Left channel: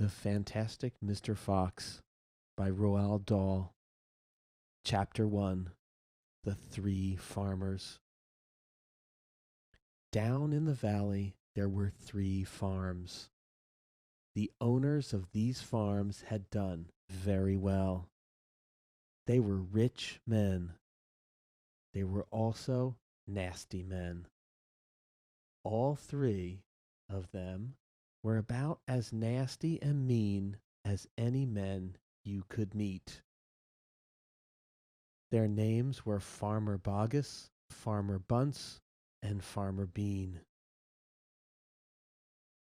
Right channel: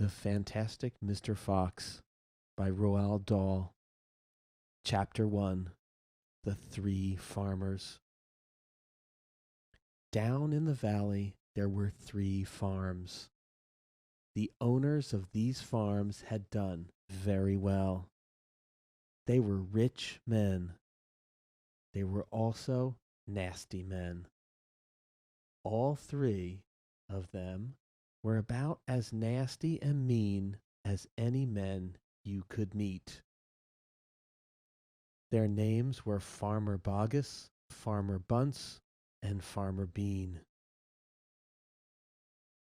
The Fantastic Mr. Fox by Roald Dahl. Chapter 1. The Three Farmers. Down in the valley there were 3 farms. The owners of these farms had done very well. They were rich men. They were also nasty men. All 3 of them were about as nasty and mean as any men you could meet. Their names were Farmer Boggis, Farmer Bunts, and Farmer Bean.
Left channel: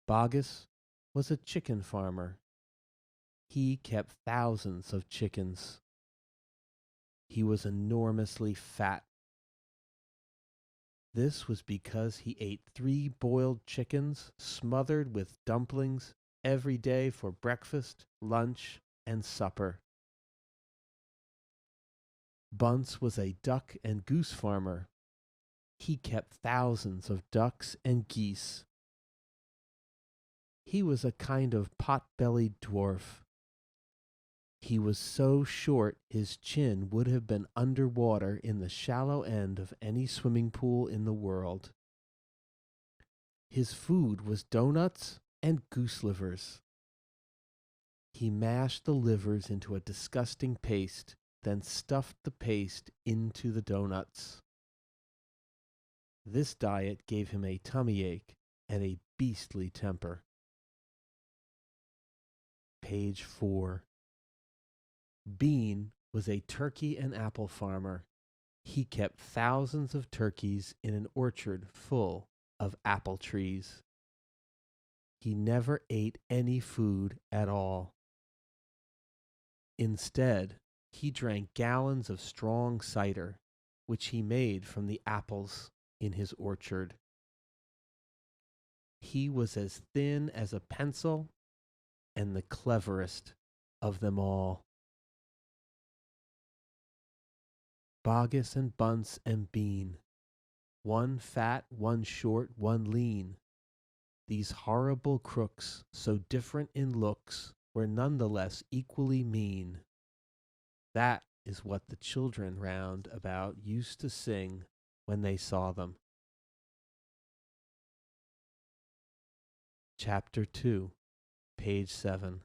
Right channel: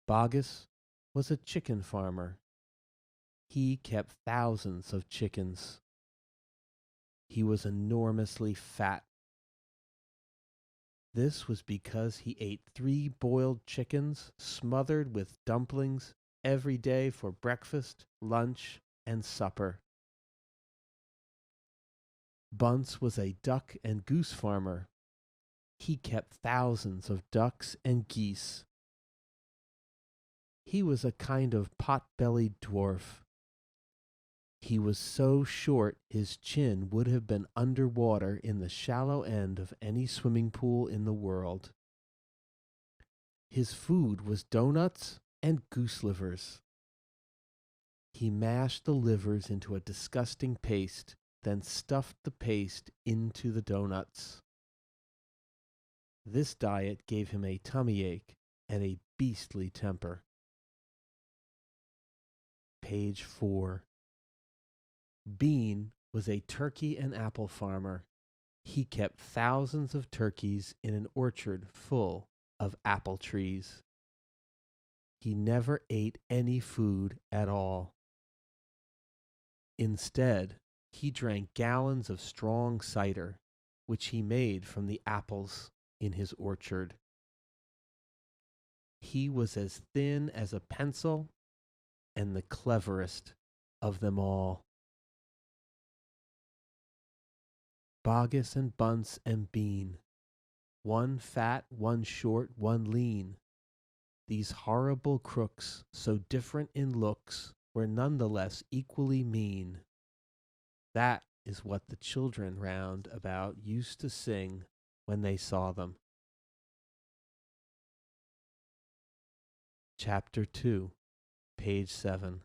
Boggis was a chicken farmer. He kept thousands of chickens. He was enormously fat. This was because he ate 3 boiled chickens smothered with dumplings every day for breakfast, lunch, and supper. Bunts was a duck and goose farmer. He kept thousands of ducks and geese. He was a kind of pot-bellied dwarf. He was so short his chin would have been under water in the shallow end of any swimming pool in the world. His food was doughnuts and goose livers. He mashed the livers into a disgusting paste, then stuffed the paste into the doughnuts. This diet gave him a tummy ache and a beastly temper. Page 4. Bean was a turkey and apple farmer. He kept thousands of turkeys in an orchard full of apple trees. He never ate any food at all. Instead, he drank gallons of strong cider, which he made from the apples in his orchard. He was as thin as a pencil and the cleverest of them all. Boggis and Bunts and Bean, one fat, one short, one lean. These horrible crooks, so different in looks, were nonetheless equally mean. That is what the children round about used to sing when they saw them. Chapter 2, page 7.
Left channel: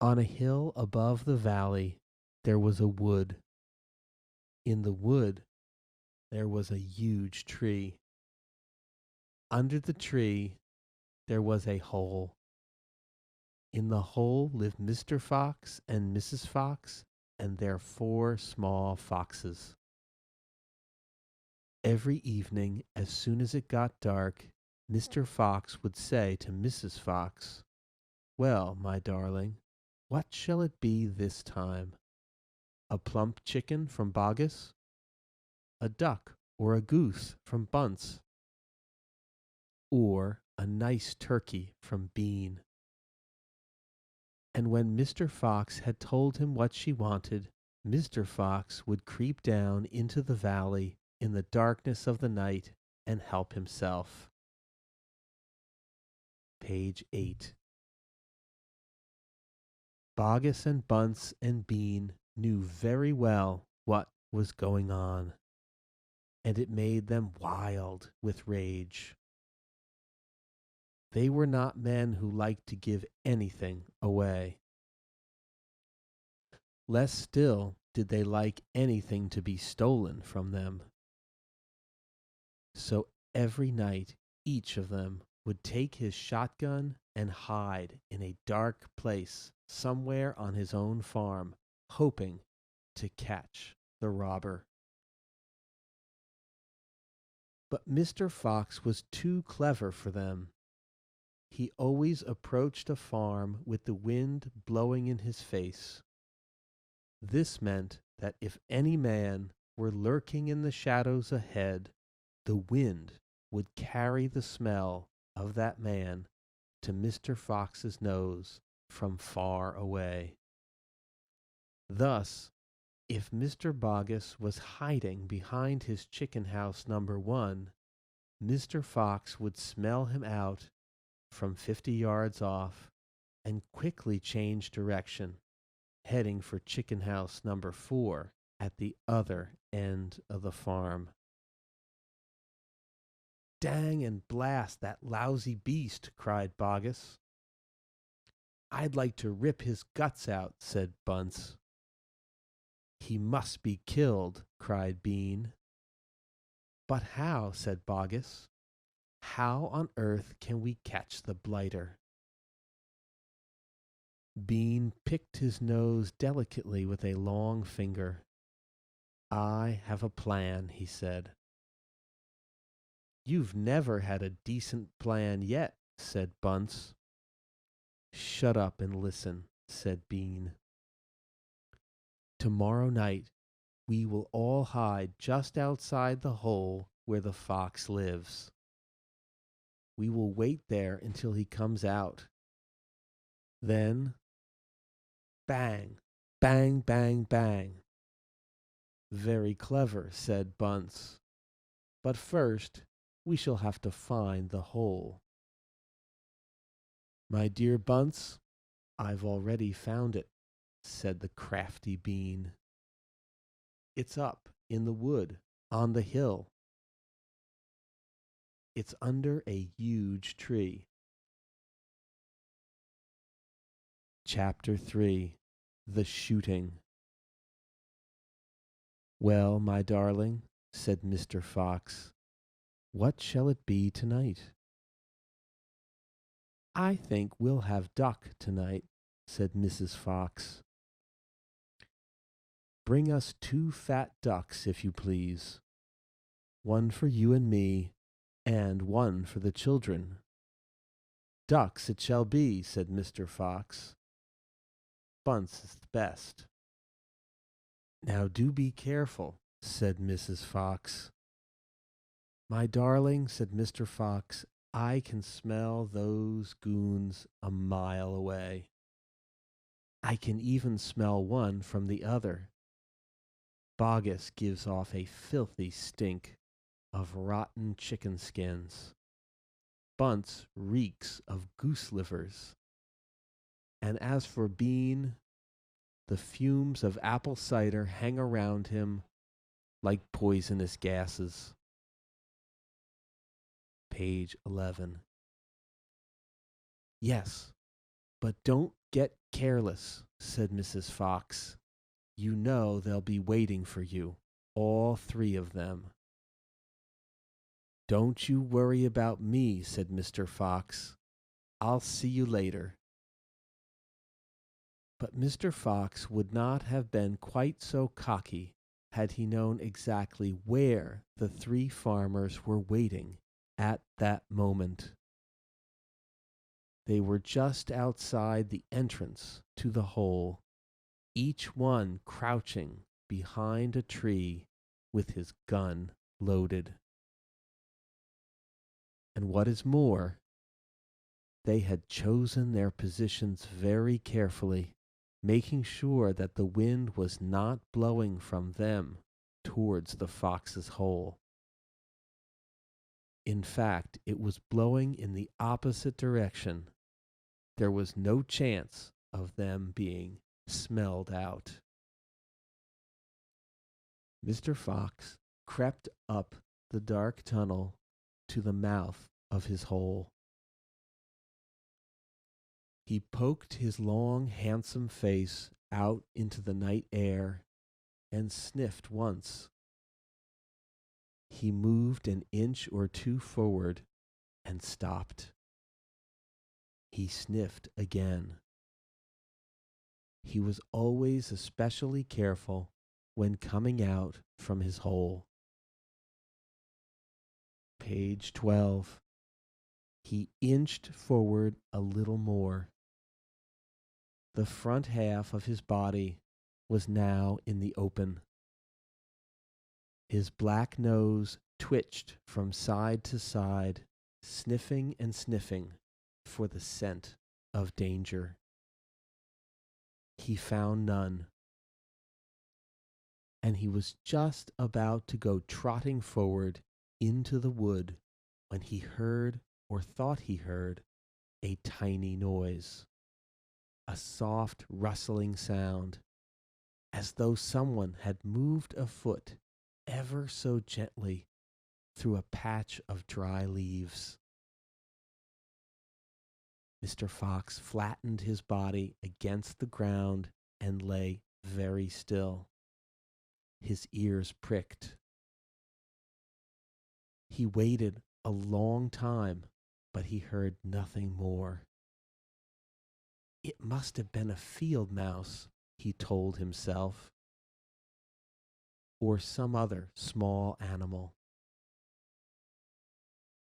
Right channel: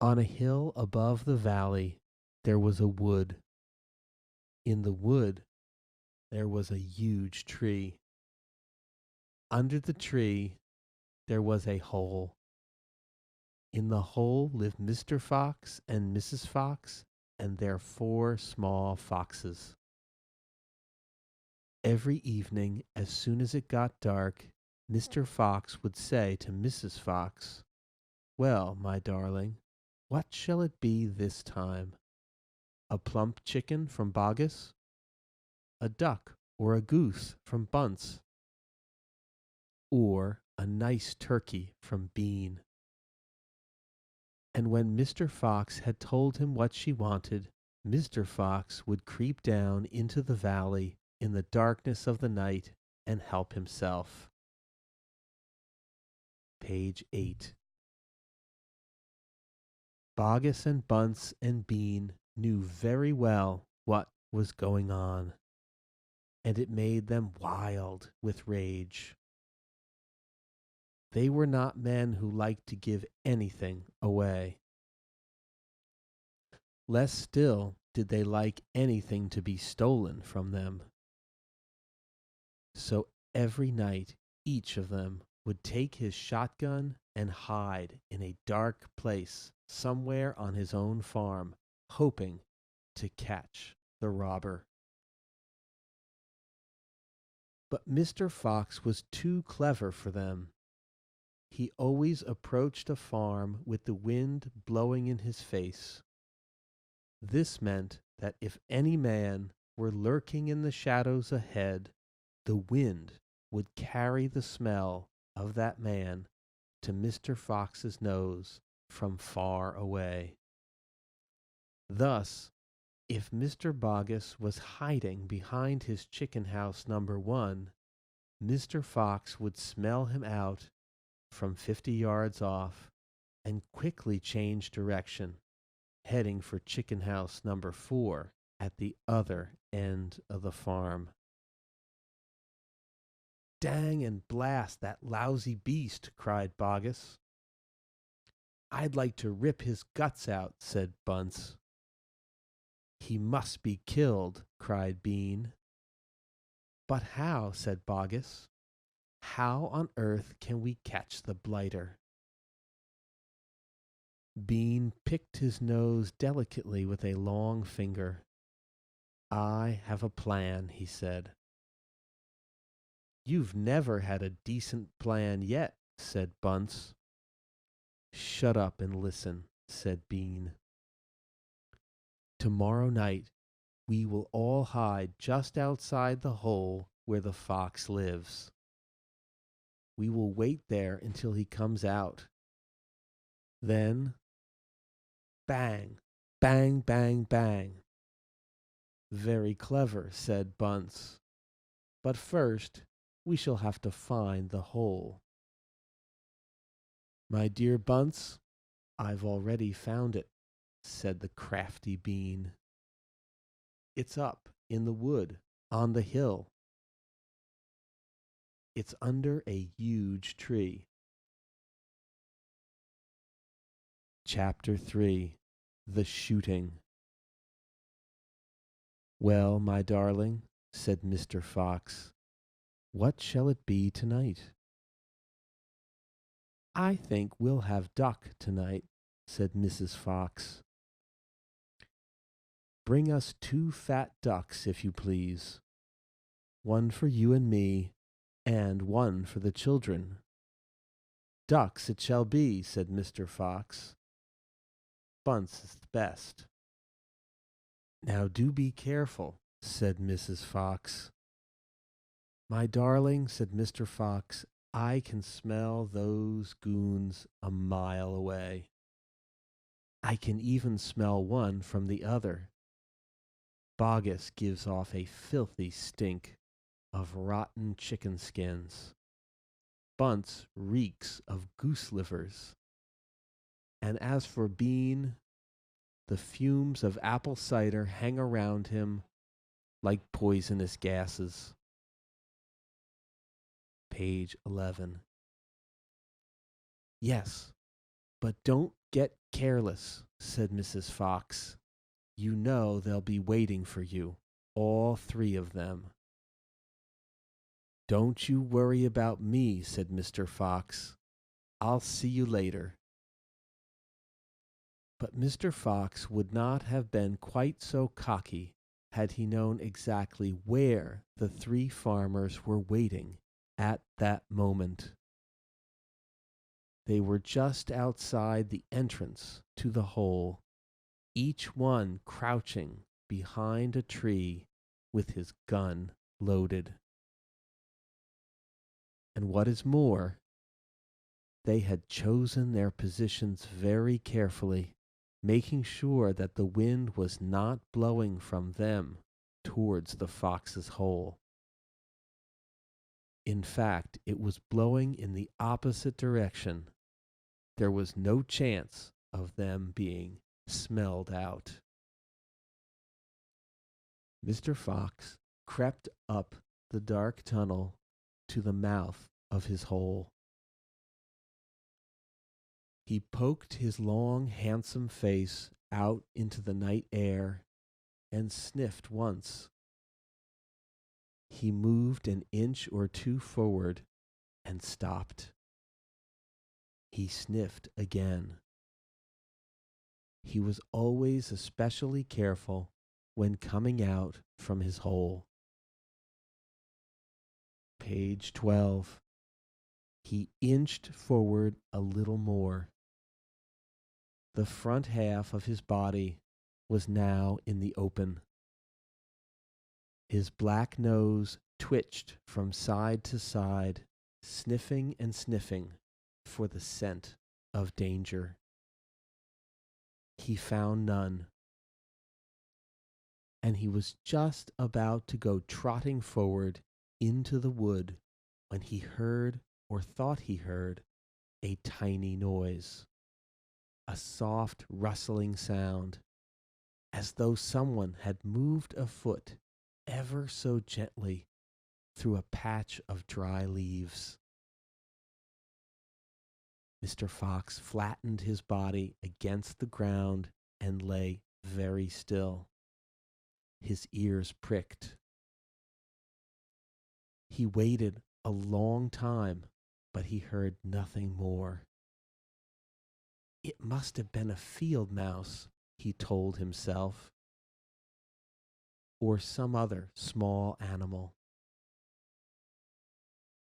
On a hill above the valley there was a wood. In the wood there was a huge tree. Under the tree there was a hole. In the hole lived Mr. Fox and Mrs. Fox and their 4 small foxes. Every evening, as soon as it got dark, Mr. Fox would say to Mrs. Fox, "Well, my darling, what shall it be this time? A plump chicken from Boggis? A duck or a goose from Bunts? Or a nice turkey from Bean?" And when Mr. Fox had told him what she wanted, Mr. Fox would creep down into the valley in the darkness of the night and help himself. Page 8. Boggis and Bunts and Bean knew very well what was going on, and it made them wild with rage. They were not men who liked to give anything away. Less still did they like anything to be stolen from them. So every night each of them would take his shotgun and hide in a dark place somewhere on his own farm, hoping to catch the robber. But Mr. Fox was too clever for them. He always approached a farm with the wind blowing in his face. This meant that if any man were lurking in the shadows ahead, the wind would carry the smell of that man to Mr. Fox's nose from far away. Thus, if Mr. Boggis was hiding behind his chicken house number 1, Mr. Fox would smell him out from 50 yards off and quickly changed direction, heading for chicken house number 4 at the other end of the farm. Dang and blast that lousy beast, cried Bogus. I'd like to rip his guts out, said Bunts. He must be killed, cried Bean. But how, said Bogus. How on earth can we catch the blighter? Bean picked his nose delicately with a long finger. I have a plan, he said. You've never had a decent plan yet, said Bunce. Shut up and listen, said Bean. Tomorrow night we will all hide just outside the hole where the fox lives. We will wait there until he comes out. Then, bang, bang, bang, bang. Very clever, said Bunce. But first, we shall have to find the hole. My dear Bunce, I've already found it, said the crafty Bean. It's up in the wood on the hill. It's under a huge tree. Chapter 3 The Shooting. Well, my darling, said Mr. Fox, what shall it be tonight? I think we'll have duck tonight, said Mrs. Fox. Bring us 2 fat ducks, if you please. 1 for you and me, and 1 for the children. Ducks it shall be, said Mr. Fox. Bunts is the best. Now do be careful, said Mrs. Fox. My darling, said Mr. Fox, I can smell those goons a mile away. I can even smell one from the other. Bogus gives off a filthy stink of rotten chicken skins. Bunts reeks of goose livers. And as for Bean, the fumes of apple cider hang around him like poisonous gases. Page 11. Yes, but don't get careless, said Mrs. Fox. You know they'll be waiting for you, all 3 of them. Don't you worry about me, said Mr. Fox. I'll see you later. But Mr. Fox would not have been quite so cocky had he known exactly where the 3 farmers were waiting at that moment. They were just outside the entrance to the hole, each one crouching behind a tree with his gun loaded. And what is more, they had chosen their positions very carefully, making sure that the wind was not blowing from them towards the fox's hole. In fact, it was blowing in the opposite direction. There was no chance of them being smelled out. Mr. Fox crept up the dark tunnel to the mouth of his hole. He poked his long, handsome face out into the night air and sniffed once. He moved an inch or 2 forward and stopped. He sniffed again. He was always especially careful when coming out from his hole. Page 12. He inched forward a little more. The front half of his body was now in the open. His black nose twitched from side to side, sniffing and sniffing for the scent of danger. He found none, and he was just about to go trotting forward into the wood when he heard, or thought he heard, a tiny noise. a soft rustling sound, as though someone had moved a foot ever so gently through a patch of dry leaves. Mr. Fox flattened his body against the ground and lay very still. His ears pricked. He waited a long time, but he heard nothing more. It must have been a field mouse, he told himself, or some other small animal.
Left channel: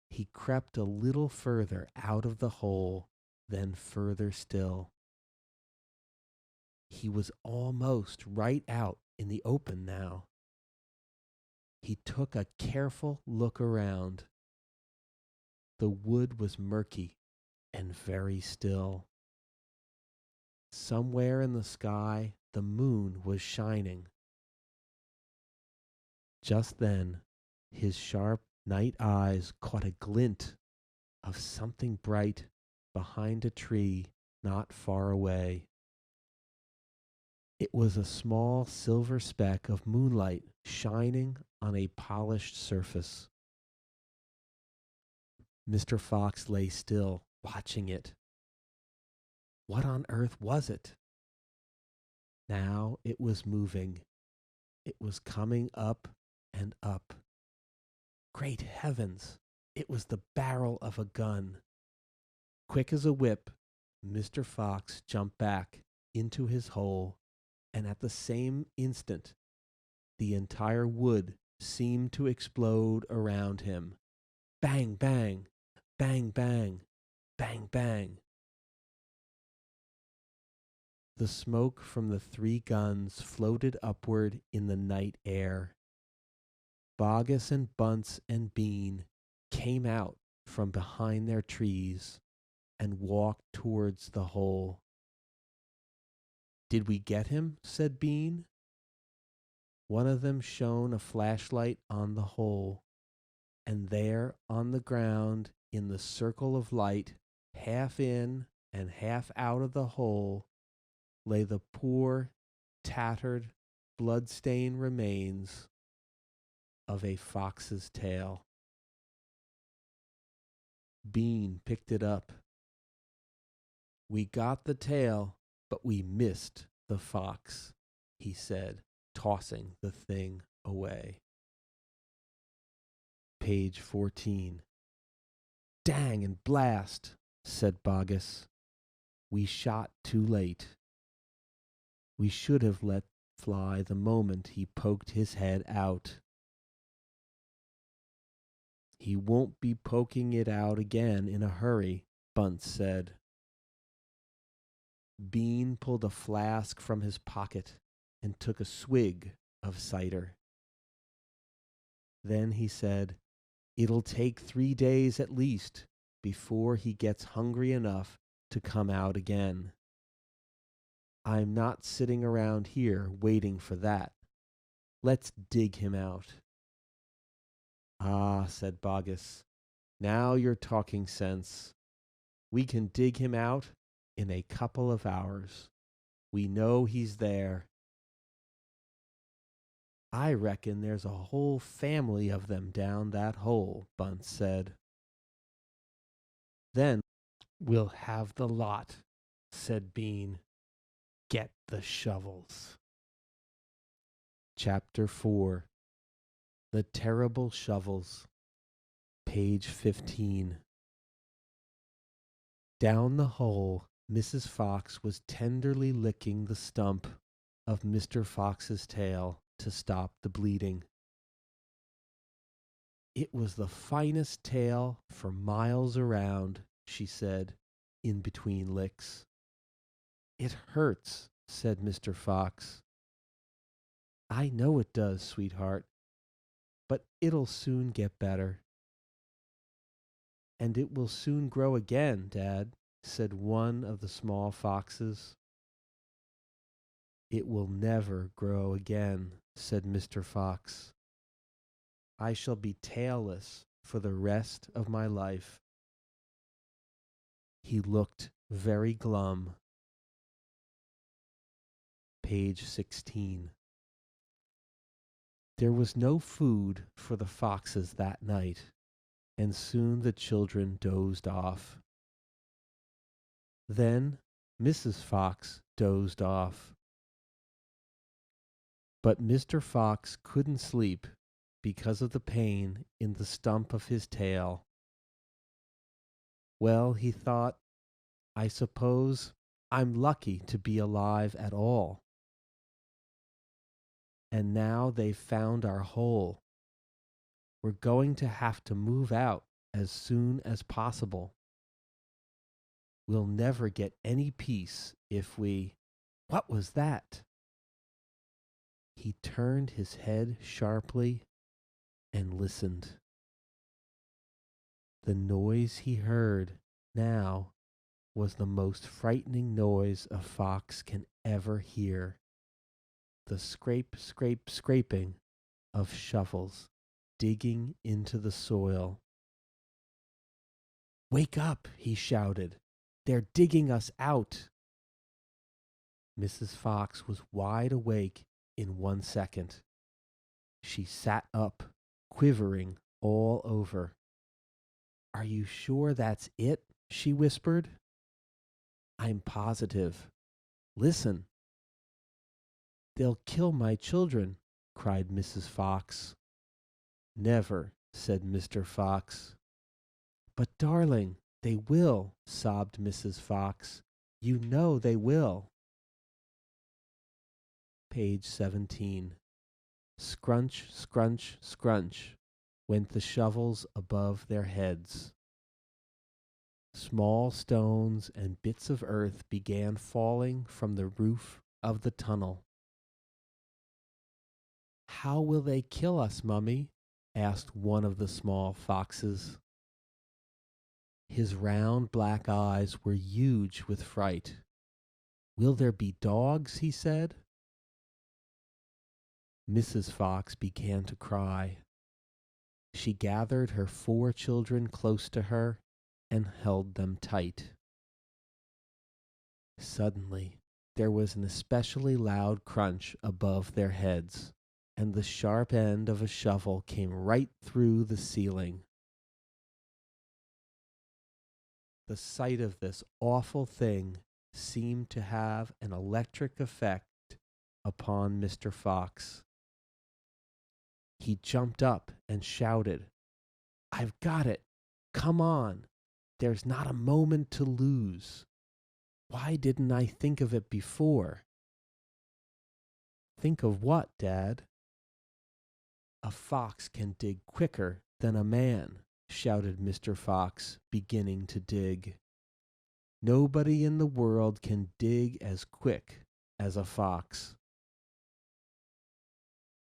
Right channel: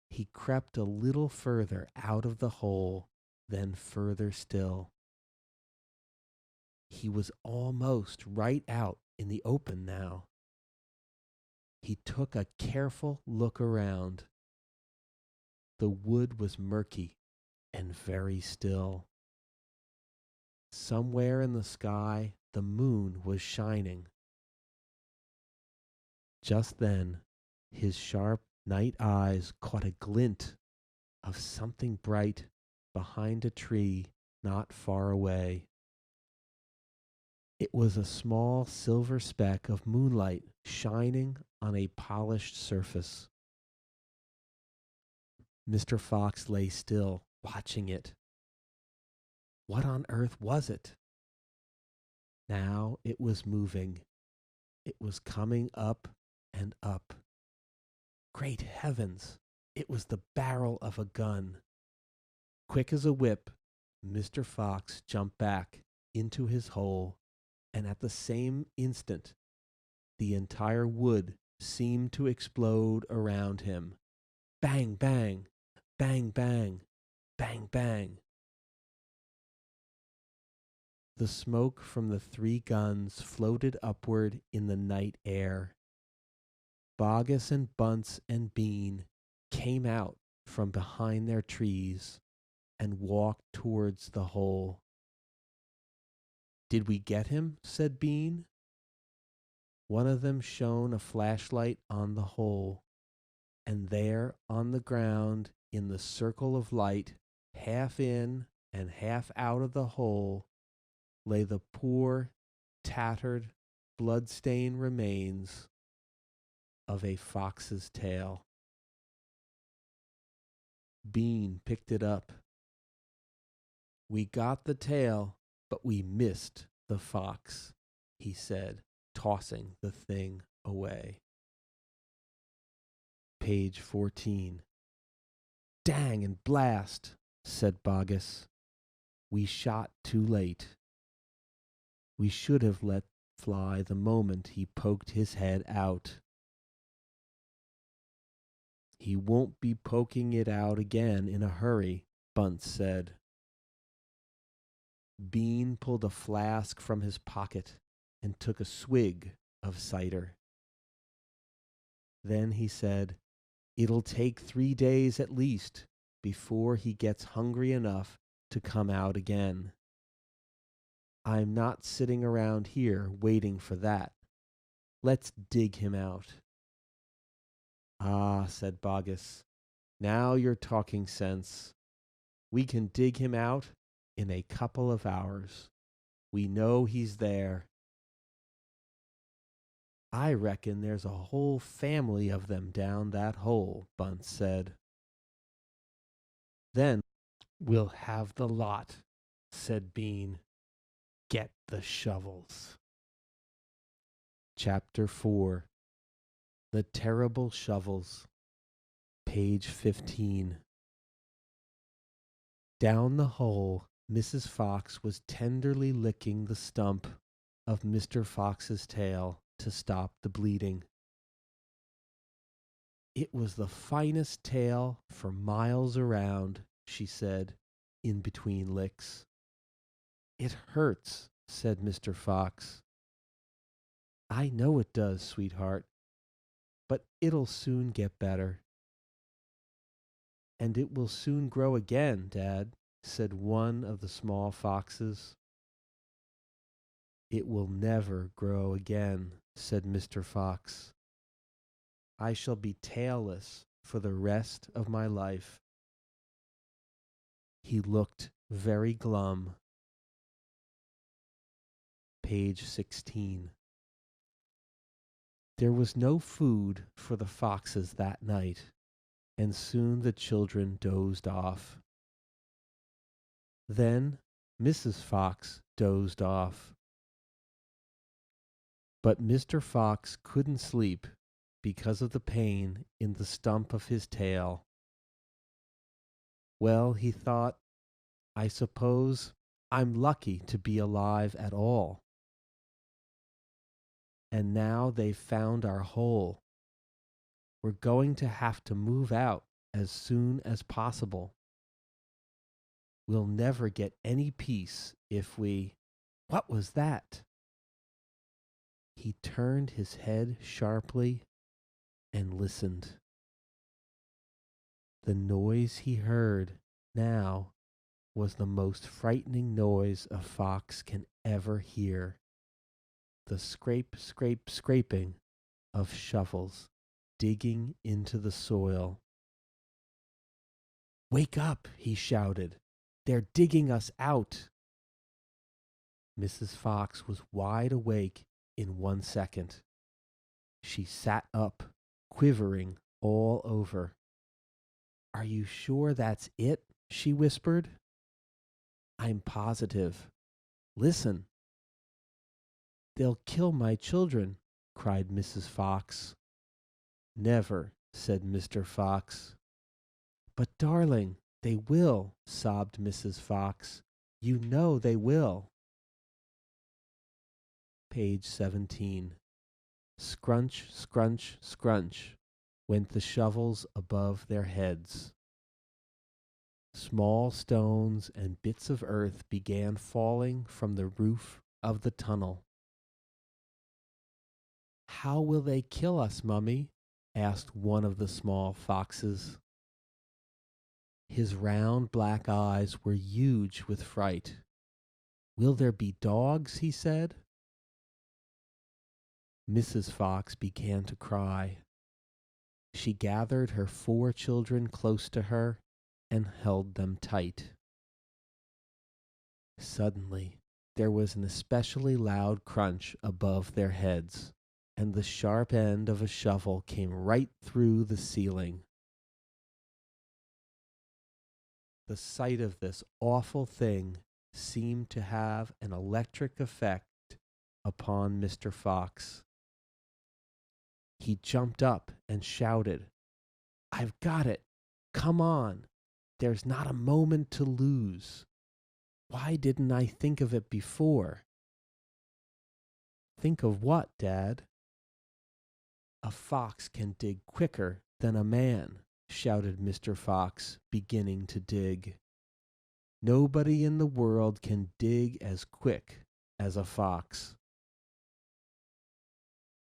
He crept a little further out of the hole, then further still. He was almost right out in the open now. He took a careful look around. The wood was murky and very still. Somewhere in the sky, the moon was shining. Just then, his sharp night eyes caught a glint of something bright behind a tree not far away. It was a small silver speck of moonlight shining on a polished surface. Mr. Fox lay still, watching it. What on earth was it? Now it was moving. It was coming up and up. Great heavens! It was the barrel of a gun. Quick as a whip, Mr. Fox jumped back into his hole, and at the same instant, the entire wood seemed to explode around him. Bang, bang, bang, bang, bang, bang. The smoke from the three guns floated upward in the night air. Bogus and Bunts and Bean came out from behind their trees and walked towards the hole. Did we get him? Said Bean. One of them shone a flashlight on the hole, and there on the ground, in the circle of light, half in and half out of the hole, lay the poor, tattered, blood-stained remains of a fox's tail. Bean picked it up. We got the tail, but we missed the fox, he said, tossing the thing away. Page 14. Dang and blast, said Bogus. We shot too late. We should have let fly the moment he poked his head out. He won't be poking it out again in a hurry, Bunts said. Bean pulled a flask from his pocket and took a swig of cider. Then he said, It'll take 3 days at least before he gets hungry enough to come out again. I'm not sitting around here waiting for that. Let's dig him out. Ah, said Bogus, now you're talking sense. We can dig him out in a couple of hours. We know he's there. I reckon there's a whole family of them down that hole, Bunts said. Then we'll have the lot, said Bean. Get the shovels. Chapter 4. The Terrible Shovels. Page 15. Down the hole, Mrs. Fox was tenderly licking the stump of Mr. Fox's tail to stop the bleeding. It was the finest tail for miles around, she said, in between licks. It hurts, said Mr. Fox. I know it does, sweetheart, but it'll soon get better. And it will soon grow again, Dad, said one of the small foxes. It will never grow again, said Mr. Fox. I shall be tailless for the rest of my life. He looked very glum. Page 16. There was no food for the foxes that night, and soon the children dozed off. Then Mrs. Fox dozed off. But Mr. Fox couldn't sleep because of the pain in the stump of his tail. Well, he thought, I suppose I'm lucky to be alive at all. And now they've found our hole. We're going to have to move out as soon as possible. We'll never get any peace if we... What was that? He turned his head sharply and listened. The noise he heard now was the most frightening noise a fox can ever hear. The scrape, scrape, scraping of shovels digging into the soil. Wake up, he shouted. They're digging us out. Mrs. Fox was wide awake in 1 second. She sat up, quivering all over. Are you sure that's it? She whispered. I'm positive. Listen. They'll kill my children, cried Mrs. Fox. Never, said Mr. Fox. But, darling, they will, sobbed Mrs. Fox. You know they will. Page 17. Scrunch, scrunch, scrunch went the shovels above their heads. Small stones and bits of earth began falling from the roof of the tunnel. How will they kill us, Mummy? Asked one of the small foxes. His round black eyes were huge with fright. Will there be dogs? He said. Mrs. Fox began to cry. She gathered her 4 children close to her and held them tight. Suddenly, there was an especially loud crunch above their heads, and the sharp end of a shovel came right through the ceiling. The sight of this awful thing seemed to have an electric effect upon Mr. Fox. He jumped up and shouted, I've got it! Come on! There's not a moment to lose. Why didn't I think of it before? Think of what, Dad? A fox can dig quicker than a man, shouted Mr. Fox, beginning to dig. Nobody in the world can dig as quick as a fox.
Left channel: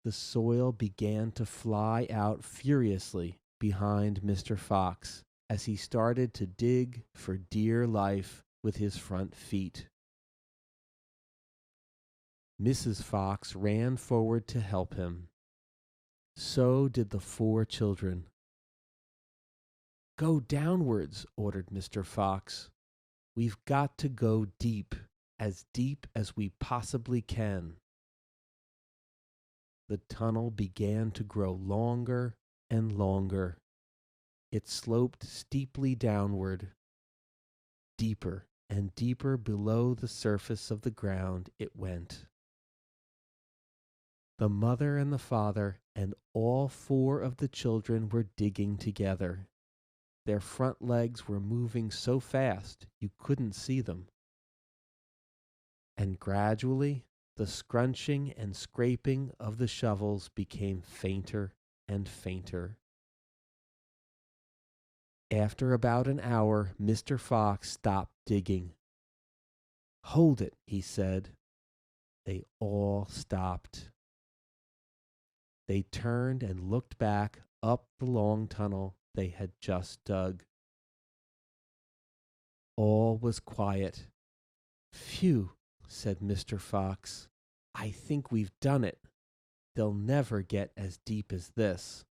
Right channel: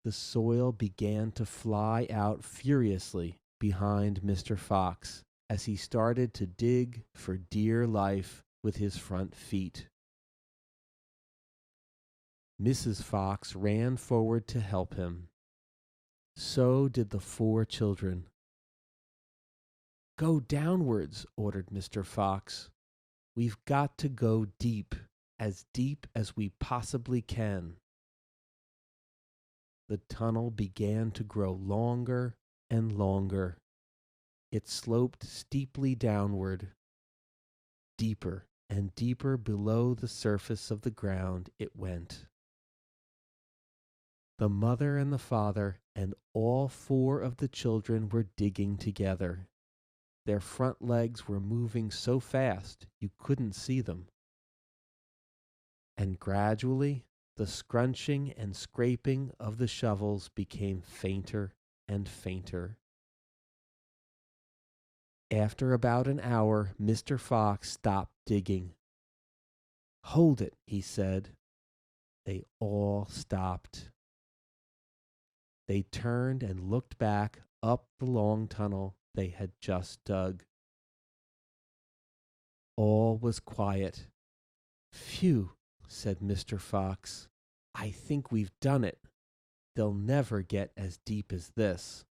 The soil began to fly out furiously behind Mr. Fox as he started to dig for dear life with his front feet. Mrs. Fox ran forward to help him. So did the 4 children. Go downwards, ordered Mr. Fox. We've got to go deep as we possibly can. The tunnel began to grow longer and longer. It sloped steeply downward. Deeper and deeper below the surface of the ground it went. The mother and the father and all 4 of the children were digging together. Their front legs were moving so fast you couldn't see them. And gradually, the scrunching and scraping of the shovels became fainter and fainter. After about an hour, Mr. Fox stopped digging. Hold it, he said. They all stopped. They turned and looked back up the long tunnel they had just dug. All was quiet. Phew, said Mr. Fox. I think we've done it. They'll never get as deep as this.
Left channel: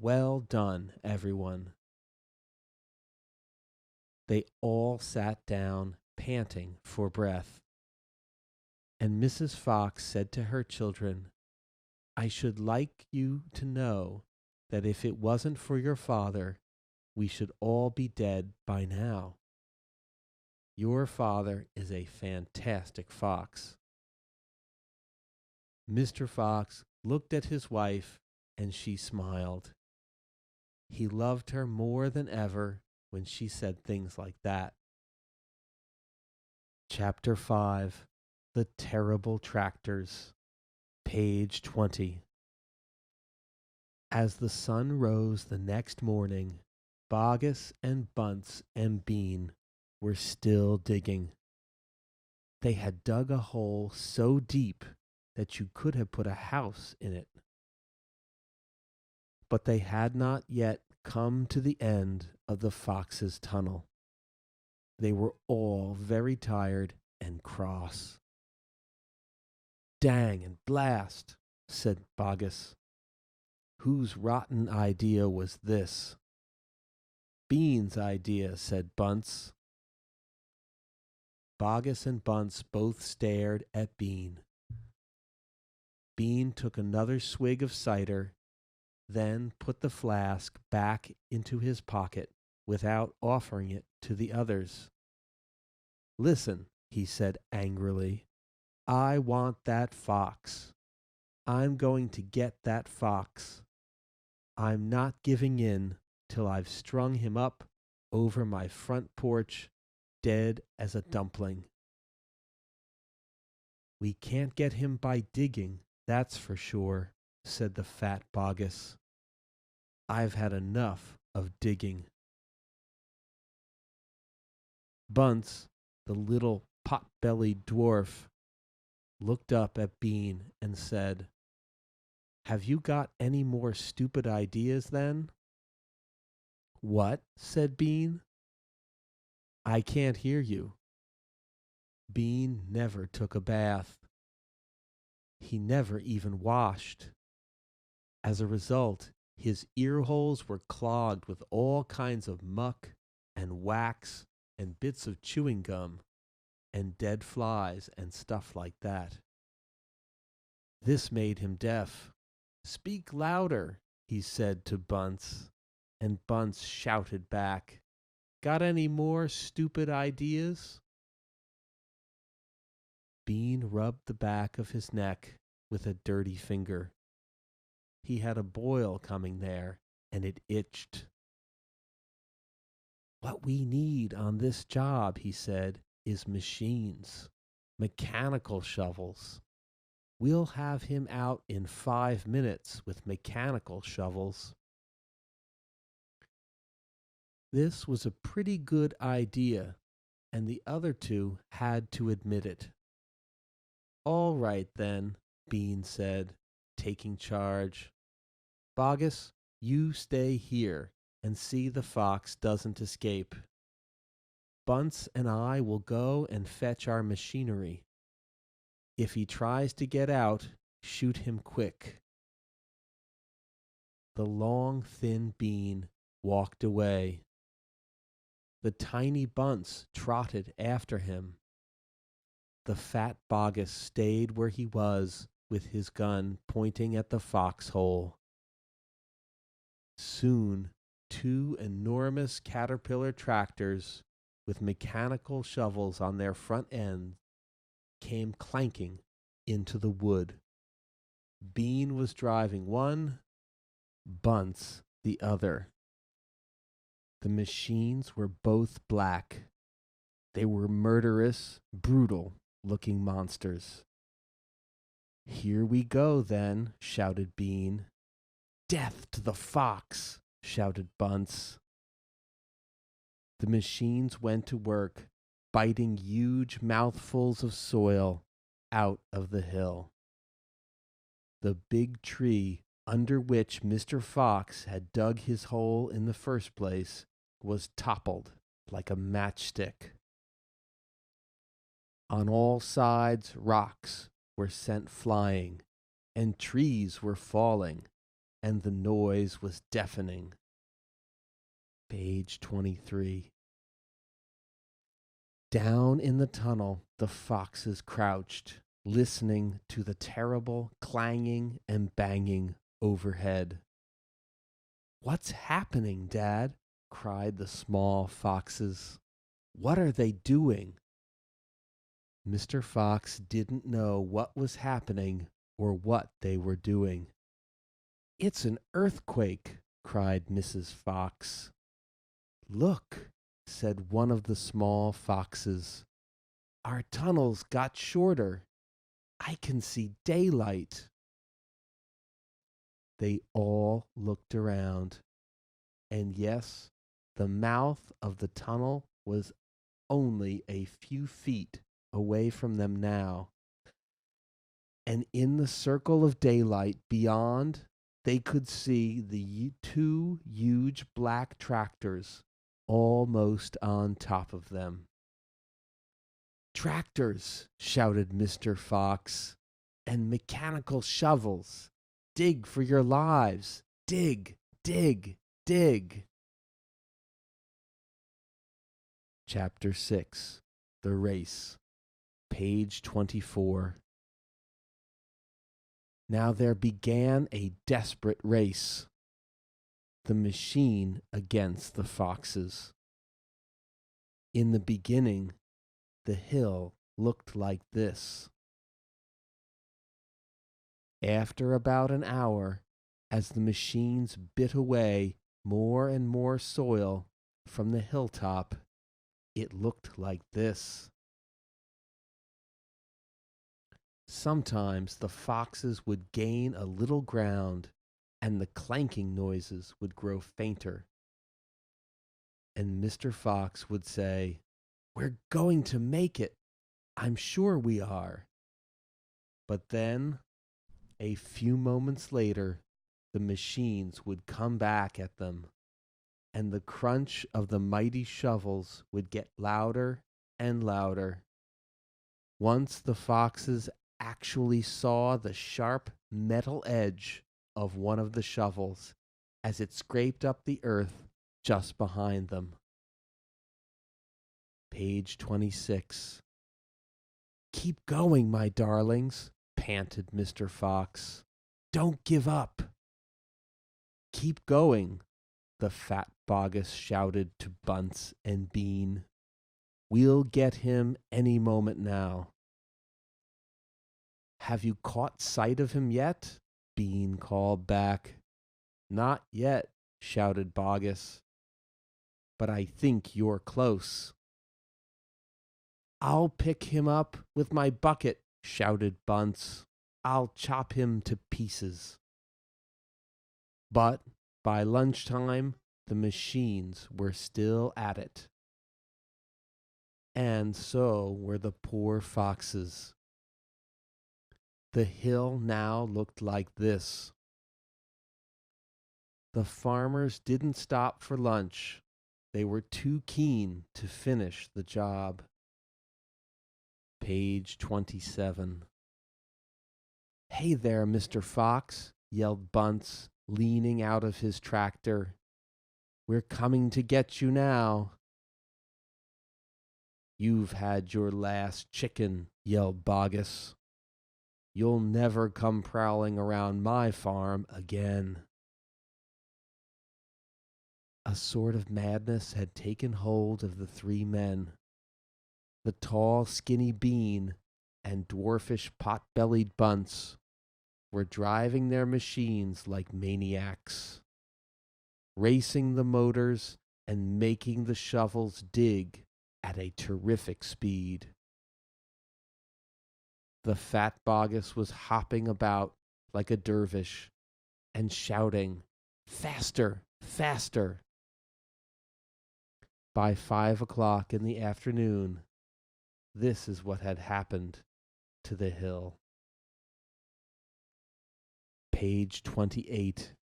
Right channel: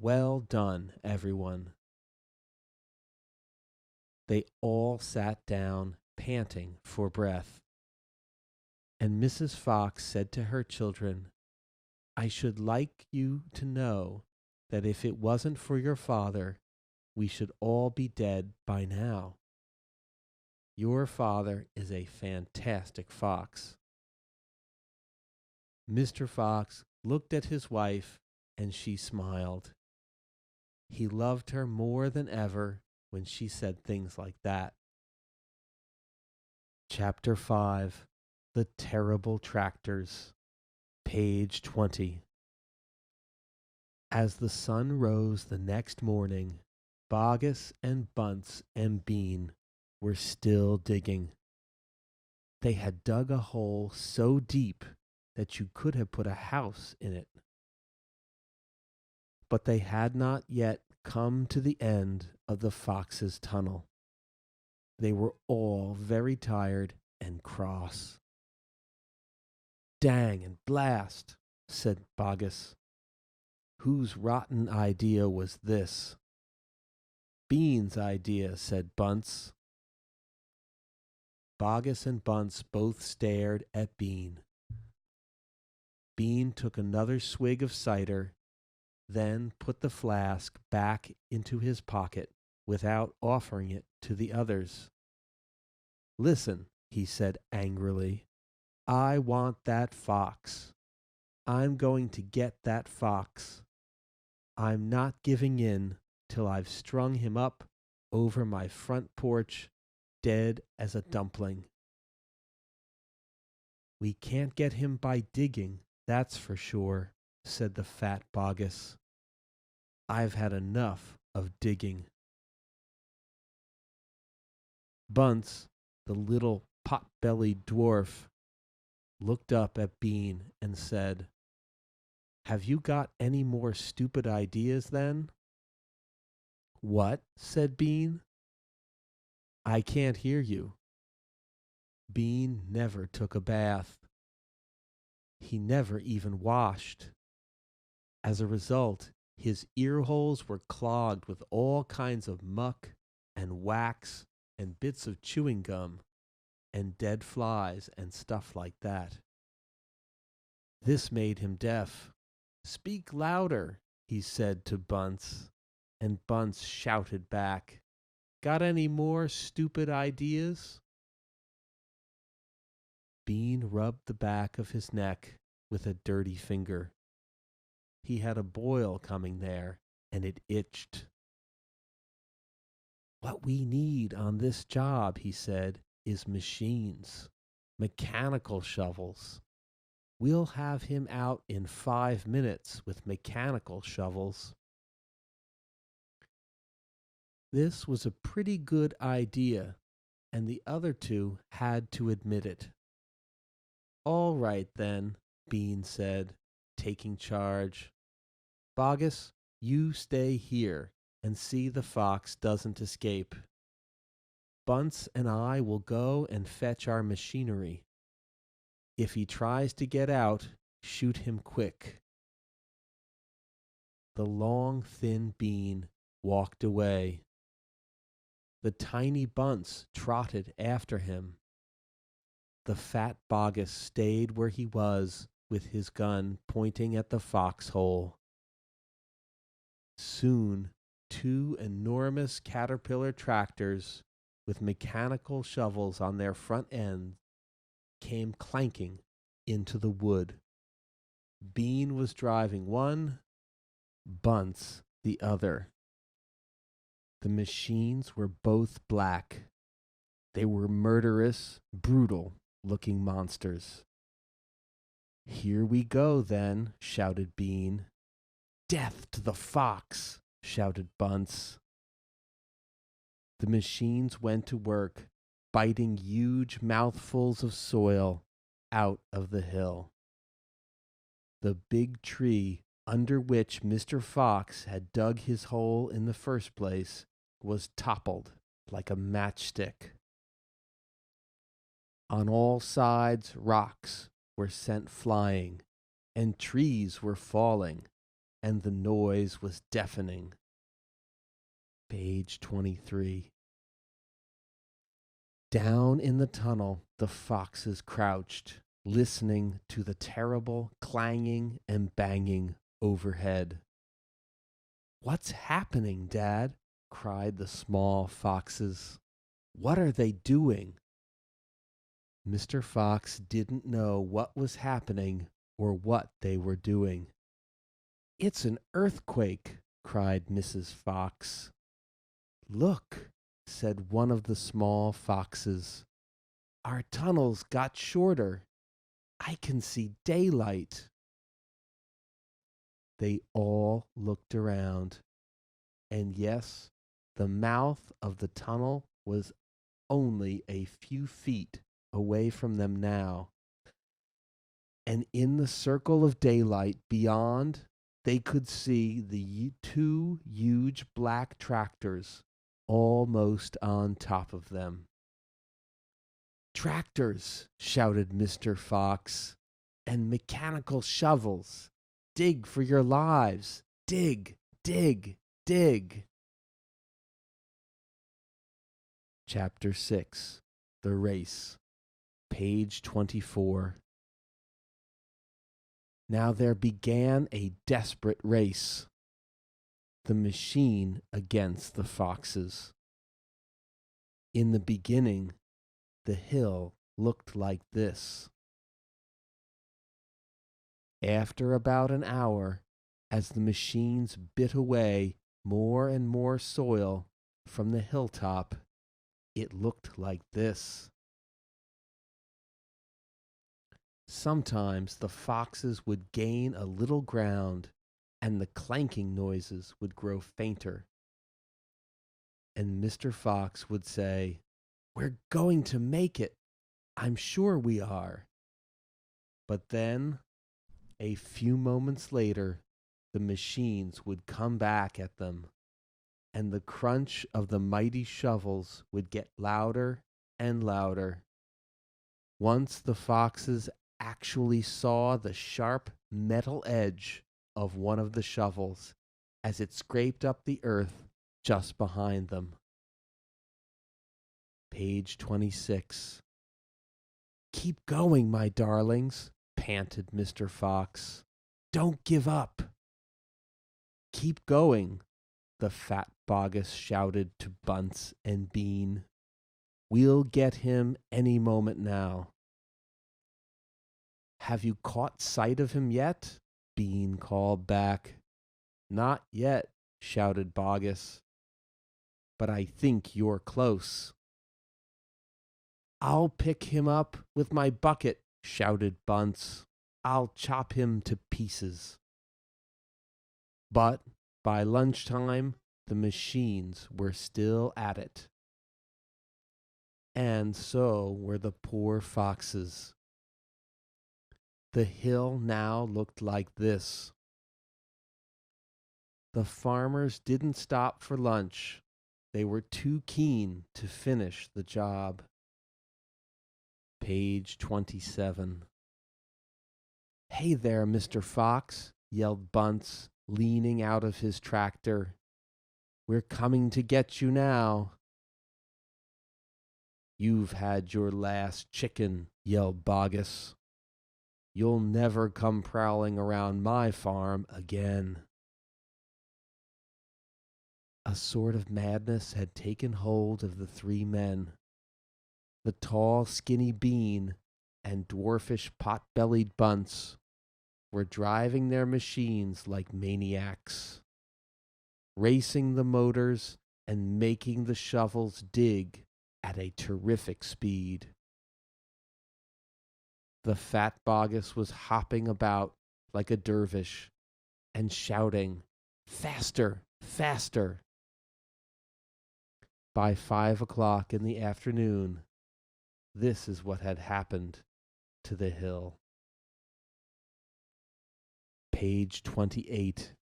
Well done, everyone. They all sat down, panting for breath. And Mrs. Fox said to her children, I should like you to know that if it wasn't for your father, we should all be dead by now. Your father is a fantastic fox. Mr. Fox looked at his wife and she smiled. He loved her more than ever when she said things like that. Chapter 5, The Terrible Tractors, page 20. As the sun rose the next morning, Bogus and Bunts and Bean were still digging. They had dug a hole so deep that you could have put a house in it. But they had not yet come to the end of the fox's tunnel. They were all very tired and cross. Dang and blast, said Bogus. Whose rotten idea was this? Bean's idea, said Bunts. Bogus and Bunts both stared at Bean. Bean took another swig of cider, then put the flask back into his pocket without offering it to the others. Listen, he said angrily, I want that fox. I'm going to get that fox. I'm not giving in till I've strung him up over my front porch, dead as a dumpling. We can't get him by digging, that's for sure, said the fat Bogus. I've had enough of digging. Bunts, the little pot-bellied dwarf, looked up at Bean and said, Have you got any more stupid ideas then? What? Said Bean. I can't hear you. Bean never took a bath. He never even washed. As a result, his ear holes were clogged with all kinds of muck and wax and bits of chewing gum and dead flies and stuff like that. This made him deaf. Speak louder, he said to Bunts, and Bunts shouted back, Got any more stupid ideas? Bean rubbed the back of his neck with a dirty finger. He had a boil coming there, and it itched. What we need on this job, he said, is machines, mechanical shovels. We'll have him out in 5 minutes with mechanical shovels. This was a pretty good idea, and the other two had to admit it. All right, then, Bean said, taking charge. Bogus, you stay here and see the fox doesn't escape. Bunts and I will go and fetch our machinery. If he tries to get out, shoot him quick. The long, thin Bean walked away. The tiny Bunts trotted after him. The fat Bogus stayed where he was with his gun pointing at the foxhole. Soon, 2 enormous caterpillar tractors with mechanical shovels on their front ends came clanking into the wood. Bean was driving one, Bunts the other. The machines were both black. They were murderous, brutal-looking monsters. Here we go, then, shouted Bean. Death to the fox, shouted Bunts. The machines went to work, biting huge mouthfuls of soil out of the hill. The big tree under which Mr. Fox had dug his hole in the first place was toppled like a matchstick. On all sides, rocks were sent flying, and trees were falling, and the noise was deafening. Page 23. Down in the tunnel, the foxes crouched. listening to the terrible clanging and banging overhead. "What's happening, Dad?" cried the small foxes. "What are they doing?" Mr. Fox didn't know what was happening or what they were doing. "It's an earthquake!" cried Mrs. Fox. "Look," said one of the small foxes. "Our tunnels got shorter. I can see daylight." They all looked around, and yes, the mouth of the tunnel was only a few feet away from them now. And in the circle of daylight beyond, they could see the two huge black tractors almost on top of them. "Tractors!" shouted Mr. Fox, "and mechanical shovels. Dig for your lives. Dig, dig, dig." Chapter 6, The Race, page 24. Now there began a desperate race. The machine against the foxes. In the beginning, the hill looked like this. After about an hour, as the machines bit away more and more soil from the hilltop, it looked like this. Sometimes the foxes would gain a little ground, and the clanking noises would grow fainter. And Mr. Fox would say, "We're going to make it. I'm sure we are." But then, a few moments later, the machines would come back at them, and the crunch of the mighty shovels would get louder and louder. Once the foxes actually saw the sharp metal edge of one of the shovels as it scraped up the earth just behind them. Page 26. "Keep going, my darlings," panted Mr. Fox. "Don't give up." "Keep going," the fat bogus shouted to Bunts and Bean. "We'll get him any moment now." "Have you caught sight of him yet?" Bean called back. "Not yet," shouted Bogus. "But I think you're close." "I'll pick him up with my bucket," shouted Bunts. "I'll chop him to pieces." But by lunchtime, the machines were still at it. And so were the poor foxes. The hill now looked like this. The farmers didn't stop for lunch. They were too keen to finish the job. Page 27. "Hey there, Mr. Fox," yelled Bunts, leaning out of his tractor. "We're coming to get you now." "You've had your last chicken," yelled Bogus. "You'll never come prowling around my farm again." A sort of madness had taken hold of the three men. The tall, skinny Bean and dwarfish, pot-bellied Bunts were driving their machines like maniacs, racing the motors and making the shovels dig at a terrific speed. The fat Bogus was hopping about like a dervish and shouting, "Faster, faster!" By 5 o'clock in the afternoon, this is what had happened to the hill. Page 28.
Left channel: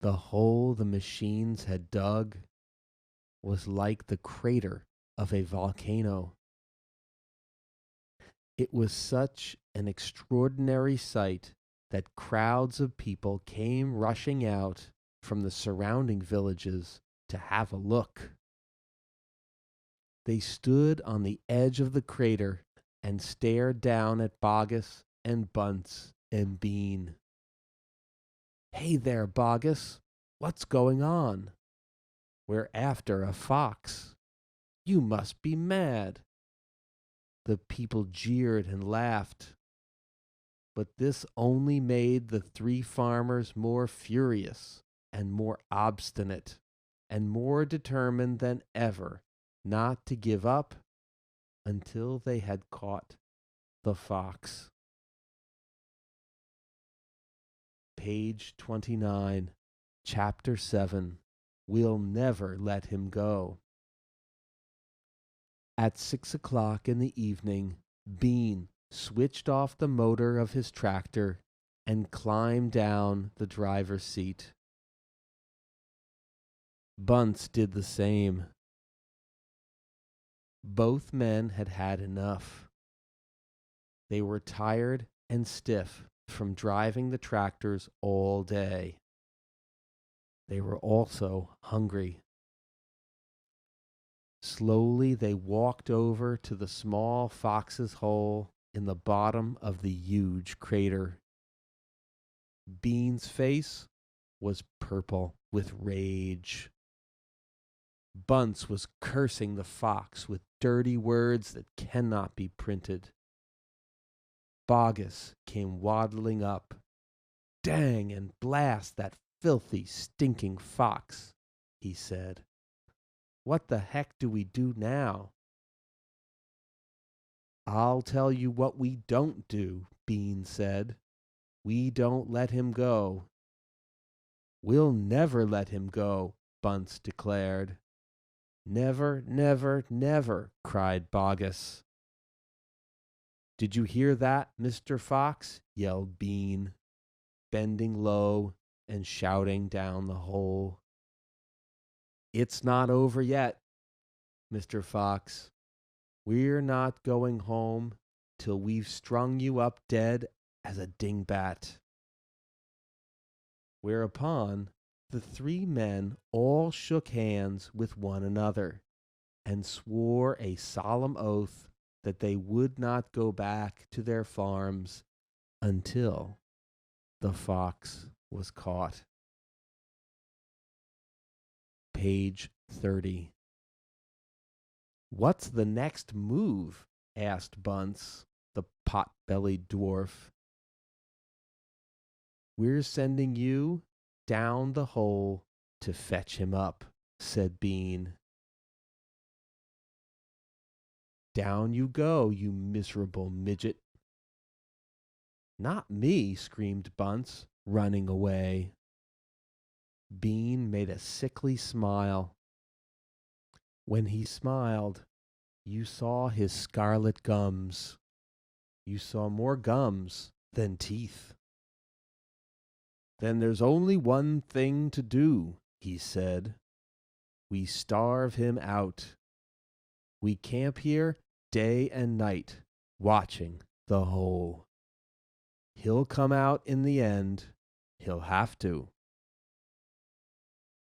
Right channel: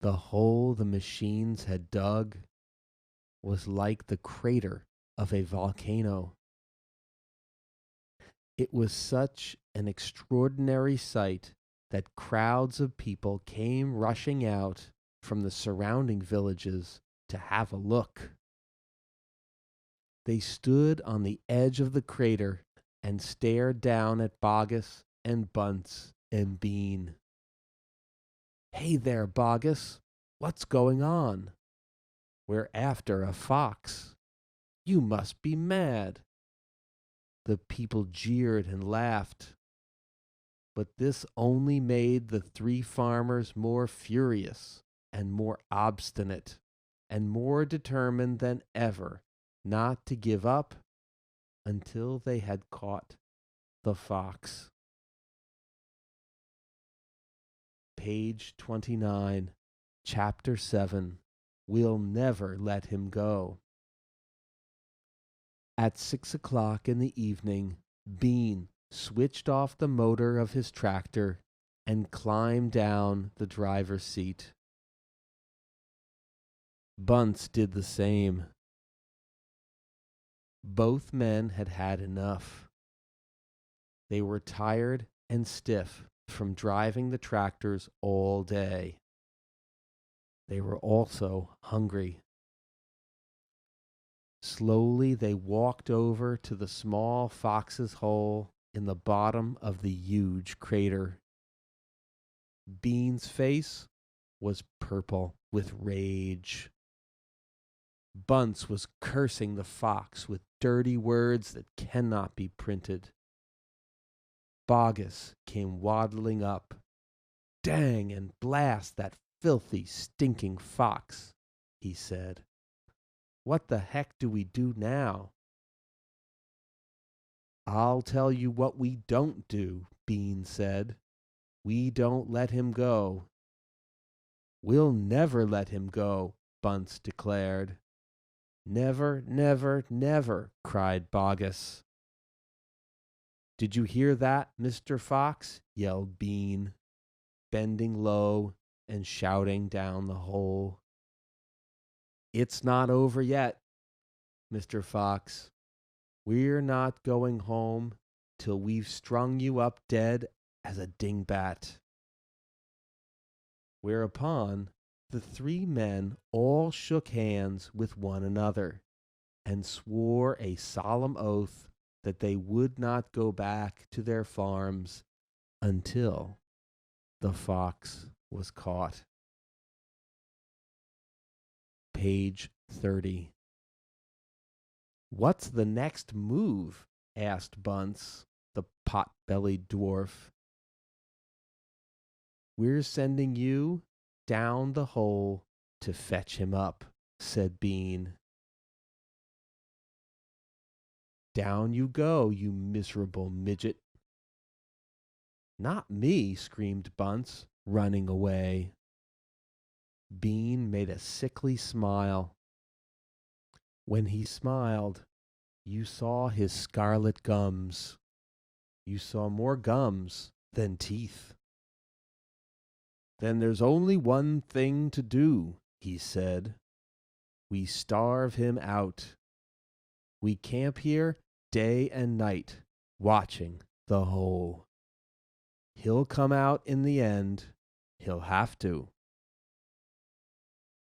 The hole the machines had dug was like the crater of a volcano. It was such an extraordinary sight that crowds of people came rushing out from the surrounding villages to have a look. They stood on the edge of the crater and stared down at Bogus and Bunts and Bean. "Hey there, Bogus. What's going on?" "We're after a fox." "You must be mad." The people jeered and laughed, but this only made the three farmers more furious and more obstinate and more determined than ever not to give up until they had caught the fox. Page 29, Chapter 7. We'll never let him go. At 6 o'clock in the evening, Bean switched off the motor of his tractor and climbed down the driver's seat. Bunts did the same. Both men had had enough. They were tired and stiff from driving the tractors all day. They were also hungry. Slowly they walked over to the small fox's hole in the bottom of the huge crater. Bean's face was purple with rage. Bunce was cursing the fox with dirty words that cannot be printed. Bogus came waddling up. "Dang and blast that filthy, stinking fox," he said. "What the heck do we do now?" "I'll tell you what we don't do," Bean said. "We don't let him go." "We'll never let him go," Bunce declared. "Never, never, never," cried Bogus. "Did you hear that, Mr. Fox?" yelled Bean, bending low and shouting down the hole. "It's not over yet, Mr. Fox. We're not going home till we've strung you up dead as a dingbat." Whereupon the three men all shook hands with one another and swore a solemn oath that they would not go back to their farms until the fox was caught. Page 30. "What's the next move?" asked Bunce, the pot-bellied dwarf. "We're sending you down the hole to fetch him up," said Bean. "Down you go, you miserable midget." "Not me," screamed Bunce, running away. Bean made a sickly smile. When he smiled, you saw his scarlet gums. You saw more gums than teeth. "Then there's only one thing to do," he said. "We starve him out. We camp here day and night, watching the hole. He'll come out in the end. He'll have to."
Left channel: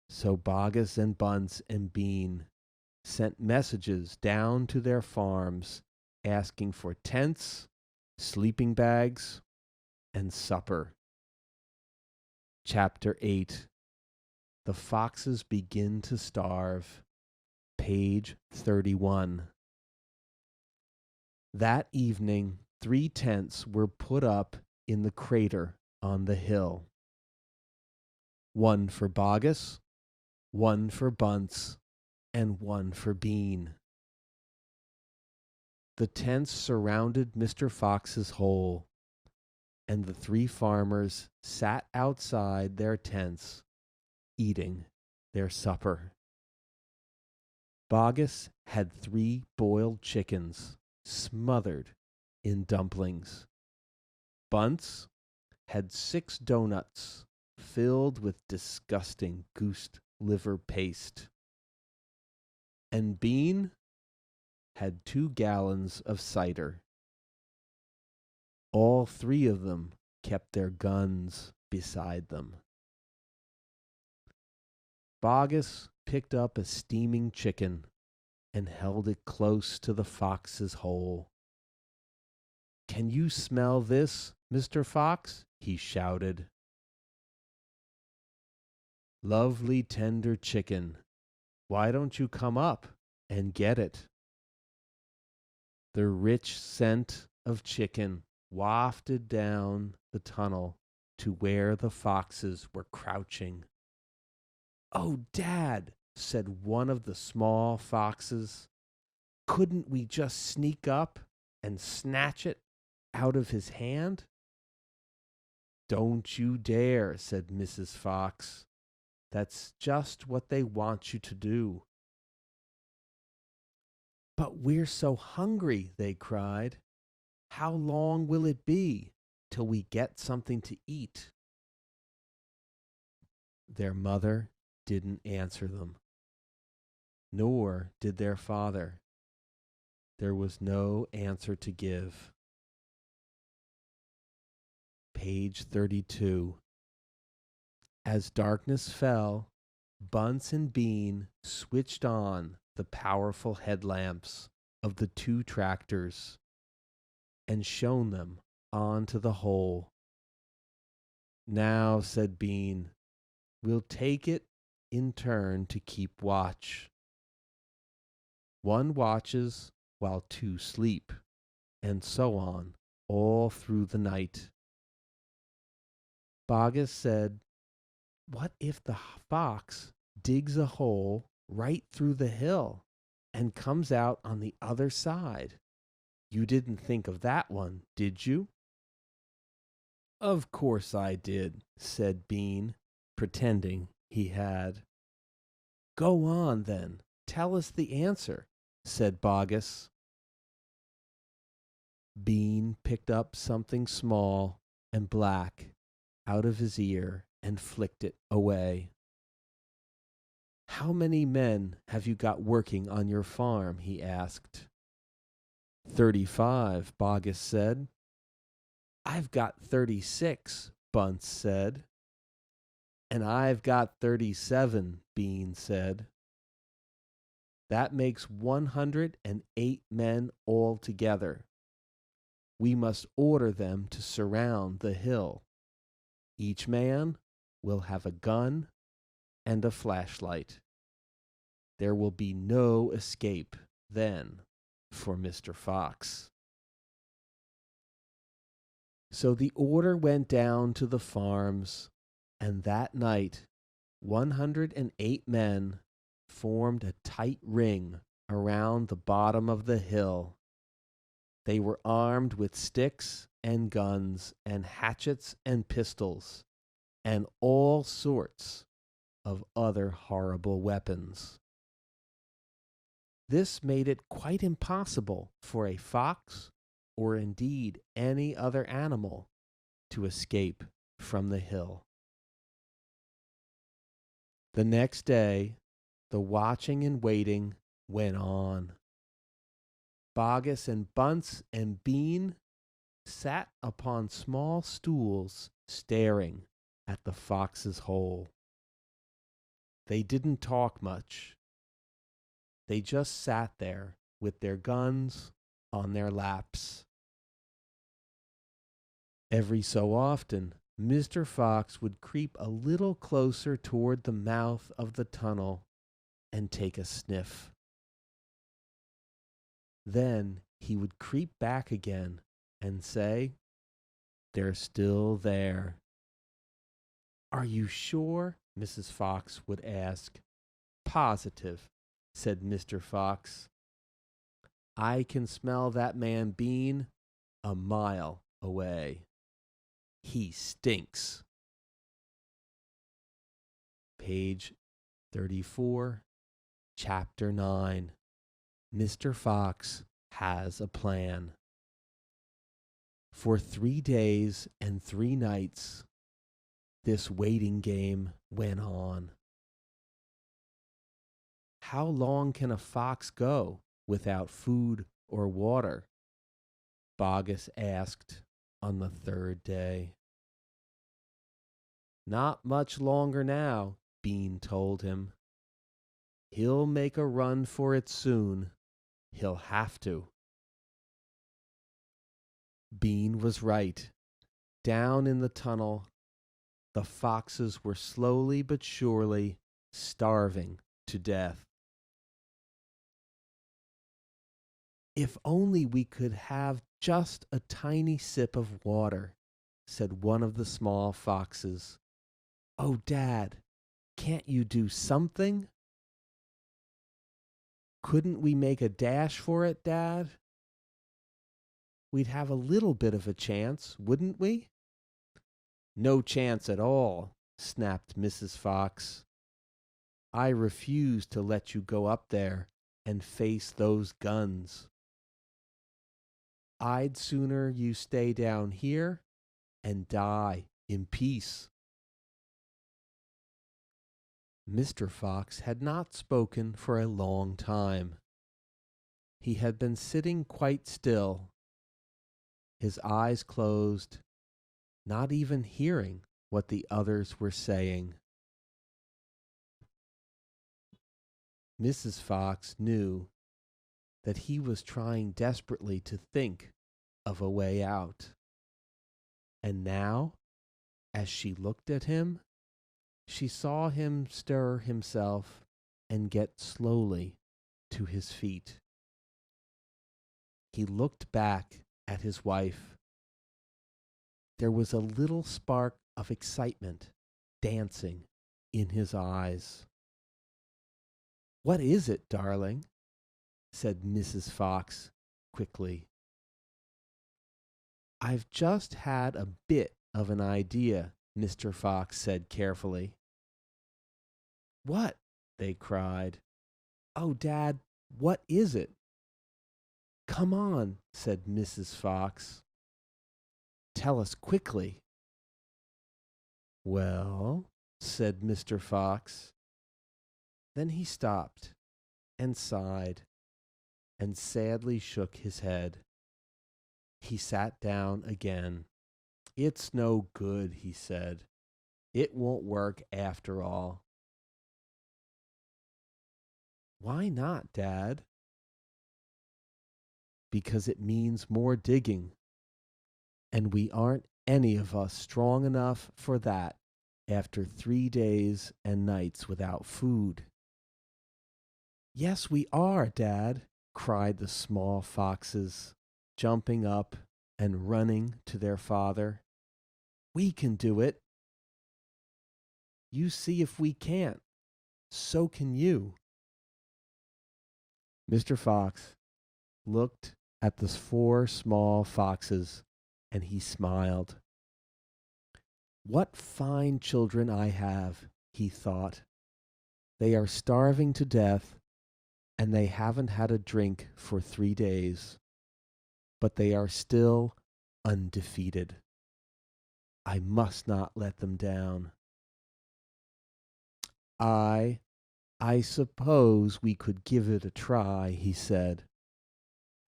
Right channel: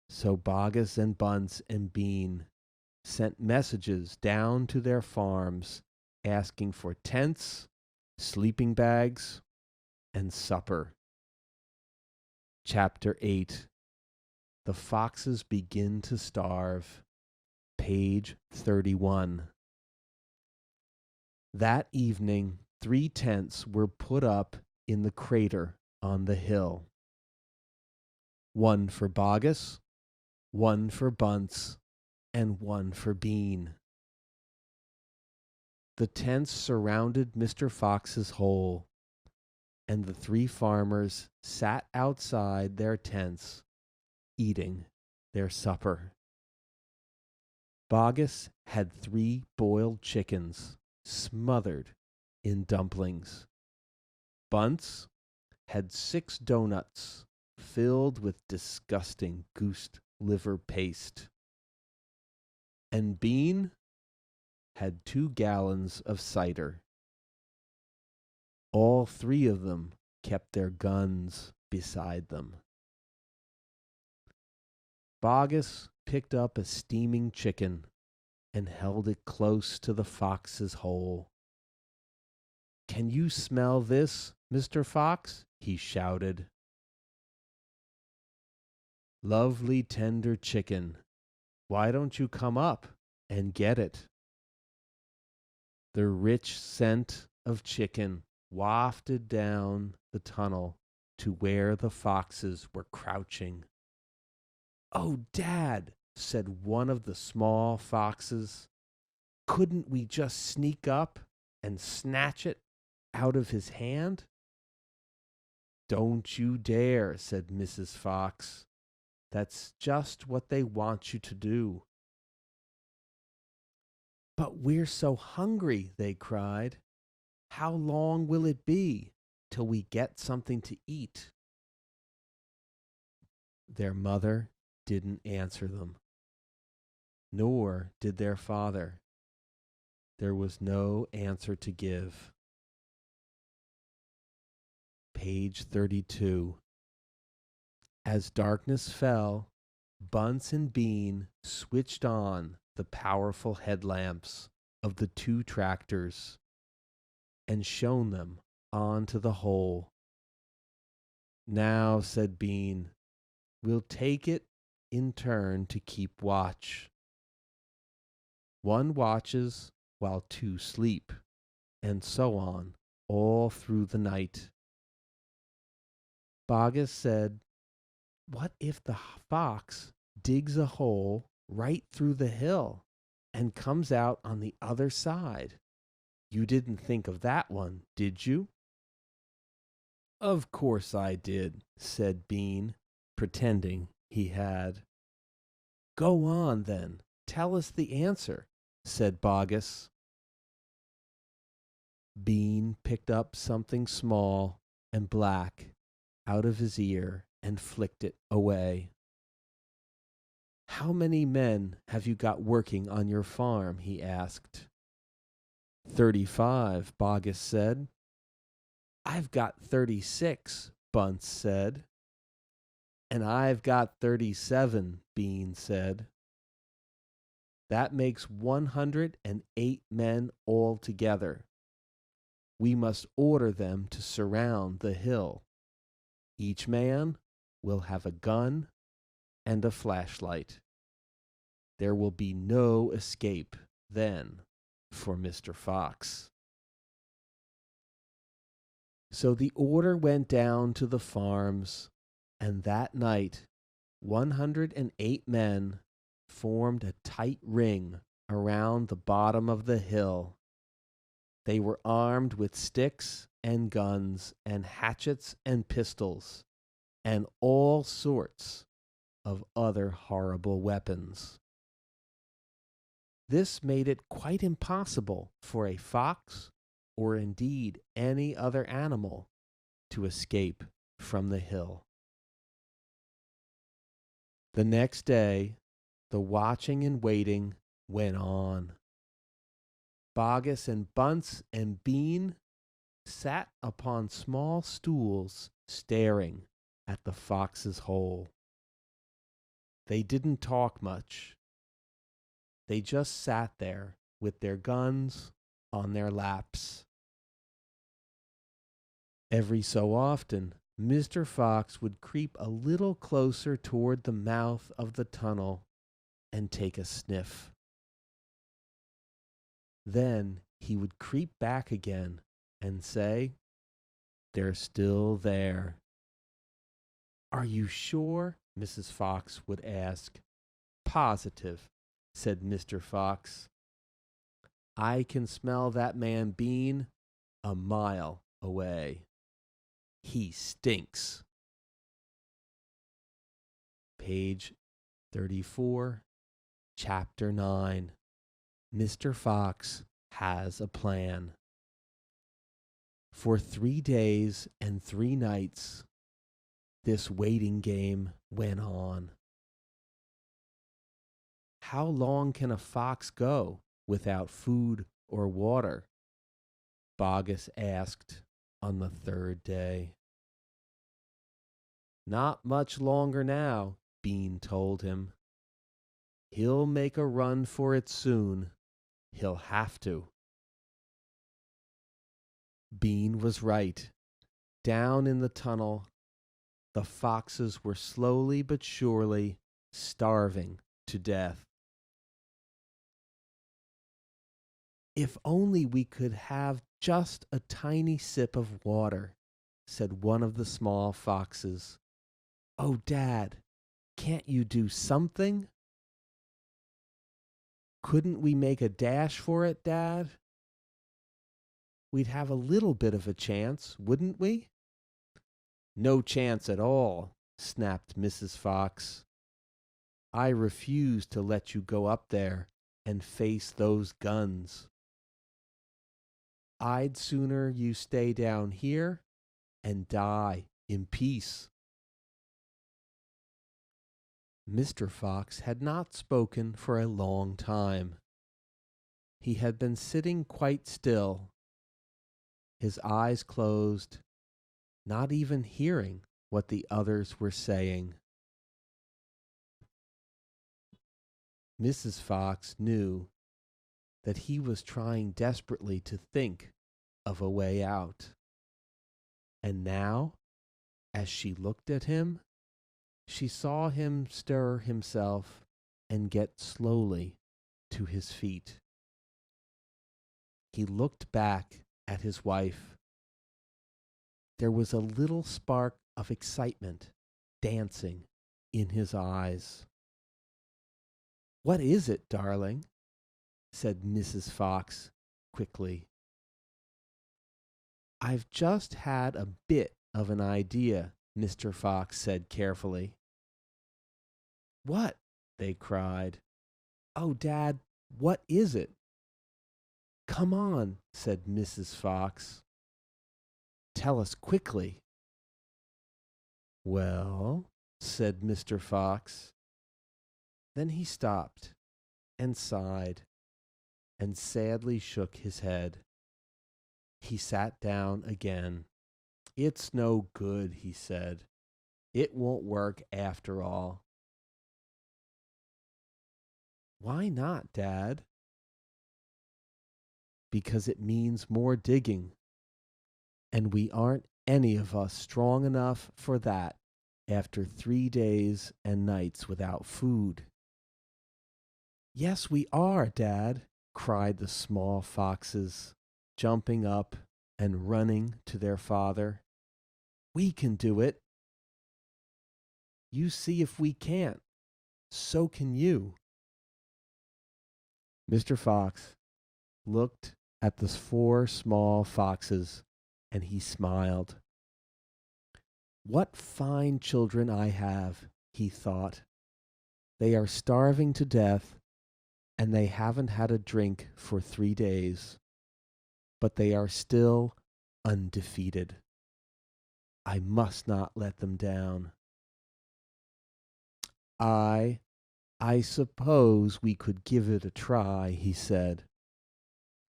So Bogus and Bunce and Bean sent messages down to their farms asking for tents, sleeping bags, and supper. Chapter 8. The Foxes Begin to Starve. Page 31. That evening, 3 tents were put up in the crater on the hill. One for Bogus, one for Bunce, and one for Bean. The tents surrounded Mr. Fox's hole, and the 3 farmers sat outside their tents, eating their supper. Bogus had 3 boiled chickens smothered in dumplings. Bunce had 6 doughnuts filled with disgusting goose liver paste. And Bean had 2 gallons of cider. All 3 of them kept their guns beside them. Bogus picked up a steaming chicken and held it close to the fox's hole. "Can you smell this, Mr. Fox?" he shouted. "Lovely tender chicken. Why don't you come up and get it?" The rich scent of chicken wafted down the tunnel to where the foxes were crouching. "Oh, Dad," said one of the small foxes, "couldn't we just sneak up and snatch it out of his hand?" "Don't you dare," said Mrs. Fox. "That's just what they want you to do." "But we're so hungry," they cried. "How long will it be till we get something to eat?" Their mother didn't answer them, nor did their father. There was no answer to give. Page 32. As darkness fell, Bunts and Bean switched on the powerful headlamps of the two tractors and shone them onto the hole. "Now," said Bean, "we'll take it in turn to keep watch. One watches while two sleep, and so on, all through the night." Bogus said, "What if the fox digs a hole right through the hill and comes out on the other side? You didn't think of that one, did you?" "Of course I did," said Bean, pretending he had. "Go on, then. Tell us the answer," said Bogus. Bean picked up something small and black out of his ear and flicked it away. "How many men have you got working on your farm?" he asked. 35, Bogus said. "I've got 36, Bunts said. "And I've got 37, Bean said. "That makes 108 men altogether. We must order them to surround the hill. Each man will have a gun and a flashlight. There will be no escape then for Mr. Fox." So the order went down to the farms, and that night 108 men formed a tight ring around the bottom of the hill. They were armed with sticks and guns and hatchets and pistols and all sorts of other horrible weapons. This made it quite impossible for a fox, or indeed any other animal, to escape from the hill. The next day, the watching and waiting went on. Bogus and Bunts and Bean sat upon small stools staring at the fox's hole. They didn't talk much. They just sat there with their guns on their laps. Every so often, Mr. Fox would creep a little closer toward the mouth of the tunnel and take a sniff. Then he would creep back again and say, "They're still there." "Are you sure?" Mrs. Fox would ask. "Positive," said Mr. Fox. "I can smell that man Bean a mile away. He stinks." Page 34, Chapter 9. Mr. Fox has a plan. For 3 days and 3 nights, this waiting game went on. How long can a fox go without food or water? Bogus asked on the third day. "Not much longer now," Bean told him. He'll make a run for it soon. He'll have to. Bean was right. Down in the tunnel, the foxes were slowly but surely starving to death. If only we could have just a tiny sip of water, said one of the small foxes. Oh, Dad, can't you do something? Couldn't we make a dash for it, Dad? We'd have a little bit of a chance, wouldn't we? No chance at all, snapped Mrs. Fox. I refuse to let you go up there and face those guns. I'd sooner you stay down here and die in peace. Mr. Fox had not spoken for a long time. He had been sitting quite still, his eyes closed, not even hearing what the others were saying. Mrs. Fox knew that he was trying desperately to think of a way out. And now, as she looked at him, she saw him stir himself and get slowly to his feet. He looked back at his wife. There was a little spark of excitement dancing in his eyes. What is it, darling? Said Mrs. Fox quickly. I've just had a bit of an idea, Mr. Fox said carefully. What? They cried. Oh, Dad, what is it? Come on, said Mrs. Fox. Tell us quickly. Well, said Mr. Fox. Then he stopped and sighed and sadly shook his head. He sat down again. It's no good, he said. It won't work after all. Why not, Dad? Because it means more digging, and we aren't any of us strong enough for that after 3 days and nights without food. Yes, we are, Dad, cried the small foxes, jumping up and running to their father. We can do it. You see if we can't. So can you. Mr. Fox looked at the 4 small foxes and he smiled. What fine children I have, he thought. They are starving to death and they haven't had a drink for 3 days, but they are still undefeated. I must not let them down. I I suppose we could give it a try, he said.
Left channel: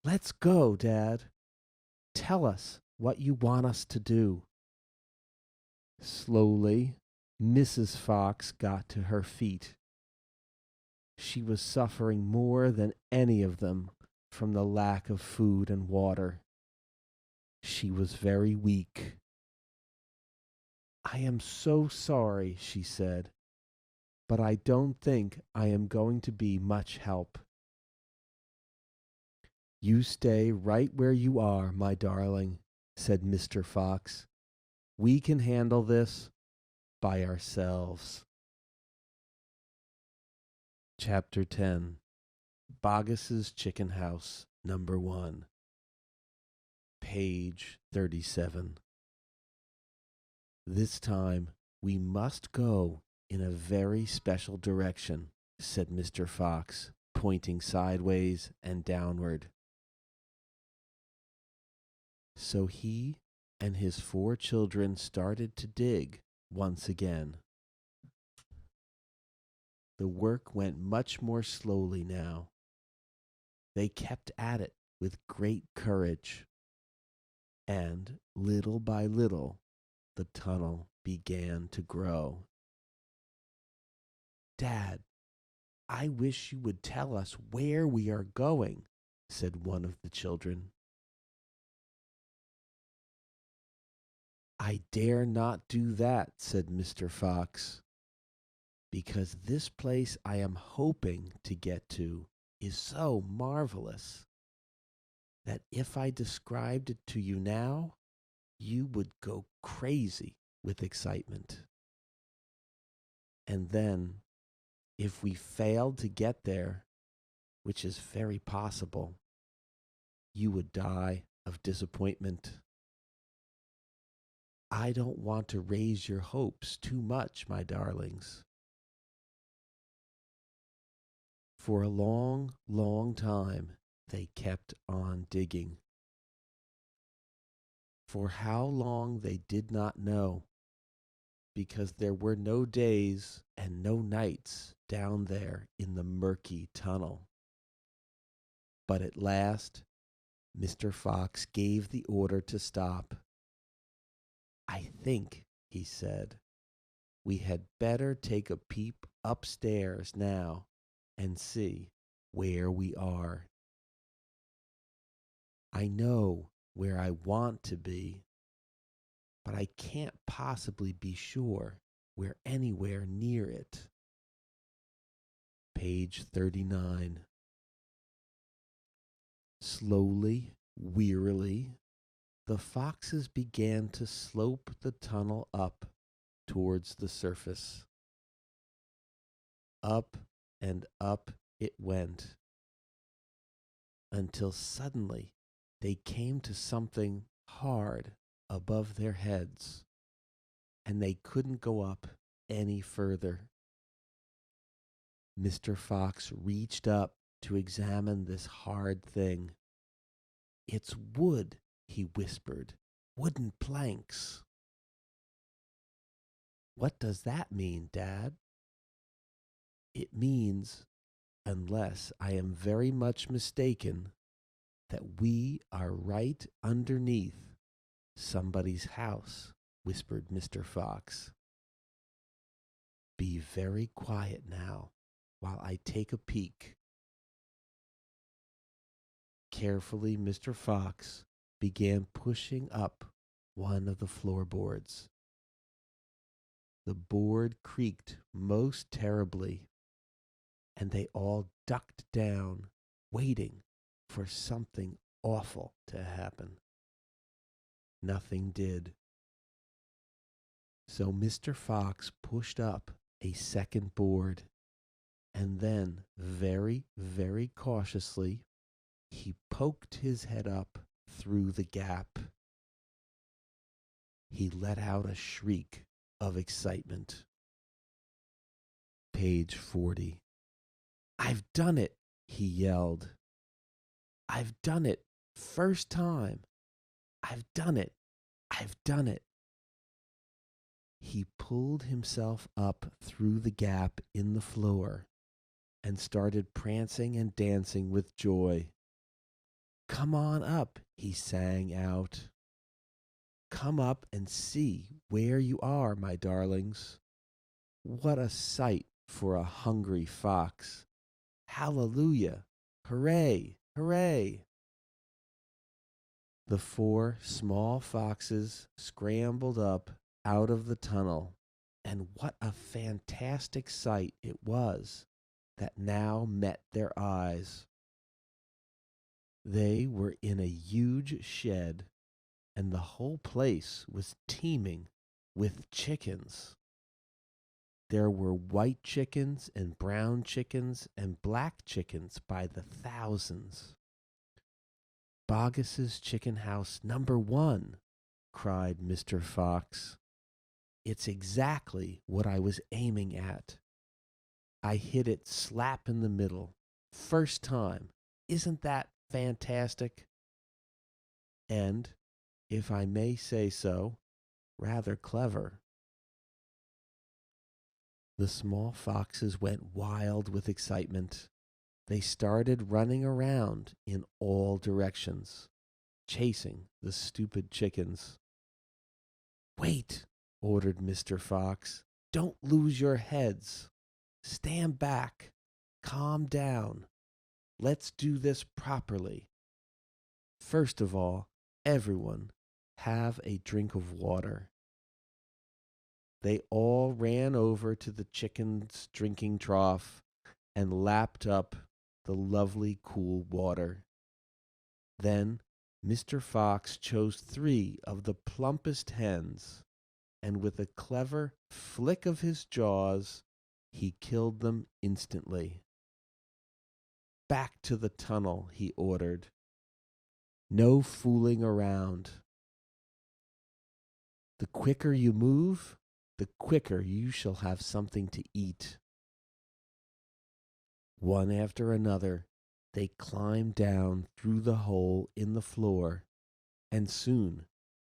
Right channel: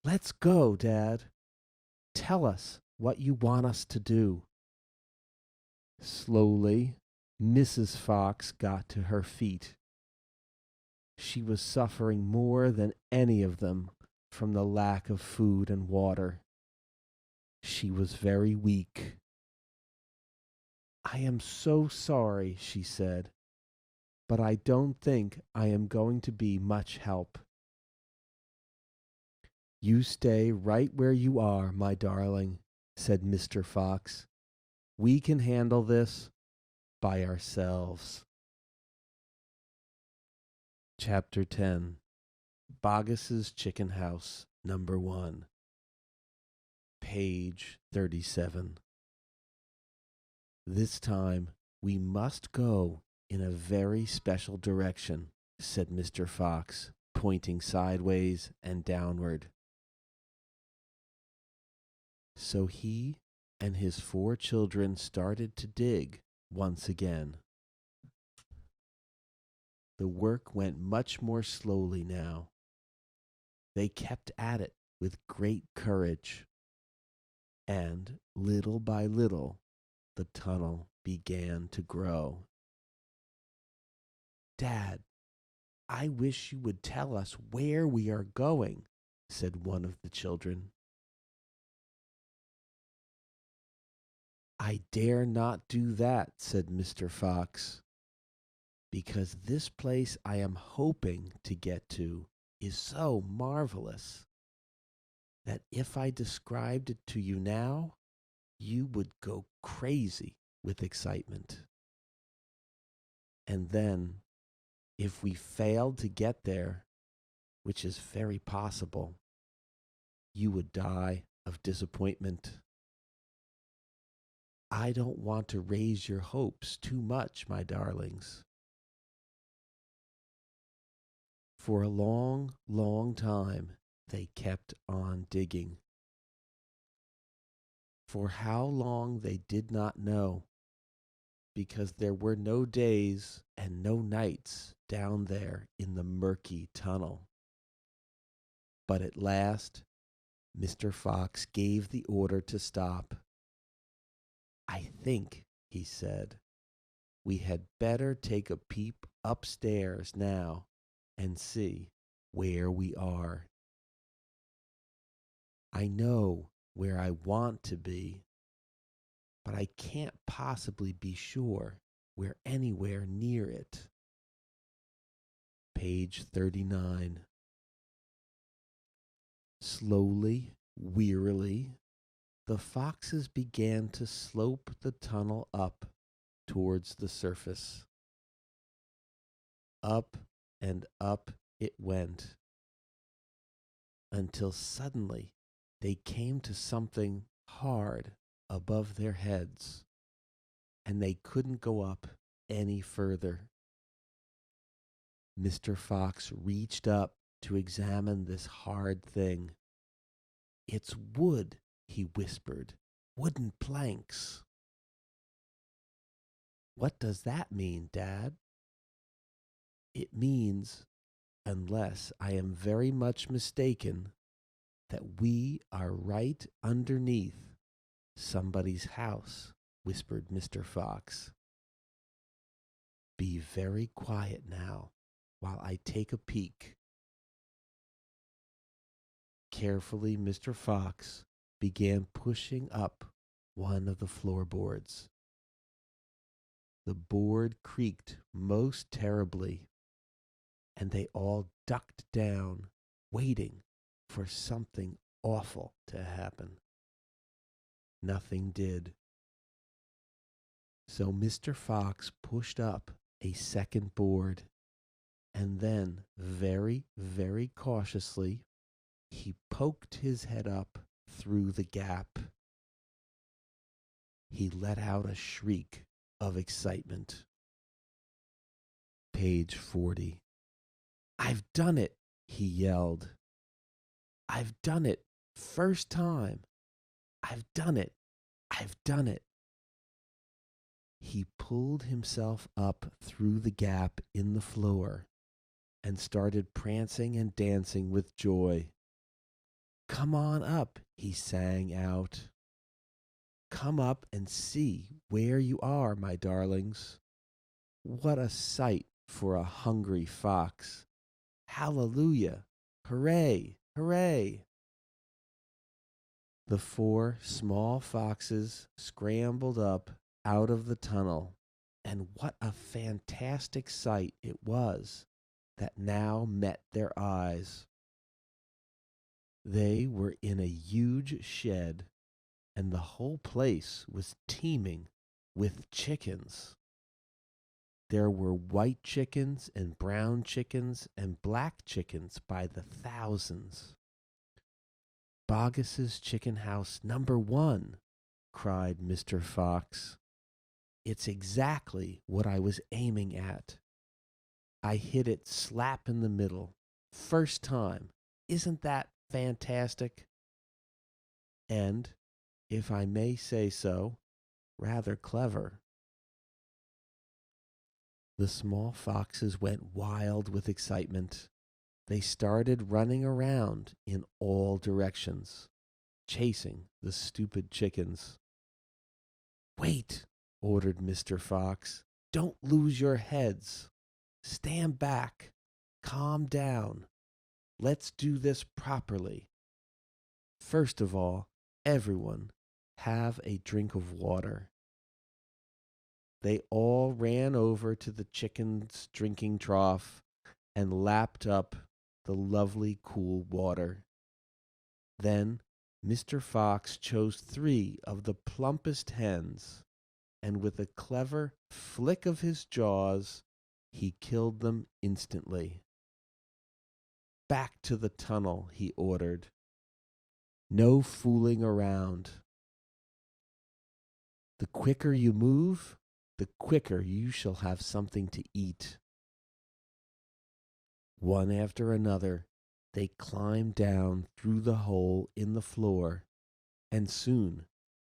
Let's go, Dad. Tell us what you want us to do. Slowly, Mrs. Fox got to her feet. She was suffering more than any of them from the lack of food and water. She was very weak. I am so sorry, she said, but I don't think I am going to be much help. You stay right where you are, my darling, said Mr. Fox. We can handle this by ourselves. Chapter 10 Boggis's Chicken House, Number 1, page 37. This time we must go in a very special direction, said Mr. Fox, pointing sideways and downward. So he and his 4 children started to dig once again. The work went much more slowly now. They kept at it with great courage, and little by little the tunnel began to grow. Dad, I wish you would tell us where we are going, said one of the children. I dare not do that, said Mr. Fox, because this place I am hoping to get to is so marvelous that if I described it to you now, you would go crazy with excitement. And then, if we failed to get there, which is very possible, you would die of disappointment. I don't want to raise your hopes too much, my darlings. For a long, long time, they kept on digging. For how long they did not know, because there were no days and no nights down there in the murky tunnel. But at last, Mr. Fox gave the order to stop. I think, he said, we had better take a peep upstairs now and see where we are. I know where I want to be, but I can't possibly be sure we're anywhere near it. Page 39. Slowly, wearily, the foxes began to slope the tunnel up towards the surface. Up and up it went, until suddenly they came to something hard above their heads, and they couldn't go up any further. Mr. Fox reached up to examine this hard thing. It's wood, he whispered, wooden planks. What does that mean, Dad? It means, unless I am very much mistaken, that we are right underneath somebody's house, whispered Mr. Fox. Be very quiet now while I take a peek. Carefully, Mr. Fox began pushing up one of the floorboards. The board creaked most terribly, and they all ducked down, waiting for something awful to happen. Nothing did. So Mr. Fox pushed up a second board, and then, very, very cautiously, he poked his head up through the gap. He let out a shriek of excitement. Page 40. I've done it, he yelled. I've done it. First time. I've done it. I've done it. He pulled himself up through the gap in the floor and started prancing and dancing with joy. Come on up, he sang out. Come up and see where you are, my darlings. What a sight for a hungry fox. Hallelujah! Hooray! Hooray! The four small foxes scrambled up out of the tunnel, and what a fantastic sight it was that now met their eyes. They were in a huge shed, and the whole place was teeming with chickens. There were white chickens and brown chickens and black chickens by the thousands. Boggis's chicken house #1, cried Mr. Fox. It's exactly what I was aiming at. I hit it slap in the middle. First time. Isn't that fantastic? And, if I may say so, rather clever. The small foxes went wild with excitement. They started running around in all directions, chasing the stupid chickens. Wait, ordered Mr. Fox. Don't lose your heads. Stand back. calm down. Let's do this properly. First of all, everyone have a drink of water. They all ran over to the chicken's drinking trough and lapped up the lovely cool water. Then Mr. Fox chose 3 of the plumpest hens, and with a clever flick of his jaws, he killed them instantly. Back to the tunnel, he ordered. No fooling around. The quicker you move, the quicker you shall have something to eat. One after another, they climbed down through the hole in the floor, and soon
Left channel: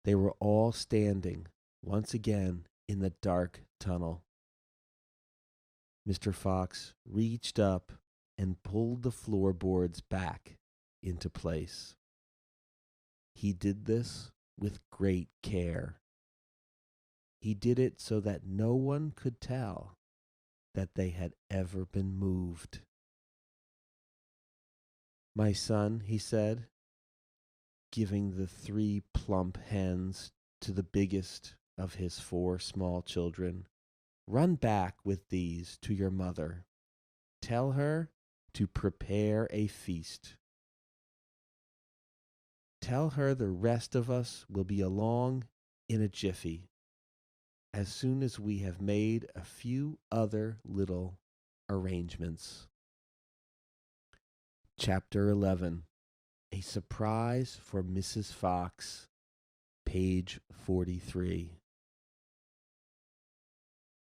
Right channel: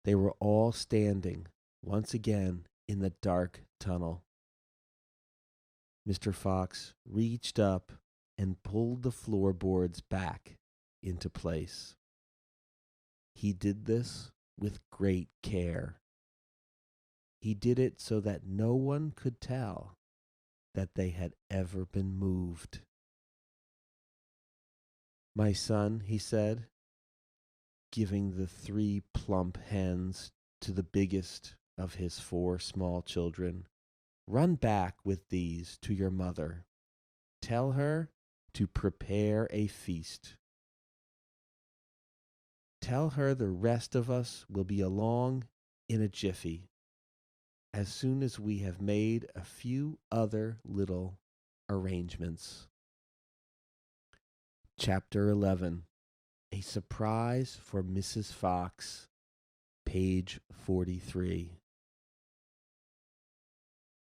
they were all standing once again in the dark tunnel. Mr. Fox reached up and pulled the floorboards back into place. He did this with great care. He did it so that no one could tell that they had ever been moved. My son, he said, giving the 3 plump hens to the biggest of his 4 small children, run back with these to your mother. Tell her to prepare a feast. Tell her the rest of us will be along in a jiffy, as soon as we have made a few other little arrangements. Chapter 11. A Surprise for Mrs. Fox, page 43.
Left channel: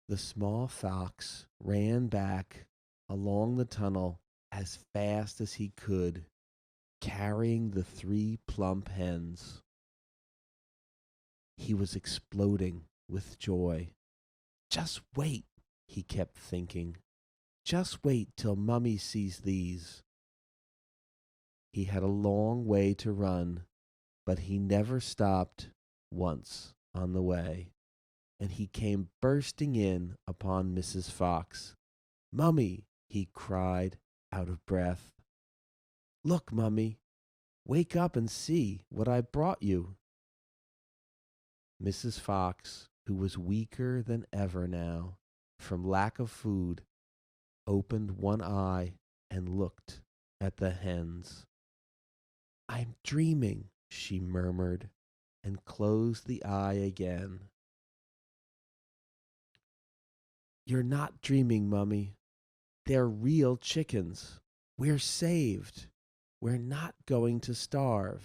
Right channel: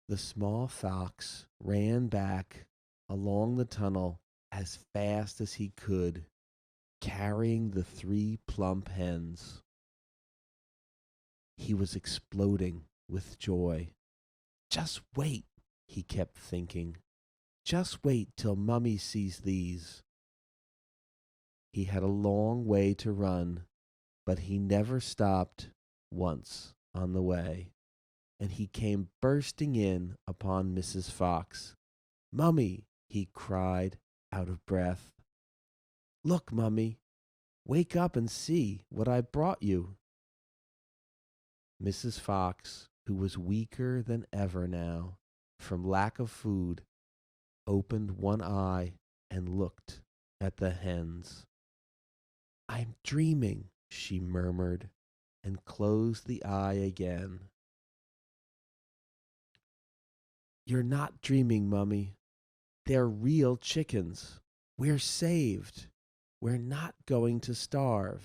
The small fox ran back along the tunnel as fast as he could, carrying the 3 plump hens. He was exploding with joy. Just wait, he kept thinking. Just wait till Mummy sees these. He had a long way to run, but he never stopped once on the way, and he came bursting in upon Mrs. Fox. Mummy, he cried, out of breath. Look, Mummy, wake up and see what I brought you. Mrs. Fox, who was weaker than ever now, from lack of food, opened one eye and looked at the hens. I'm dreaming, she murmured, and closed the eye again. You're not dreaming, Mummy. They're real chickens. We're saved. We're not going to starve.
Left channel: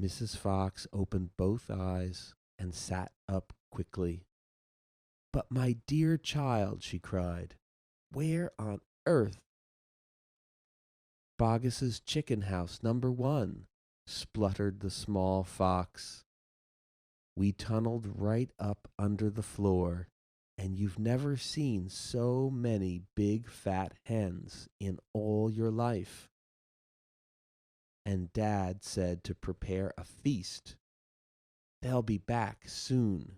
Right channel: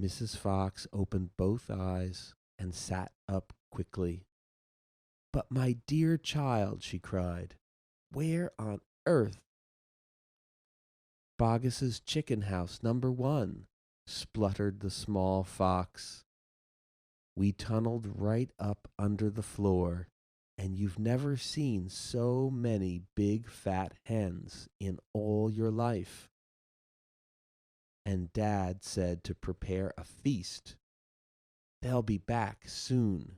Mrs. Fox opened both eyes and sat up quickly. But my dear child, she cried, where on earth? Boggis's chicken house, number 1, spluttered the small fox. We tunneled right up under the floor, and you've never seen so many big fat hens in all your life. And Dad said to prepare a feast. They'll be back soon.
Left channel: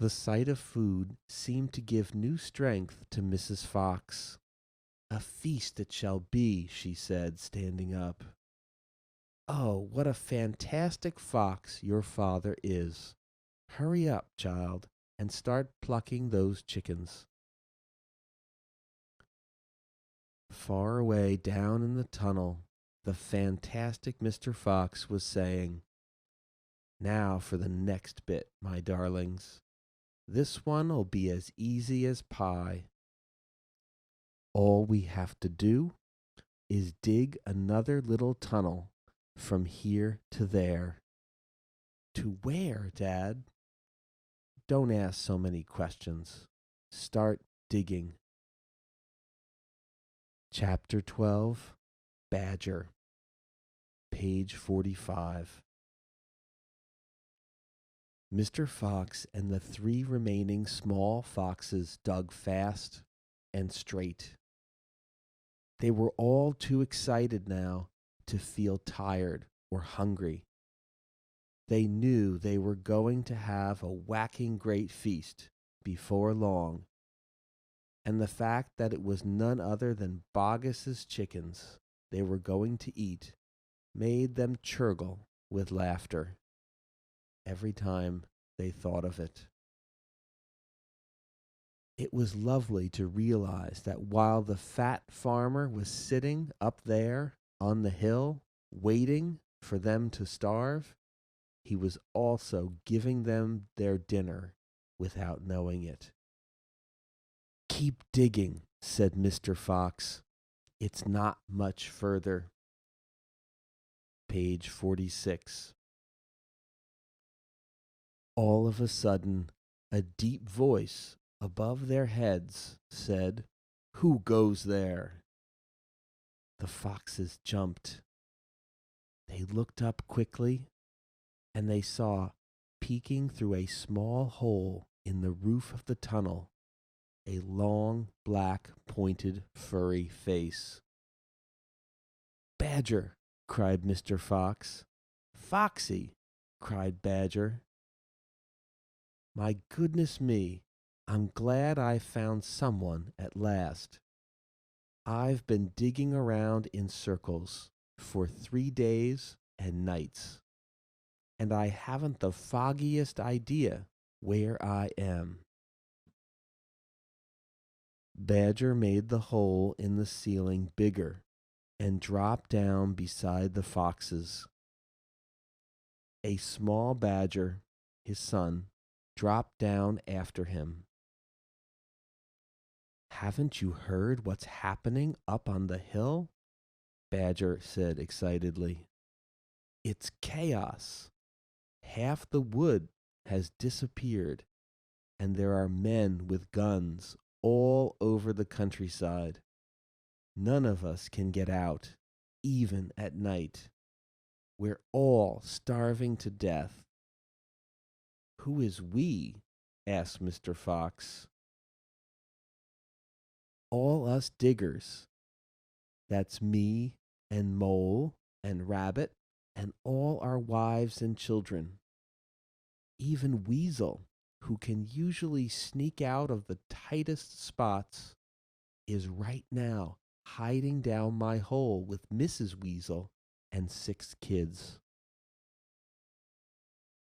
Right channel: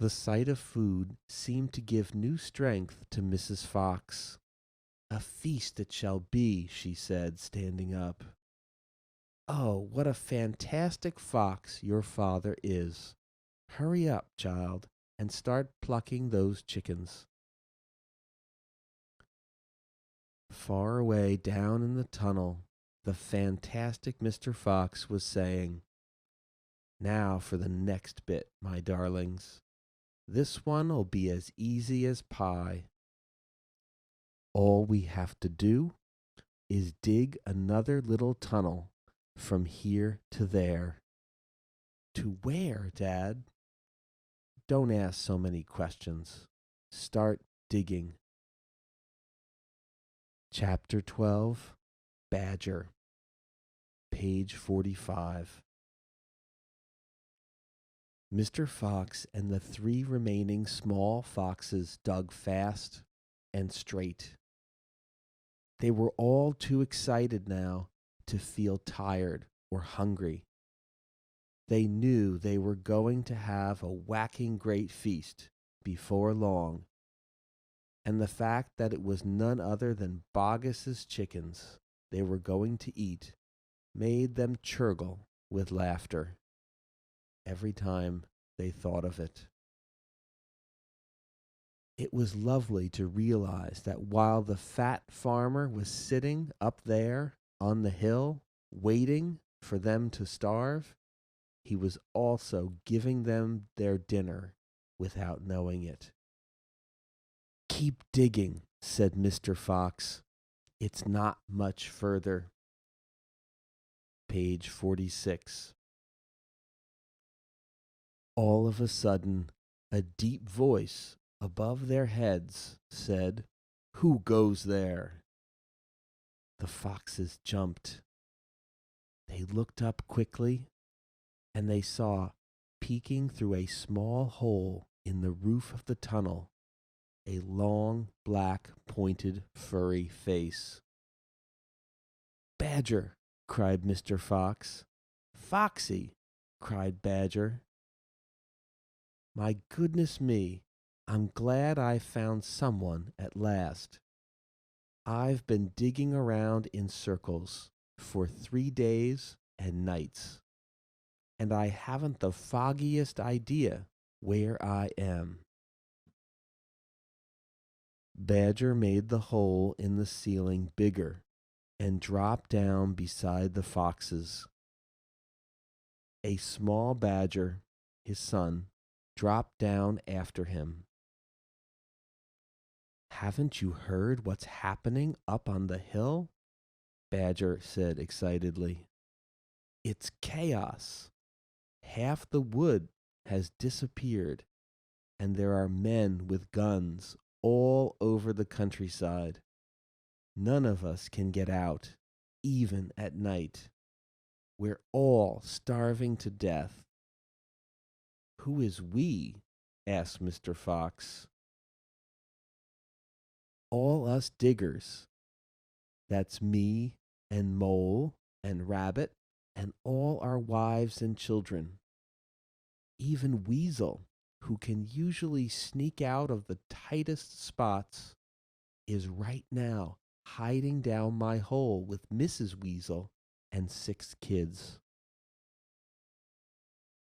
The sight of food seemed to give new strength to Mrs. Fox. A feast it shall be, she said, standing up. Oh, what a fantastic fox your father is. Hurry up, child, and start plucking those chickens. Far away down in the tunnel, the fantastic Mr. Fox was saying, Now for the next bit, my darlings. This one'll be as easy as pie. All we have to do is dig another little tunnel from here to there. To where, Dad? Don't ask so many questions. Start digging. Chapter 12, Badger, page 45. Mr. Fox and the 3 remaining small foxes dug fast and straight. They were all too excited now to feel tired or hungry. They knew they were going to have a whacking great feast before long, and the fact that it was none other than Boggis's chickens they were going to eat made them churgle with laughter every time they thought of it. It was lovely to realize that while the fat farmer was sitting up there on the hill waiting for them to starve, he was also giving them their dinner without knowing it. Keep digging, said Mr. Fox. It's not much further. Page 46. All of a sudden, a deep voice above their heads said, "Who goes there?" The foxes jumped. They looked up quickly, and they saw, peeking through a small hole in the roof of the tunnel, a long, black, pointed, furry face. "Badger!" cried Mr. Fox. "Foxy!" cried Badger. "My goodness me, I'm glad I found someone at last. I've been digging around in circles for 3 days and nights, and I haven't the foggiest idea where I am." Badger made the hole in the ceiling bigger and dropped down beside the foxes. A small badger, his son, dropped down after him. "Haven't you heard what's happening up on the hill?" Badger said excitedly. "It's chaos. Half the wood has disappeared, and there are men with guns all over the countryside. None of us can get out, even at night. We're all starving to death." "Who is we?" asked Mr. Fox. "All us diggers. That's me and Mole and Rabbit and all our wives and children. Even Weasel, who can usually sneak out of the tightest spots, is right now hiding down my hole with Mrs. Weasel and 6 kids.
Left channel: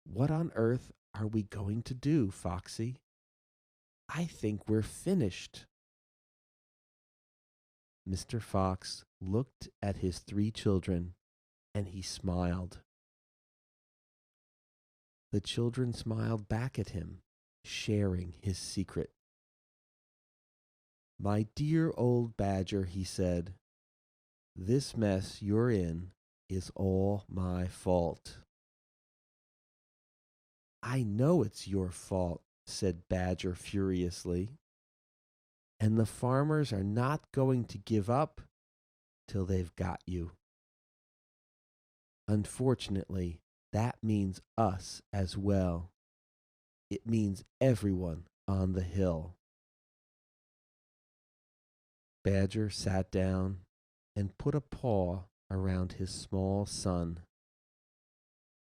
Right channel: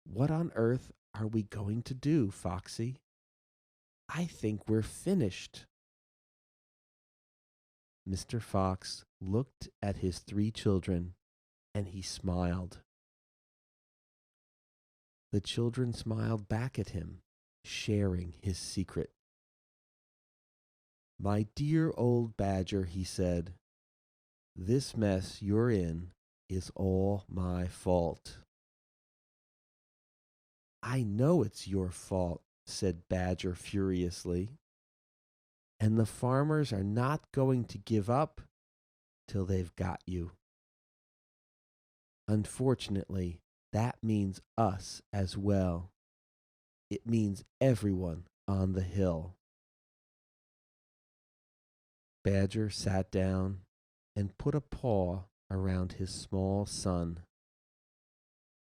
What on earth are we going to do, Foxy? I think we're finished." Mr. Fox looked at his 3 children and he smiled. The children smiled back at him, sharing his secret. "My dear old Badger," he said, "this mess you're in is all my fault." "I know it's your fault," said Badger furiously, "and the farmers are not going to give up till they've got you. Unfortunately, that means us as well. It means everyone on the hill." Badger sat down and put a paw around his small son.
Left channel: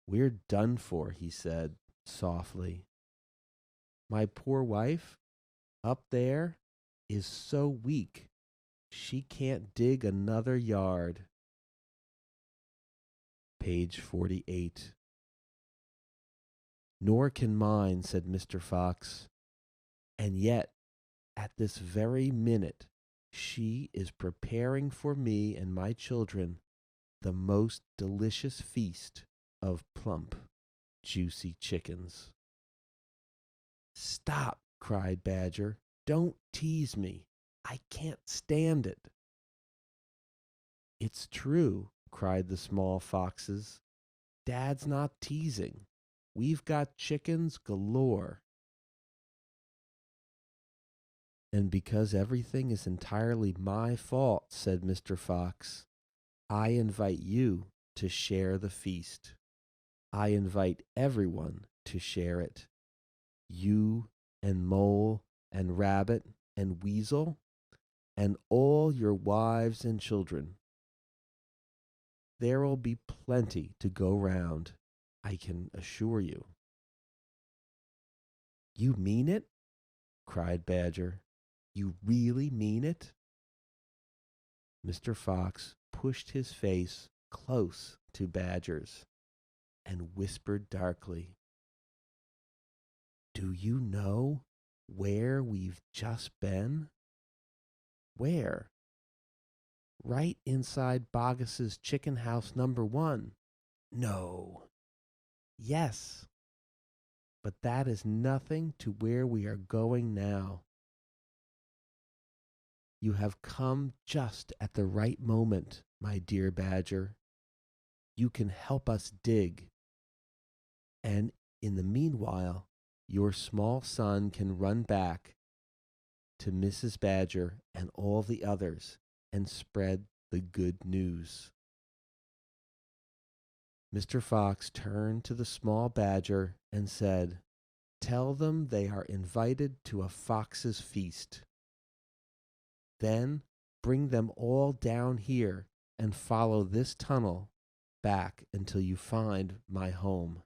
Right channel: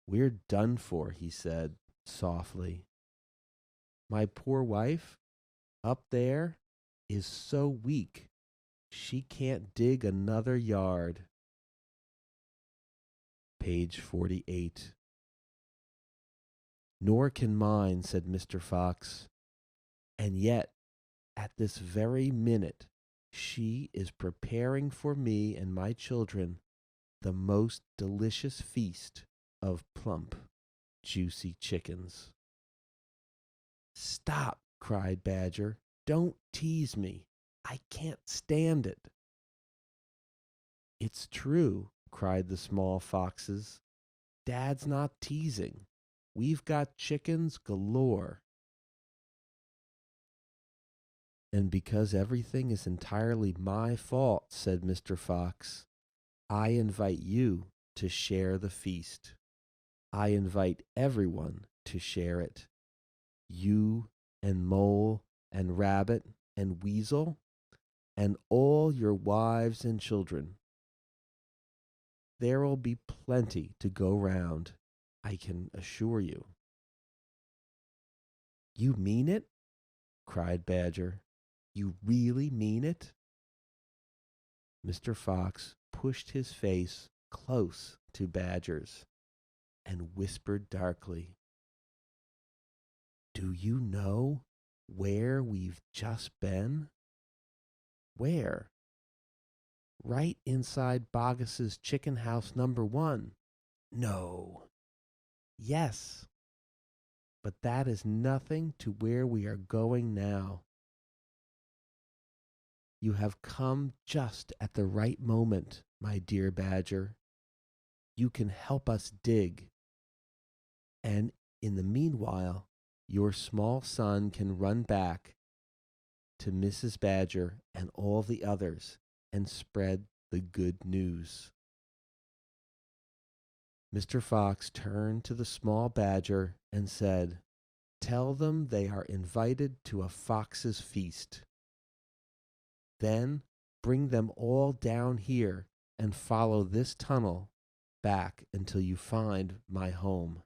"We're done for," he said softly. "My poor wife up there is so weak she can't dig another yard." Page 48. "Nor can mine," said Mr. Fox. "And yet, at this very minute, she is preparing for me and my children the most delicious feast of plump, juicy chickens." "Stop!" cried Badger. "Don't tease me. I can't stand it." "It's true," cried the small foxes. "Dad's not teasing. We've got chickens galore." "And because everything is entirely my fault," said Mr. Fox, "I invite you to share the feast. I invite everyone to share it. You and Mole and Rabbit and Weasel and all your wives and children. There'll be plenty to go round, I can assure you." "You mean it?" cried Badger. "You really mean it?" Mr. Fox pushed his face close to Badger's and whispered darkly, "Do you know where we've just been?" "Where?" "Right inside Boggis's chicken house number 1. "No." "Yes, but that is nothing to where we are going now. You have come just at the right moment, my dear Badger. You can help us dig, and in the meanwhile, your small son can run back to Mrs. Badger and all the others and spread the good news." Mr. Fox turned to the small badger and said, "Tell them they are invited to a fox's feast. Then bring them all down here and follow this tunnel back until you find my home."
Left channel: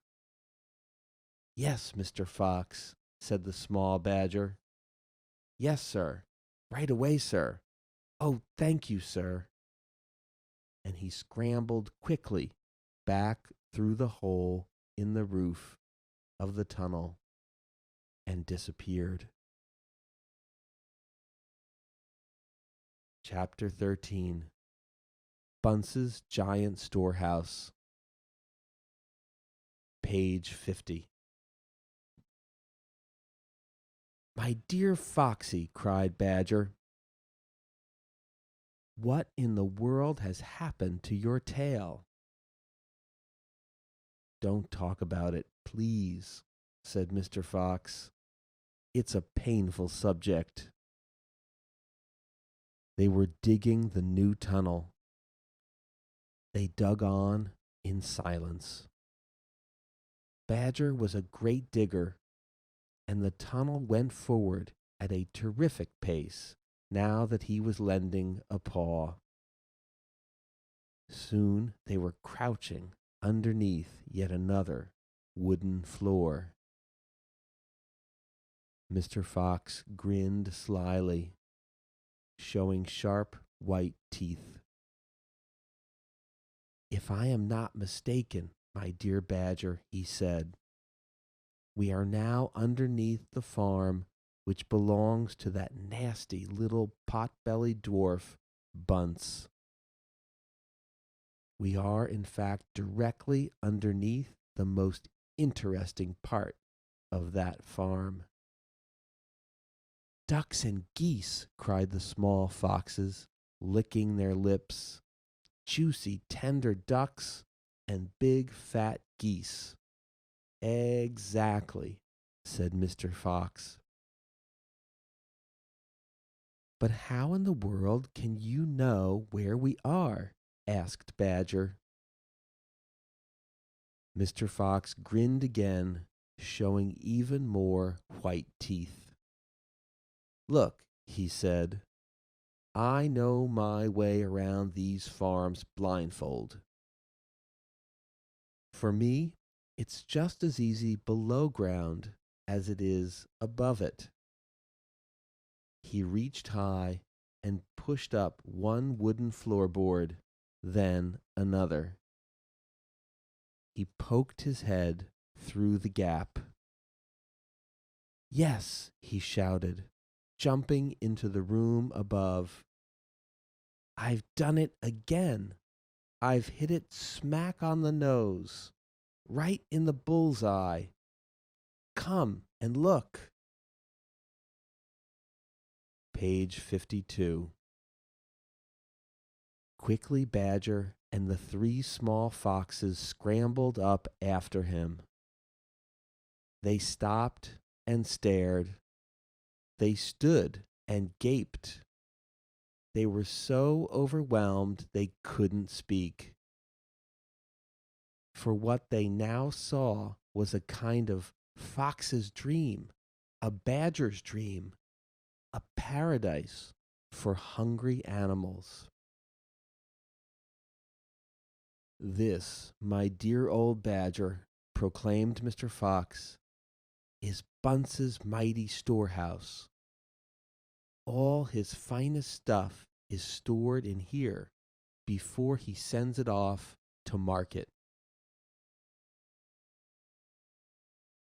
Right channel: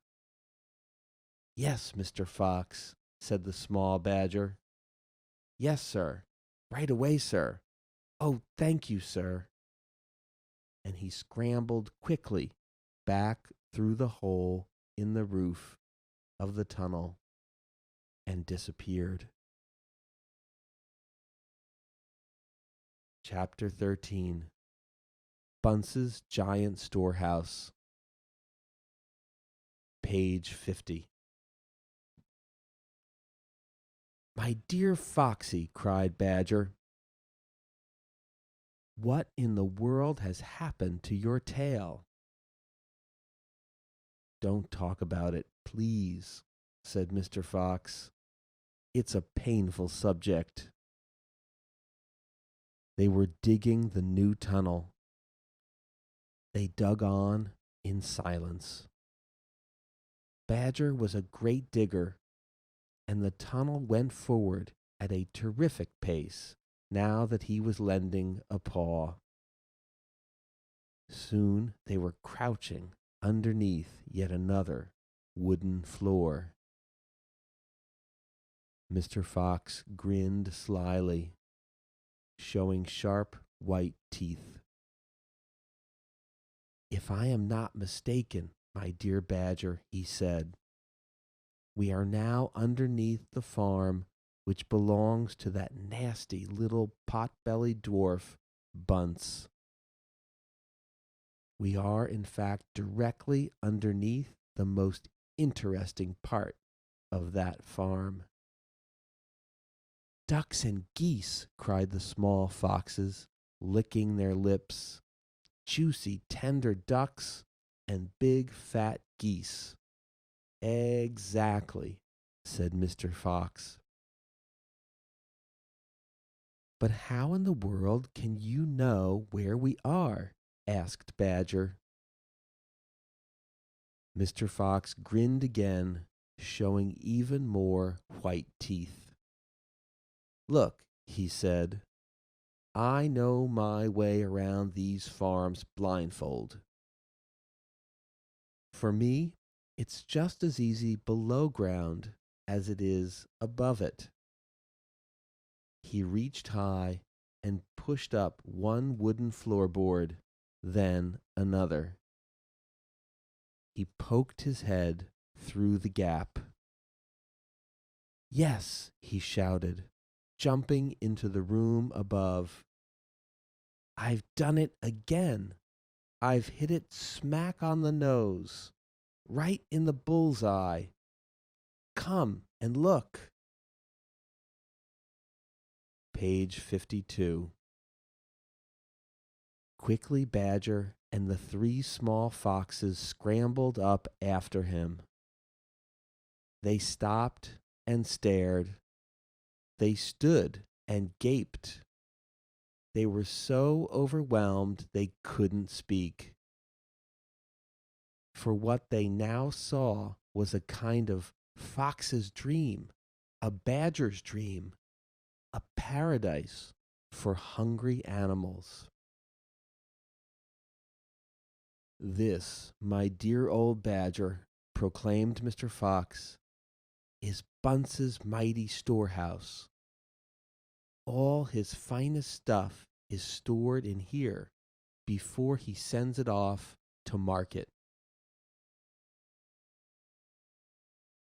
"Yes, Mr. Fox," said the small badger. "Yes, sir. Right away, sir. Oh, thank you, sir." And he scrambled quickly back through the hole in the roof of the tunnel and disappeared. Chapter 13. Bunts's Giant Storehouse. Page 50. "My dear Foxy," cried Badger, "what in the world has happened to your tail?" "Don't talk about it, please," said Mr. Fox. "It's a painful subject." They were digging the new tunnel. They dug on in silence. Badger was a great digger, and the tunnel went forward at a terrific pace now that he was lending a paw. Soon they were crouching underneath yet another wooden floor. Mr. Fox grinned slyly, showing sharp white teeth. "If I am not mistaken, my dear Badger," he said, "we are now underneath the farm which belongs to that nasty little pot-bellied dwarf, Bunts. We are, in fact, directly underneath the most interesting part of that farm." "Ducks and geese," cried the small foxes, licking their lips. "Juicy, tender ducks and big, fat geese." "Exactly," said Mr. Fox. "But how in the world can you know where we are?" asked Badger. Mr. Fox grinned again, showing even more white teeth. "Look," he said, "I know my way around these farms blindfold. For me, it's just as easy below ground as it is above it." He reached high and pushed up one wooden floorboard, then another. He poked his head through the gap. "Yes," he shouted, jumping into the room above. "I've done it again. I've hit it smack on the nose, right in the bull's eye. Come and look." Page 52. Quickly Badger and the 3 small foxes scrambled up after him. They stopped and stared. They stood and gaped. They were so overwhelmed they couldn't speak. For what they now saw was a kind of fox's dream, a badger's dream, a paradise for hungry animals. "This, my dear old badger," proclaimed Mr. Fox, "is Bunts's mighty storehouse. All his finest stuff is stored in here before he sends it off to market.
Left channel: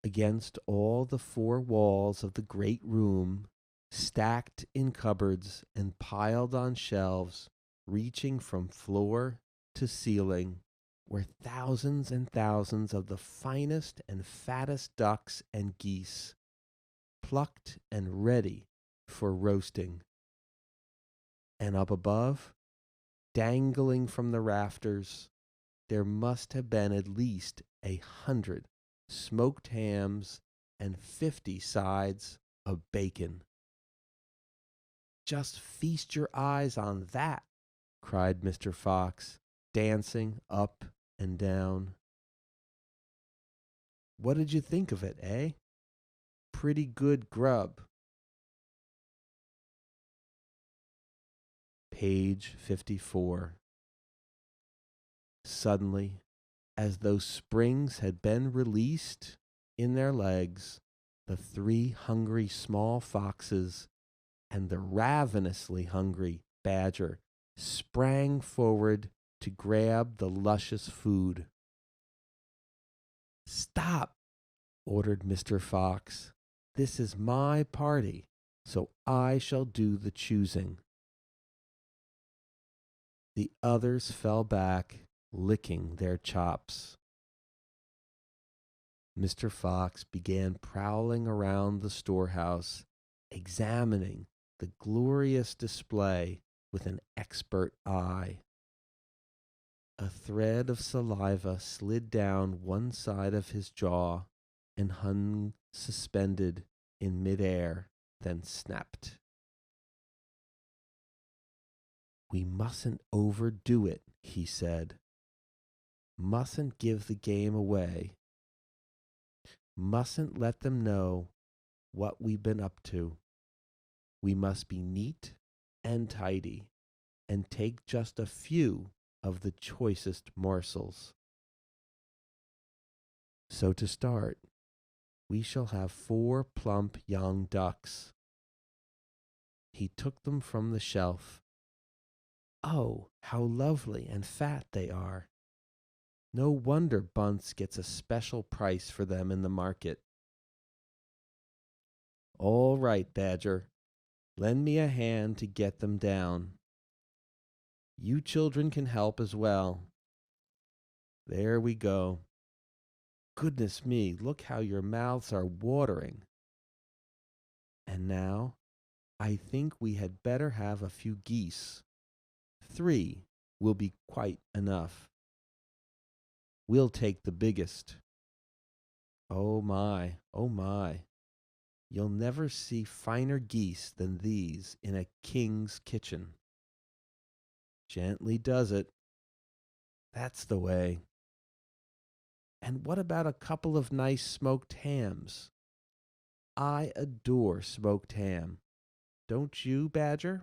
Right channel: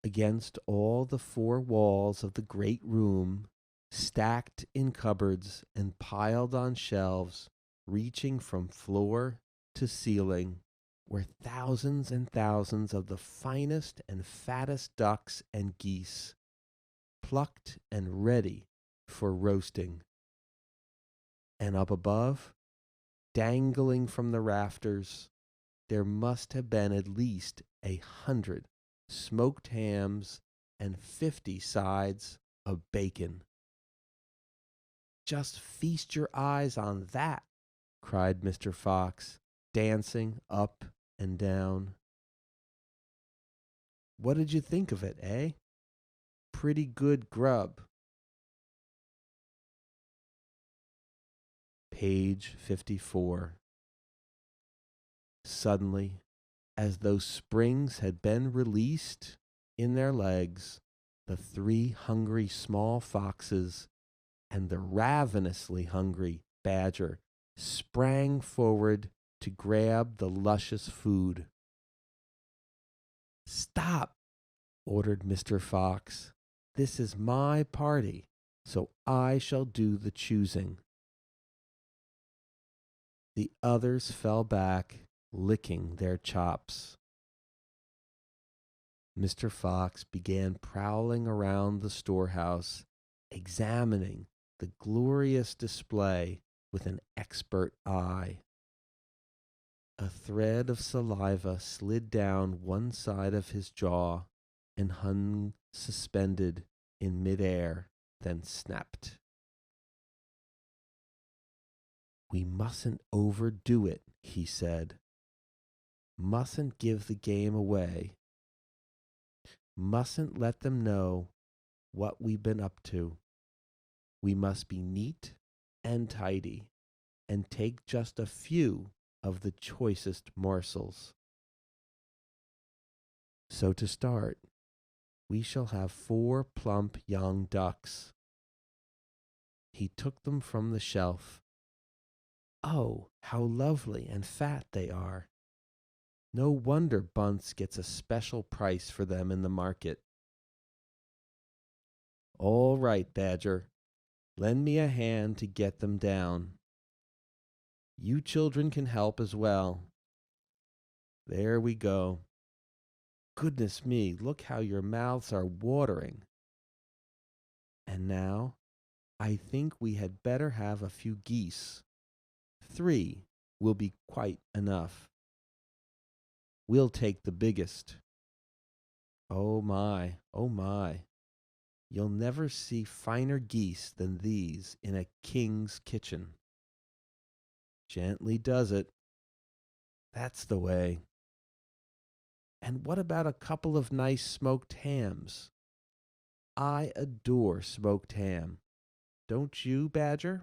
Against all the four walls of the great room, stacked in cupboards and piled on shelves, reaching from floor to ceiling, were thousands and thousands of the finest and fattest ducks and geese, plucked and ready for roasting. And up above, dangling from the rafters, there must have been at least 100 smoked hams and 50 sides of bacon. Just feast your eyes on that, cried Mr. Fox, dancing up and down. What did you think of it, eh? Pretty good grub. Page 54. Suddenly, as though springs had been released in their legs, the three hungry small foxes and the ravenously hungry badger sprang forward to grab the luscious food. Stop, ordered Mr. Fox. This is my party, so I shall do the choosing. The others fell back, licking their chops. Mr. Fox began prowling around the storehouse, examining the glorious display with an expert eye. A thread of saliva slid down one side of his jaw and hung suspended in midair, then snapped. We mustn't overdo it, he said. Mustn't give the game away. Mustn't let them know what we've been up to. We must be neat and tidy and take just a few of the choicest morsels. So to start, we shall have 4 plump young ducks. He took them from the shelf. Oh, how lovely and fat they are. No wonder Bunts gets a special price for them in the market. All right, Badger. Lend me a hand to get them down. You children can help as well. There we go. Goodness me, look how your mouths are watering. And now, I think we had better have a few geese. 3 will be quite enough. We'll take the biggest. Oh my, oh my. You'll never see finer geese than these in a king's kitchen. Gently does it. That's the way. And what about a couple of nice smoked hams? I adore smoked ham. Don't you, Badger?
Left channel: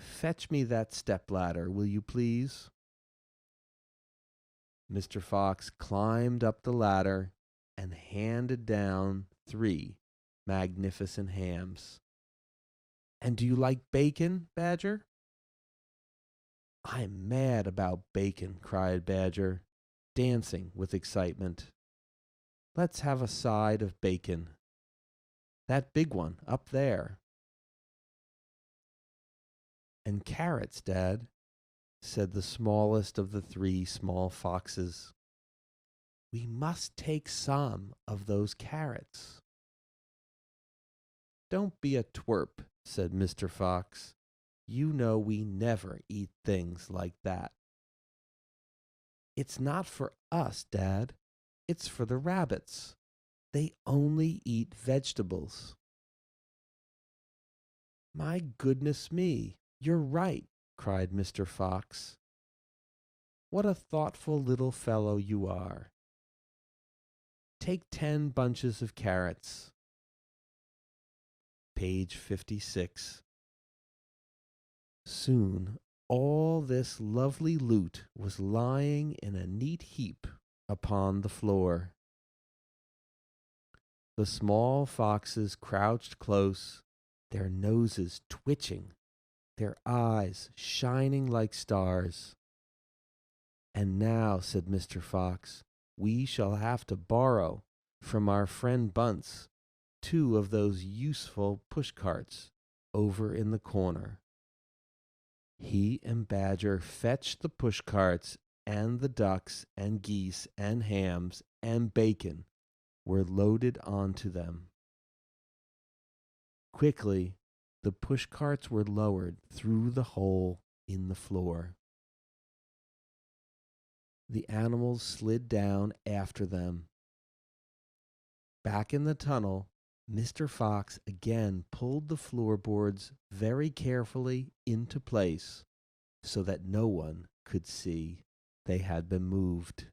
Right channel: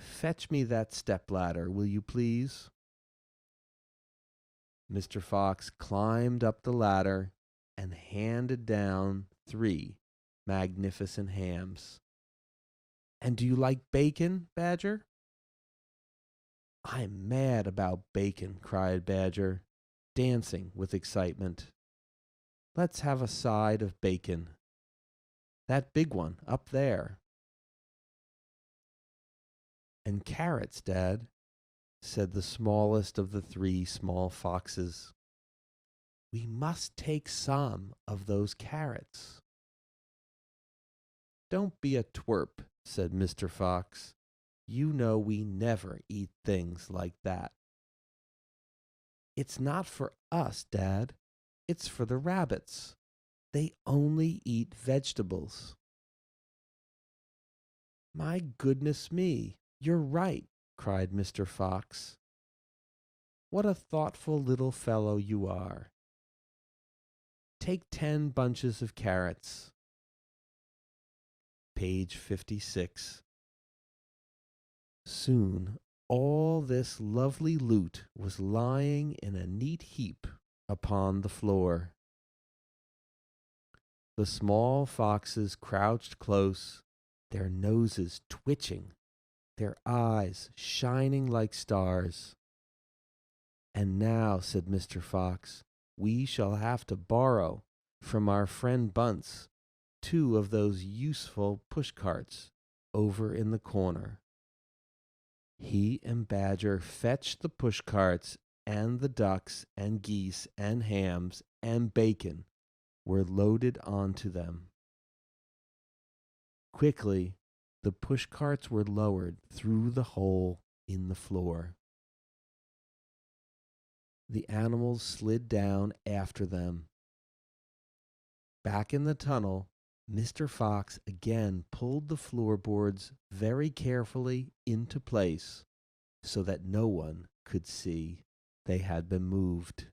Fetch me that stepladder, will you please? Mr. Fox climbed up the ladder and handed down 3 magnificent hams. And do you like bacon, Badger? I'm mad about bacon, cried Badger, dancing with excitement. Let's have a side of bacon. That big one up there. And carrots, Dad, said the smallest of the 3 small foxes. We must take some of those carrots. Don't be a twerp, said Mr. Fox. You know we never eat things like that. It's not for us, Dad. It's for the rabbits. They only eat vegetables. My goodness me, you're right, cried Mr. Fox. What a thoughtful little fellow you are. Take 10 bunches of carrots. Page 56. Soon all this lovely loot was lying in a neat heap upon the floor. The small foxes crouched close their noses twitching, their eyes shining like stars. "And now," said Mr. Fox, "we shall have to borrow from our friend Bunts two of those useful push carts over in the corner." He and Badger fetched the push carts, and the ducks and geese and hams and bacon were loaded onto them. Quickly, the push carts were lowered through the hole in the floor. The animals slid down after them. Back in the tunnel, Mr. Fox again pulled the floorboards very carefully into place so that no one could see they had been moved.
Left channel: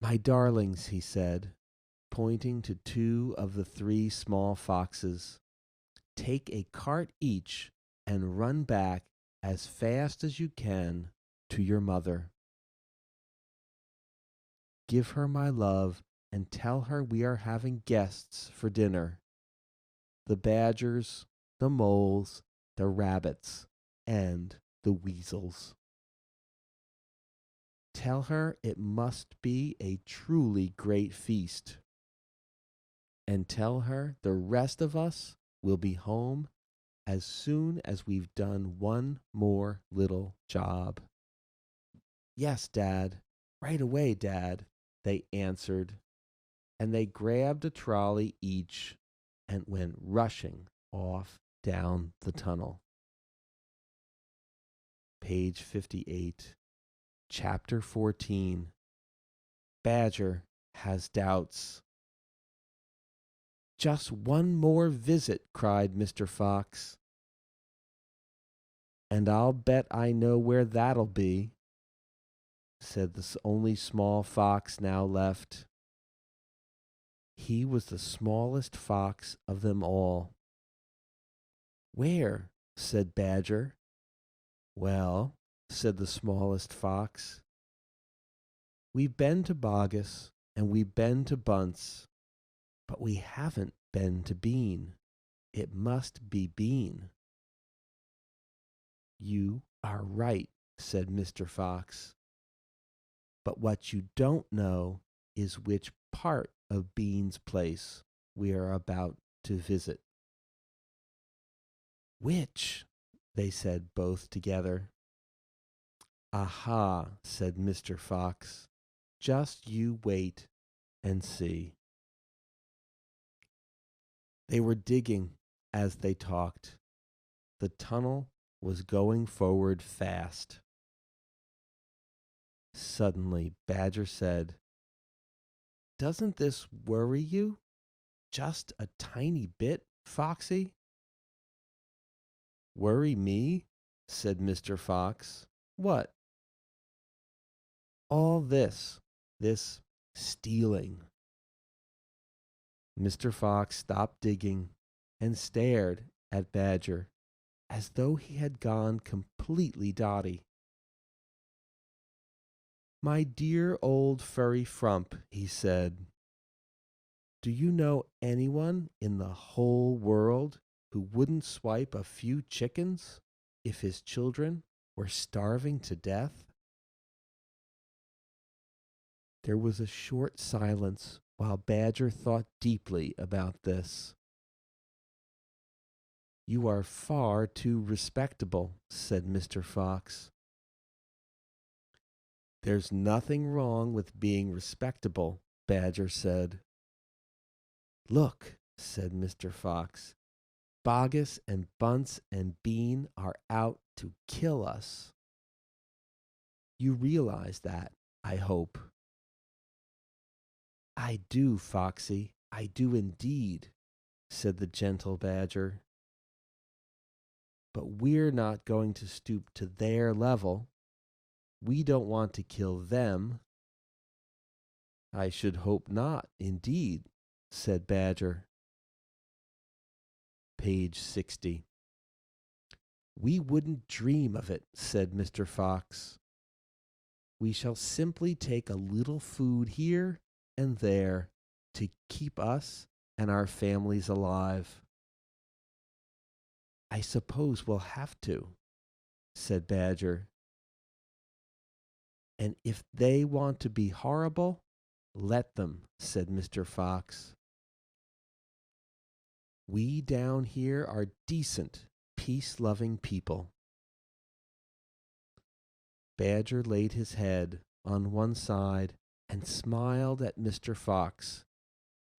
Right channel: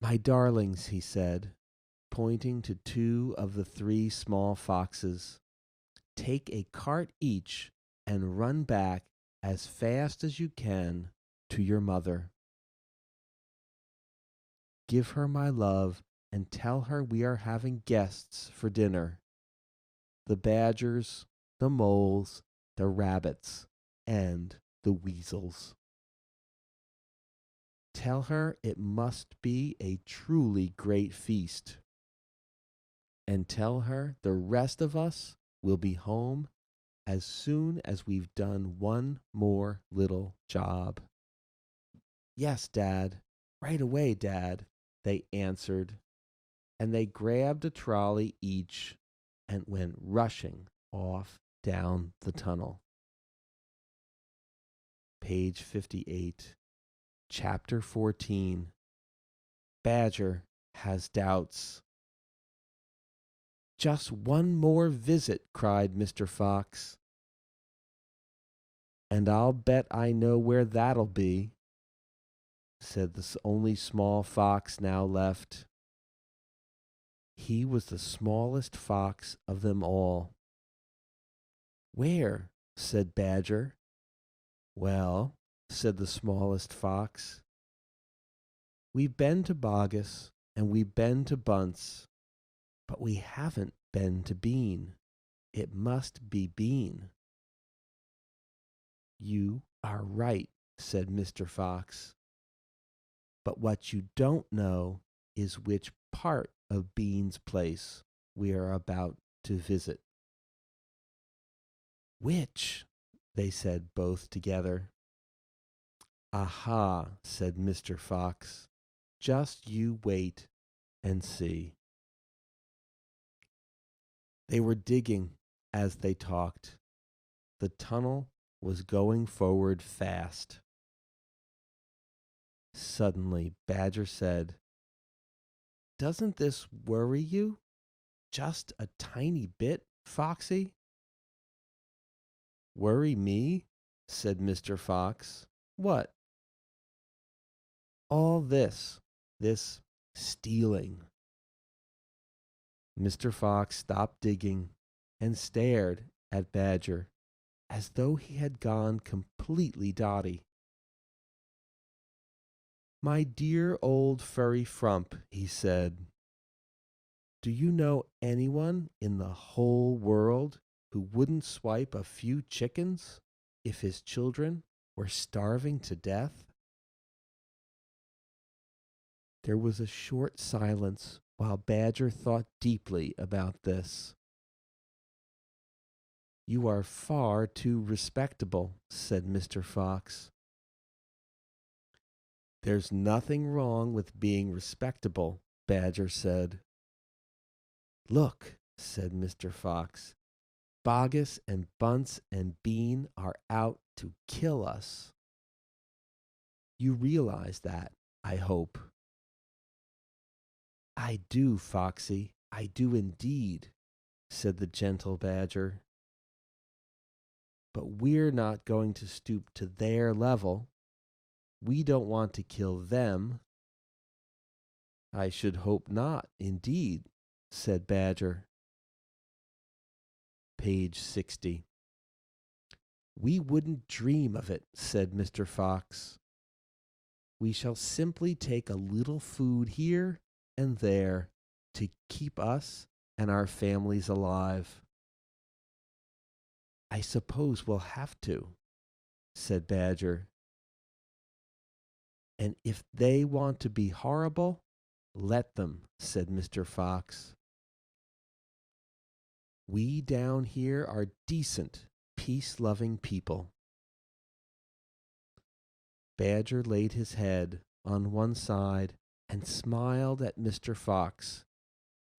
"My darlings," he said, pointing to two of the three small foxes, "take a cart each and run back as fast as you can to your mother. Give her my love and tell her we are having guests for dinner. The badgers, the moles, the rabbits, and the weasels. Tell her it must be a truly great feast. And tell her the rest of us will be home as soon as we've done one more little job." "Yes, Dad. Right away, Dad," they answered, and they grabbed a trolley each and went rushing off down the tunnel. Page 58, Chapter 14. Badger has doubts. "Just one more visit," cried Mr. Fox. "And I'll bet I know where that'll be," said the only small fox now left. He was the smallest fox of them all. "Where?" said Badger. "Well," said the smallest fox, "we've been to Bogus and we've been to Bunts, but we haven't been to Bean. It must be Bean." "You are right," said Mr. Fox, "but what you don't know is which part of Bean's place we are about to visit." "Which?" they said both together. "Aha," said Mr. Fox, "just you wait and see." They were digging as they talked. The tunnel was going forward fast. Suddenly, Badger said, "Doesn't this worry you? Just a tiny bit, Foxy?" "Worry me?" said Mr. Fox. "What?" "All this stealing." Mr. Fox stopped digging and stared at Badger as though he had gone completely dotty. "My dear old furry frump," he said, "do you know anyone in the whole world who wouldn't swipe a few chickens if his children were starving to death?" There was a short silence while Badger thought deeply about this. "You are far too respectable," said Mr. Fox. "There's nothing wrong with being respectable," Badger said. "Look," said Mr. Fox, "Bogus and Bunts and Bean are out to kill us. You realize that, I hope." "I do, Foxy, I do indeed," said the gentle Badger. "But we're not going to stoop to their level. We don't want to kill them." "I should hope not, indeed," said Badger. Page 60. "We wouldn't dream of it," said Mr. Fox. "We shall simply take a little food here and there to keep us and our families alive. I suppose we'll have to, said Badger. And if they want to be horrible, let them, said Mr. Fox. We down here are decent, peace loving people. Badger laid his head on one side and smiled at Mr. Fox.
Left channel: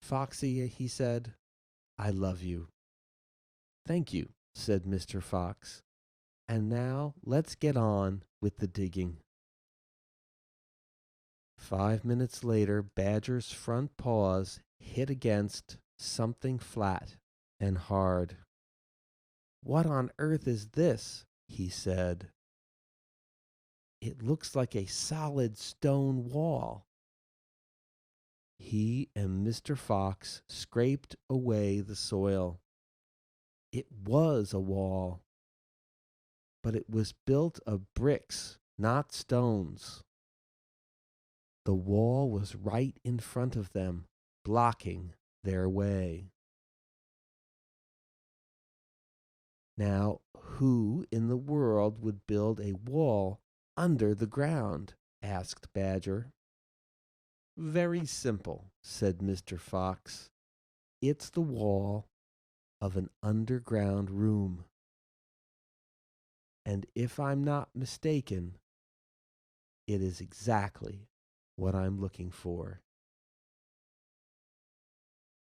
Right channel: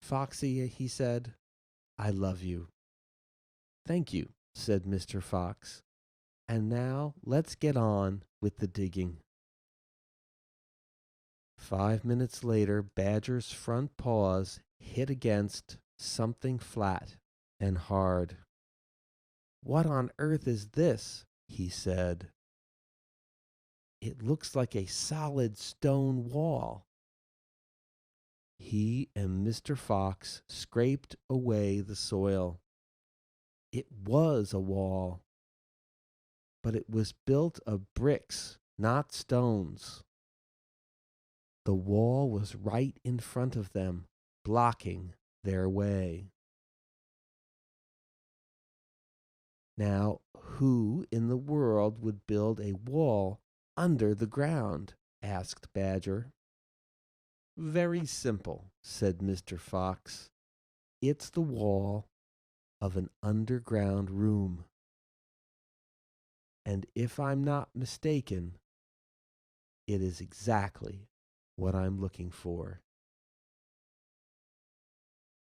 Foxy, he said, I love you. Thank you, said Mr. Fox. And now let's get on with the digging. 5 minutes later, Badger's front paws hit against something flat and hard. What on earth is this? He said. It looks like a solid stone wall. He and Mr. Fox scraped away the soil. It was a wall, but it was built of bricks, not stones. The wall was right in front of them, blocking their way. Now, who in the world would build a wall under the ground? Asked Badger. Very simple, said Mr. Fox. It's the wall of an underground room. And if I'm not mistaken, it is exactly what I'm looking for.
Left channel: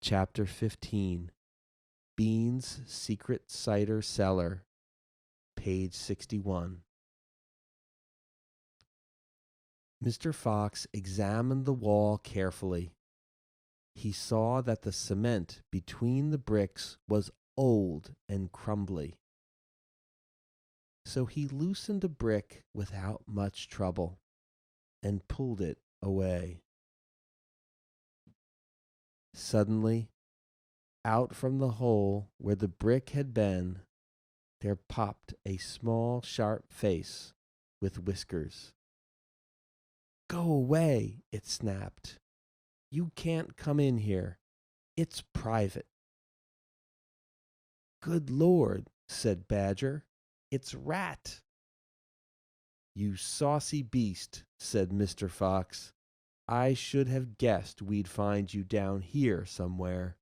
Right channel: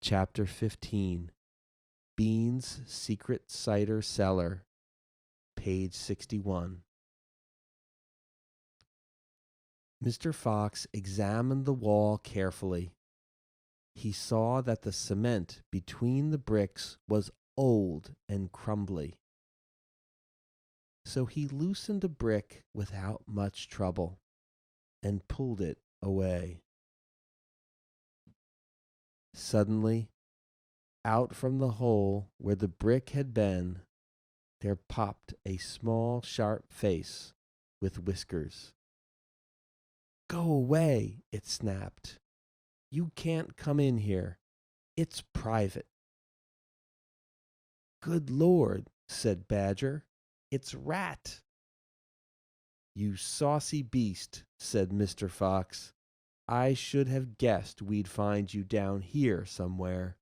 Chapter 15, Bean's Secret Cider Cellar, page 61. Mr. Fox examined the wall carefully. He saw that the cement between the bricks was old and crumbly. So he loosened a brick without much trouble and pulled it away. Suddenly, out from the hole where the brick had been, there popped a small, sharp face with whiskers. Go away, it snapped. You can't come in here. It's private. Good Lord, said Badger. It's Rat. You saucy beast, said Mr. Fox. I should have guessed we'd find you down here somewhere.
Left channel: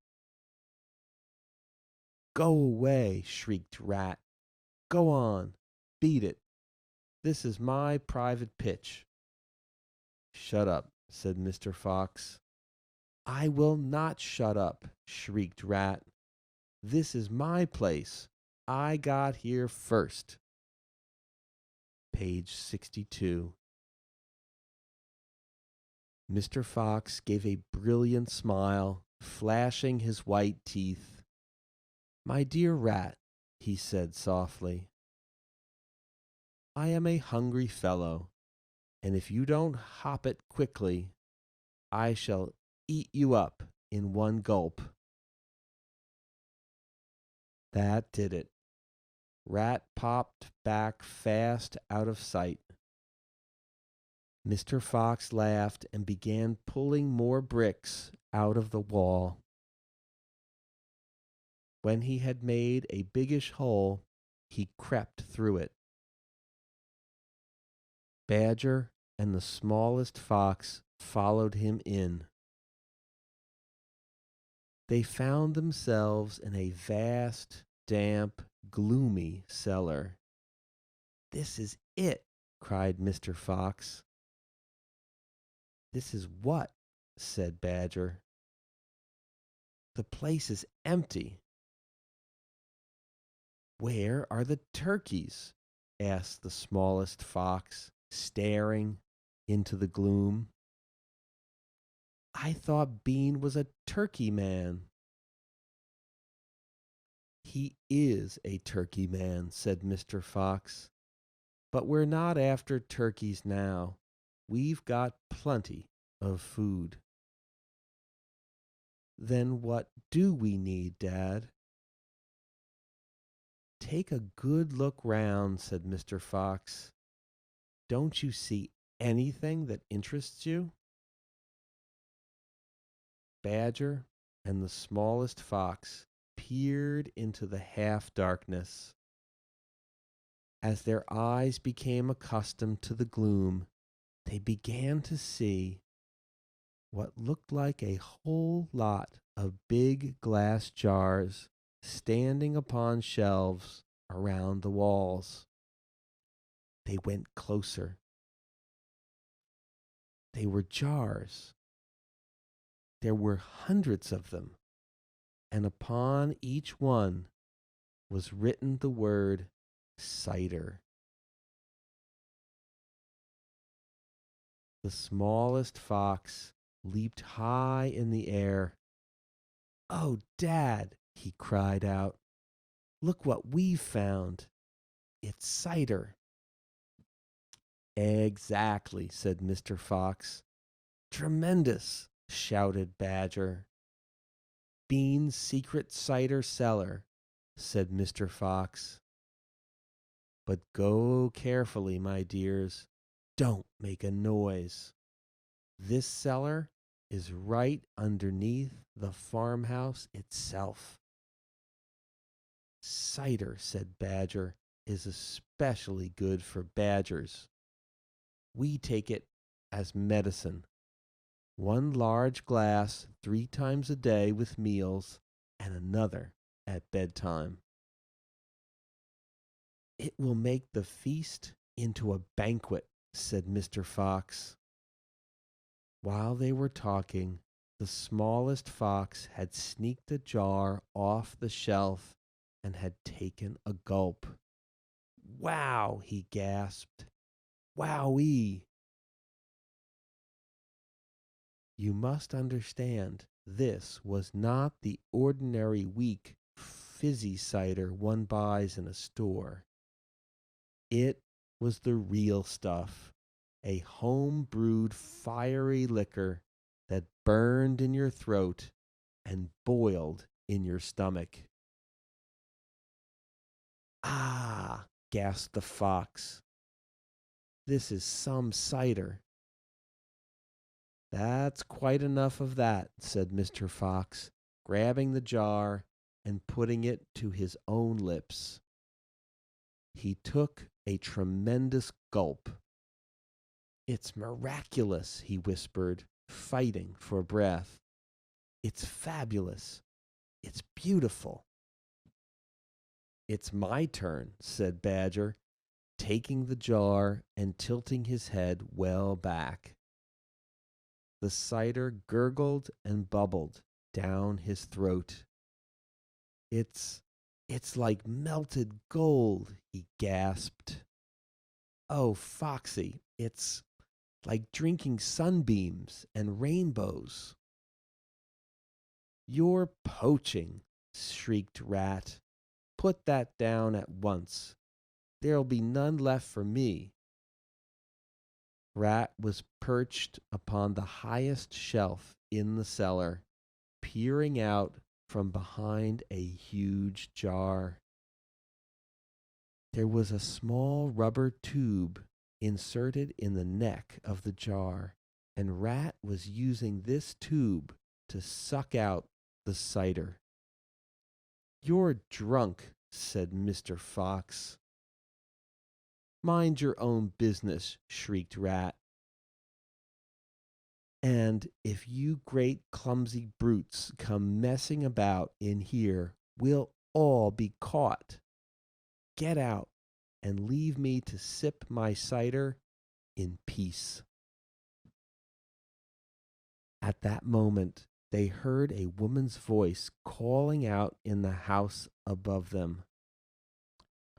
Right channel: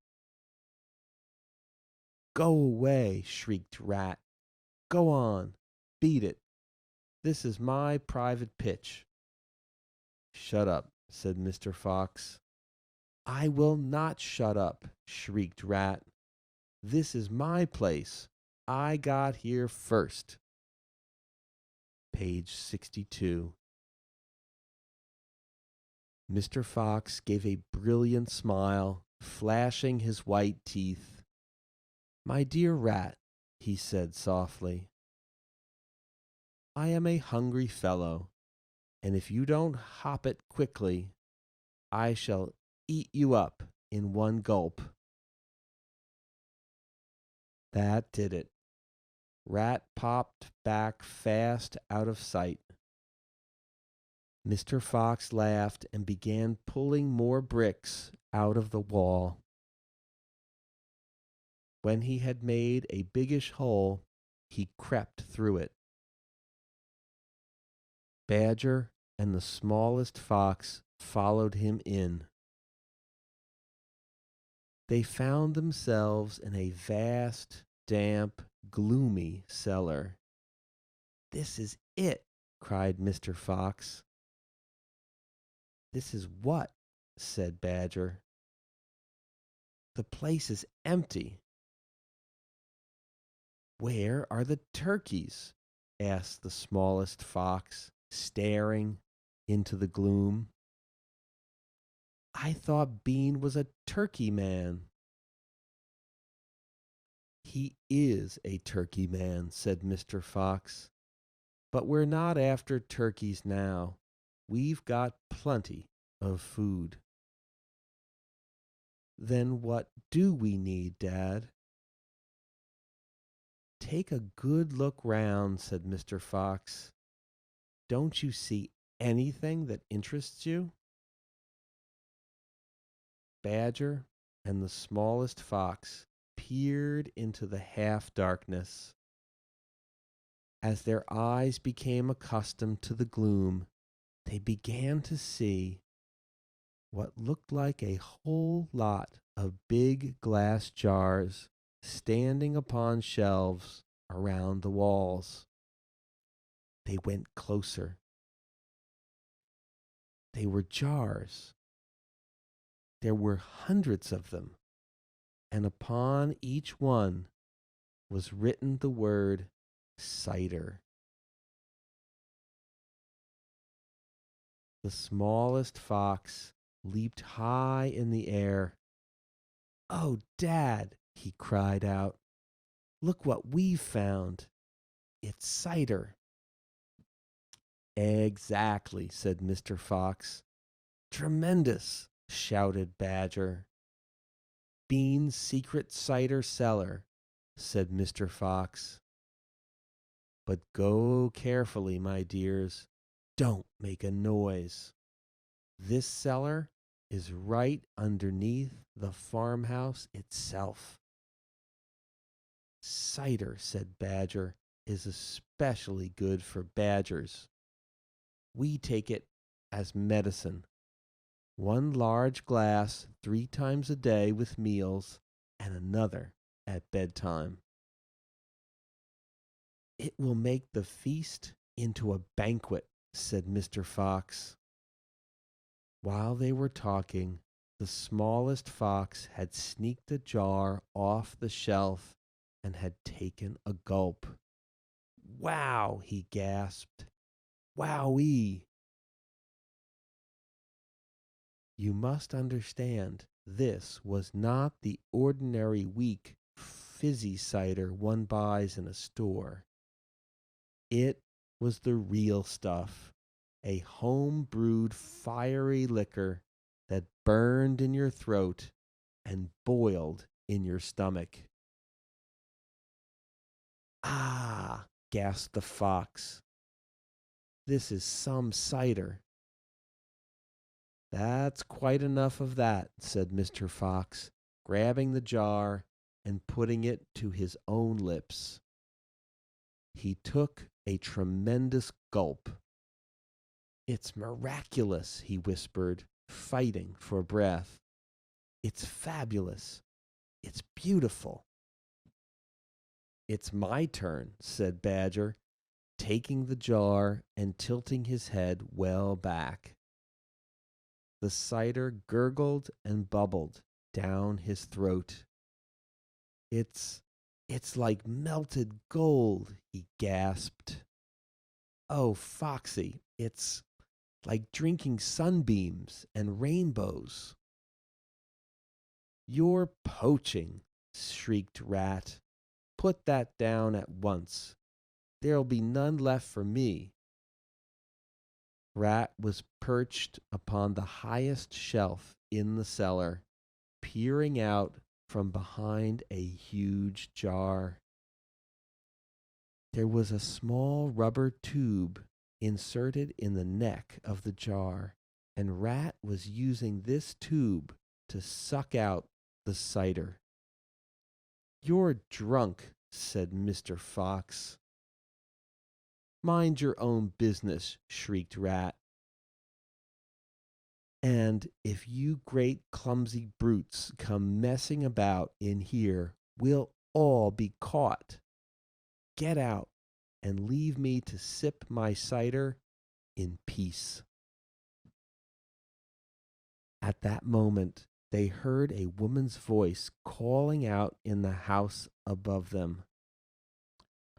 Go away, shrieked Rat. Go on, beat it. This is my private pitch. Shut up, said Mr. Fox. I will not shut up, shrieked Rat. This is my place. I got here first. Page 62. Mr. Fox gave a brilliant smile, flashing his white teeth. My dear Rat, he said softly, I am a hungry fellow, and if you don't hop it quickly, I shall eat you up in one gulp. That did it. Rat popped back fast out of sight. Mr. Fox laughed and began pulling more bricks out of the wall. When he had made a biggish hole, he crept through it. Badger and the smallest fox followed him in. They found themselves in a vast, damp, gloomy cellar. This is it, cried Mr. Fox. This is what? Said Badger. The place is empty. Where are the turkeys? Asked the smallest fox, staring into the gloom. I thought Bean was a turkey man. He is a turkey man, said Mr. Fox. But we're not after turkeys now. We've got plenty of food. Then what do we need, Dad? Take a good look round, said Mr. Fox. Don't you see anything that interests you? Badger and the smallest fox peered into the half darkness. As their eyes became accustomed to the gloom, they began to see what looked like a whole lot of big glass jars standing upon shelves around the walls. They went closer. They were jars. There were hundreds of them, and upon each one was written the word cider. The smallest fox leaped high in the air. "Oh, Dad," he cried out, "look what we've found. It's cider." "Exactly," said Mr. Fox. "Tremendous," shouted Badger. "Bean's secret cider cellar," said Mr. Fox. "But go carefully, my dears. Don't make a noise. This cellar is right underneath the farmhouse itself." "Cider," said Badger, "is especially good for badgers. We take it as medicine. One large glass 3 times a day with meals, and another at bedtime. It will make the feast into a banquet," said Mr. Fox. While they were talking, the smallest fox had sneaked a jar off the shelf and had taken a gulp. "Wow," he gasped. "Wowee." You must understand, this was not the ordinary weak, fizzy cider one buys in a store. It was the real stuff, a home brewed fiery liquor that burned in your throat and boiled in your stomach. "Ah," gasped the fox, "this is some cider." "That's quite enough of that," said Mr. Fox, grabbing the jar and putting it to his own lips. He took a tremendous gulp. "It's miraculous," he whispered, fighting for breath. "It's fabulous. It's beautiful." "It's my turn," said Badger, taking the jar and tilting his head well back. The cider gurgled and bubbled down his throat. It's it's like melted gold," he gasped. "Oh, Foxy, it's like drinking sunbeams and rainbows." "You're poaching," shrieked Rat. "Put that down at once. There'll be none left for me." Rat was perched upon the highest shelf in the cellar, peering out from behind a huge jar. There was a small rubber tube inserted in the neck of the jar, and Rat was using this tube to suck out the cider. "You're drunk," said Mr. Fox. "Mind your own business," shrieked Rat. "And if you great clumsy brutes come messing about in here, we'll all be caught. Get out and leave me to sip my cider in peace." At that moment, they heard a woman's voice calling out in the house above them.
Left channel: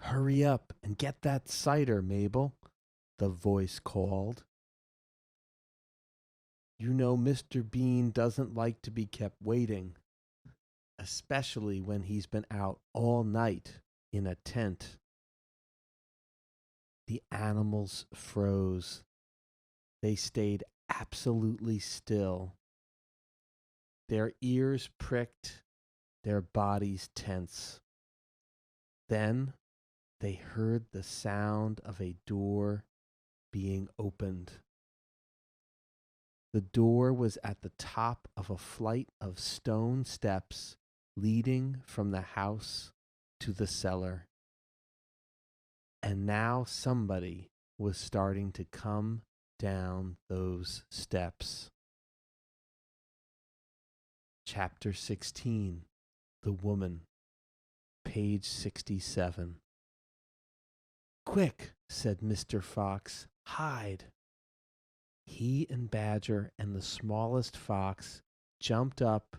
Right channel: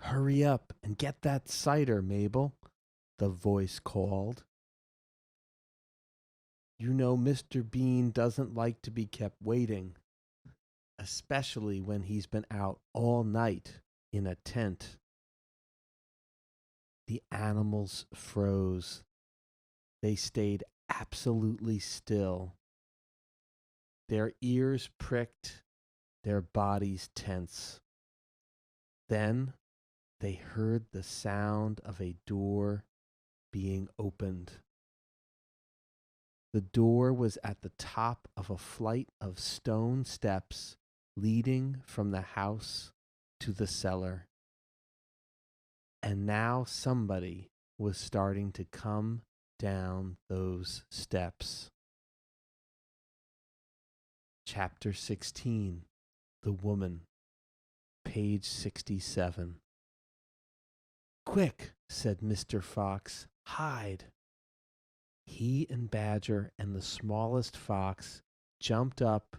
"Hurry up and get that cider, Mabel," the voice called. "You know Mr. Bean doesn't like to be kept waiting, especially when he's been out all night in a tent." The animals froze. They stayed absolutely still. Their ears pricked, their bodies tense. Then they heard the sound of a door being opened. The door was at the top of a flight of stone steps leading from the house to the cellar. And now somebody was starting to come down those steps. Chapter 16, The Woman, page 67. "Quick," said Mr. Fox, "hide." He and Badger and the smallest fox jumped up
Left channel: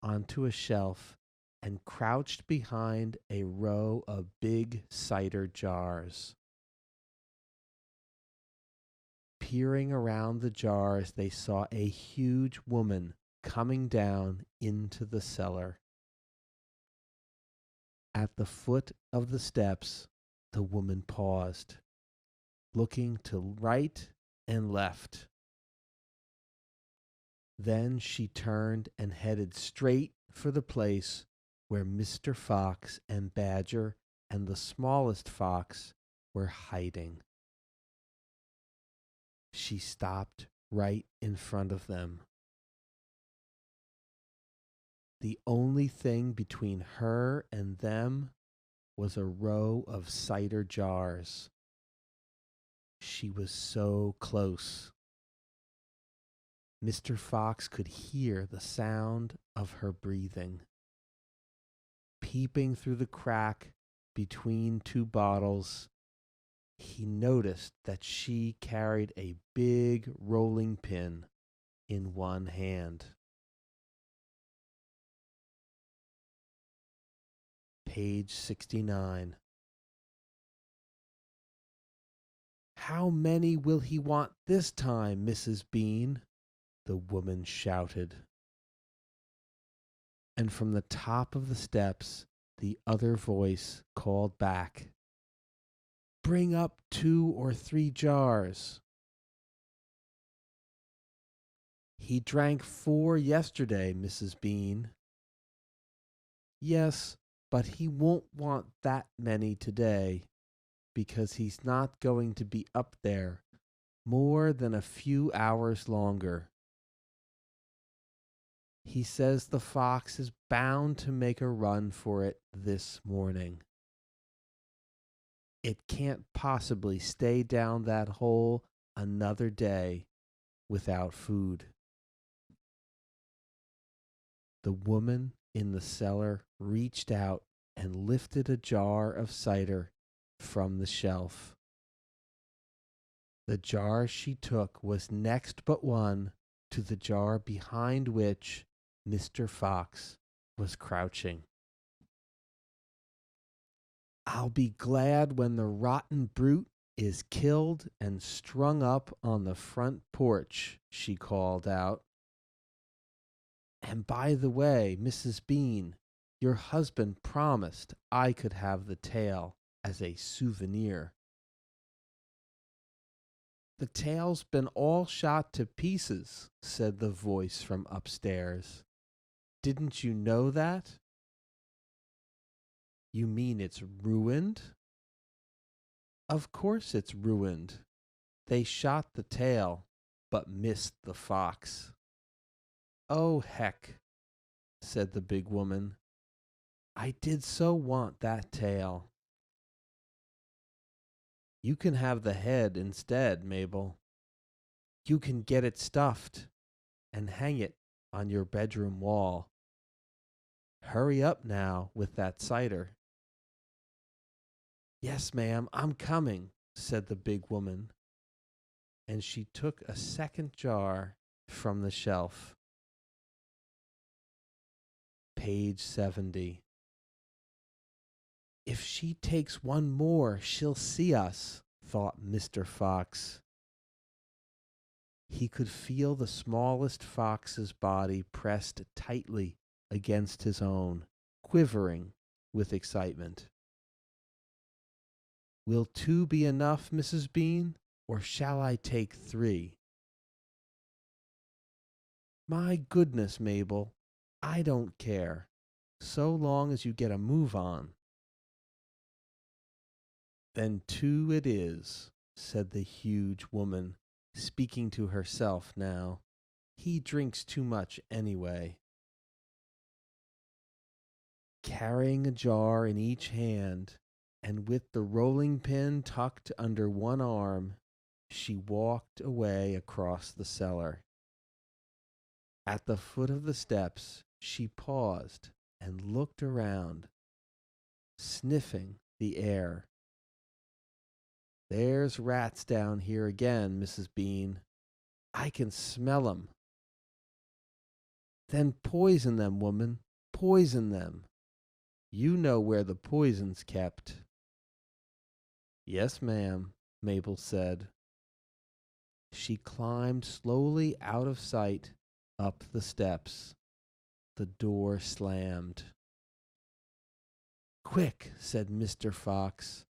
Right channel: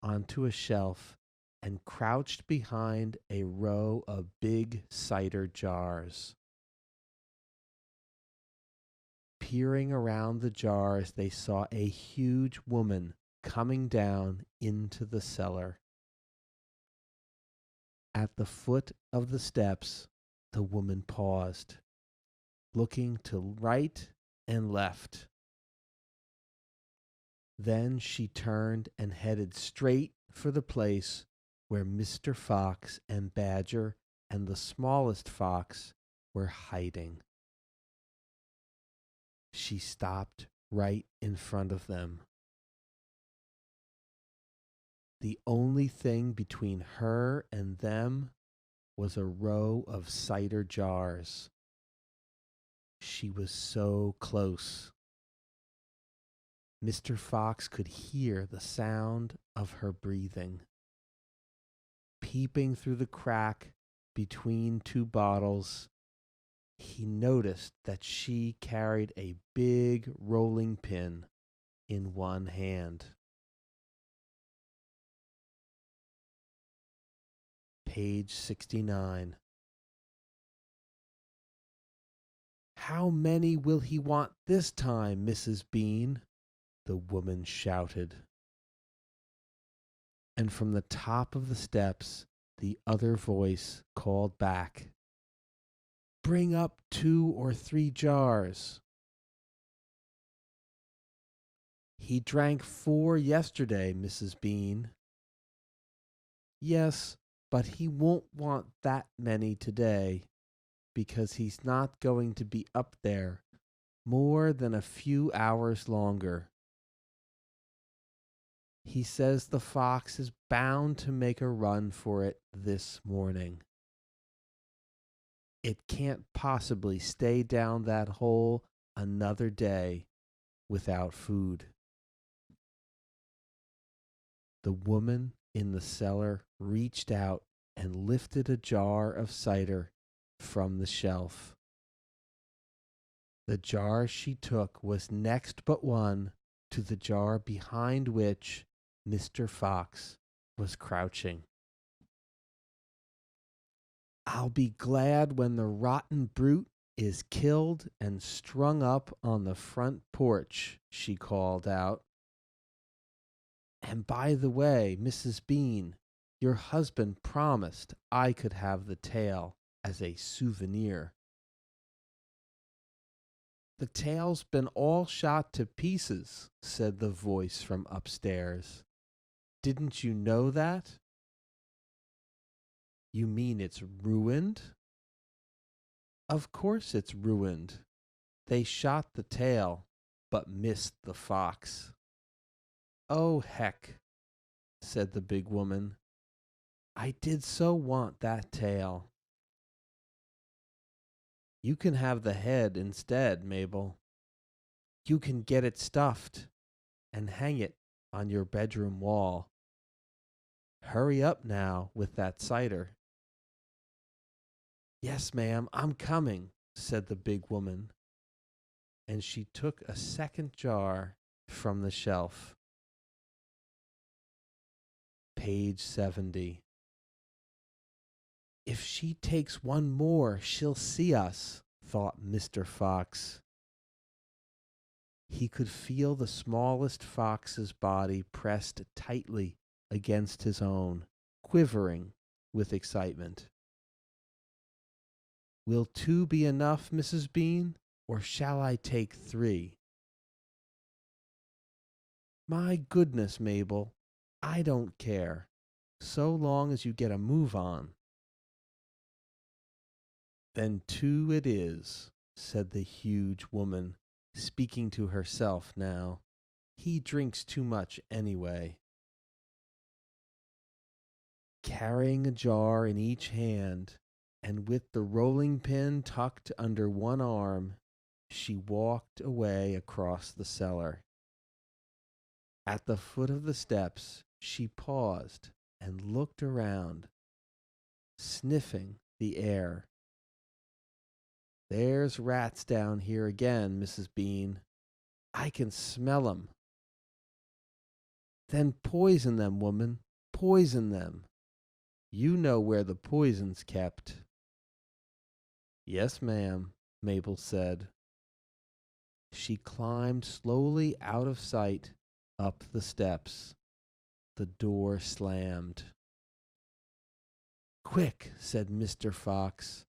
onto a shelf and crouched behind a row of big cider jars. Peering around the jars, they saw a huge woman coming down into the cellar. At the foot of the steps, the woman paused, looking to right and left. Then she turned and headed straight for the place where Mr. Fox and Badger and the smallest fox were hiding. She stopped right in front of them. The only thing between her and them was a row of cider jars. She was so close. Mr. Fox could hear the sound of her breathing. Peeping through the crack between two bottles, he noticed that she carried a big rolling pin in one hand. Page 69. "How many will he want this time, Mrs. Bean?" the woman shouted. And from the top of the steps, the other voice called back, "Bring up 2 or 3 jars." "He drank 4 yesterday, Mrs. Bean." "Yes, but he won't want that many today, because he's not going to be up there more than a few hours longer. He says the fox is bound to make a run for it this morning. It can't possibly stay down that hole another day without food." The woman in the cellar reached out and lifted a jar of cider from the shelf. The jar she took was next but one to the jar behind which Mr. Fox was crouching. "I'll be glad when the rotten brute is killed and strung up on the front porch," she called out. "And by the way, Mrs. Bean, your husband promised I could have the tail as a souvenir." "The tail's been all shot to pieces," said the voice from upstairs. "Didn't you know that?" "You mean it's ruined?" "Of course it's ruined. They shot the tail, but missed the fox." "Oh, heck," said the big woman. "I did so want that tail." "You can have the head instead, Mabel. You can get it stuffed and hang it on your bedroom wall. Hurry up now with that cider." "Yes, ma'am, I'm coming," said the big woman, and she took a second jar from the shelf. Page 70. "If she takes one more, she'll see us," thought Mr. Fox. He could feel the smallest fox's body pressed tightly against his own, quivering with excitement. "Will 2 be enough, Mrs. Bean, or shall I take 3? "My goodness, Mabel, I don't care, so long as you get a move on." "Then 2 it is," said the huge woman, speaking to herself now. "He drinks too much anyway." Carrying a jar in each hand, and with the rolling pin tucked under one arm, she walked away across the cellar. At the foot of the steps, she paused and looked around, sniffing the air. There's rats down here again, Mrs. Bean. I can smell 'em. Then poison them, woman, poison them. You know where the poison's kept. Yes, ma'am, Mabel said. She climbed slowly out of sight up the steps. The door slammed. Quick, said Mr. Fox.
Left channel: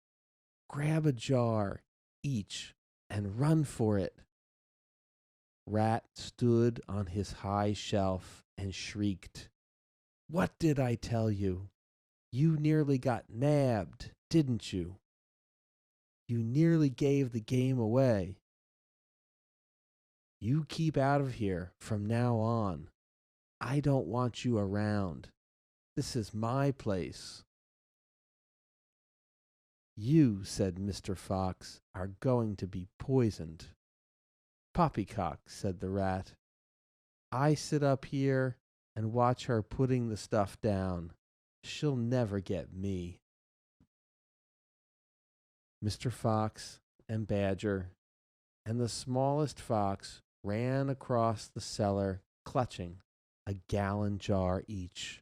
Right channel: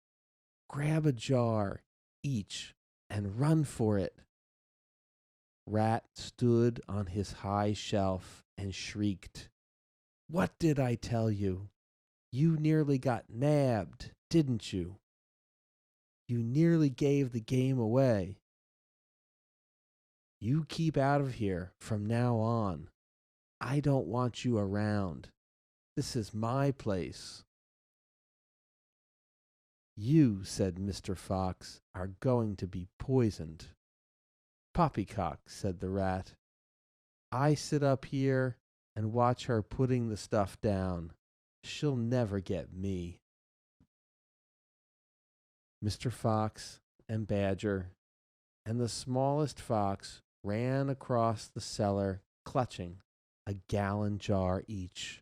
Grab a jar, each, and run for it. Rat stood on his high shelf and shrieked. What did I tell you? You nearly got nabbed, didn't you? You nearly gave the game away. You keep out of here from now on. I don't want you around. This is my place. You, said Mr. Fox, are going to be poisoned. Poppycock, said the rat. I sit up here and watch her putting the stuff down. She'll never get me. Mr. Fox and Badger and the smallest fox ran across the cellar, clutching a gallon jar each.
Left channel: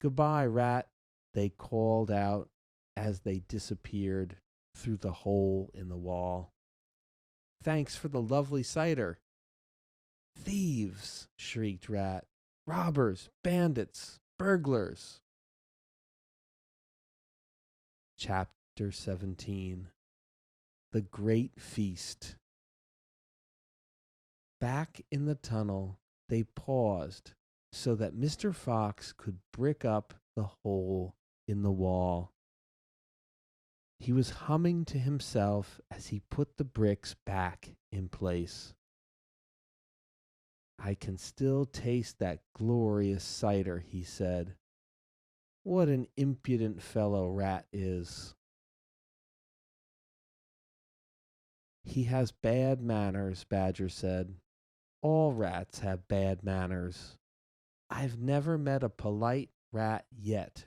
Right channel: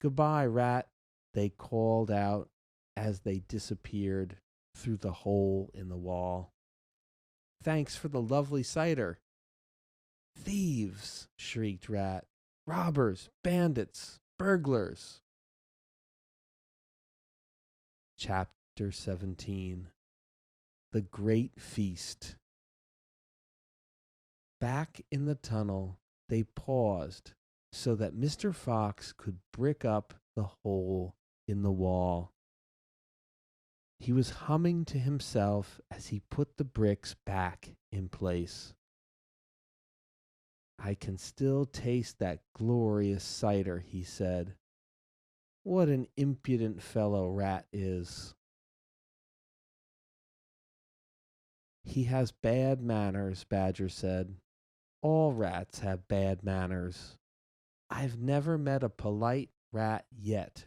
Goodbye, Rat, they called out as they disappeared through the hole in the wall. Thanks for the lovely cider. Thieves, shrieked Rat. Robbers, bandits, burglars. Chapter 17. The Great Feast. Back in the tunnel, they paused so that Mr. Fox could brick up the hole in the wall. He was humming to himself as he put the bricks back in place. I can still taste that glorious cider, he said. What an impudent fellow Rat is. He has bad manners, Badger said. All rats have bad manners. I've never met a polite rat yet.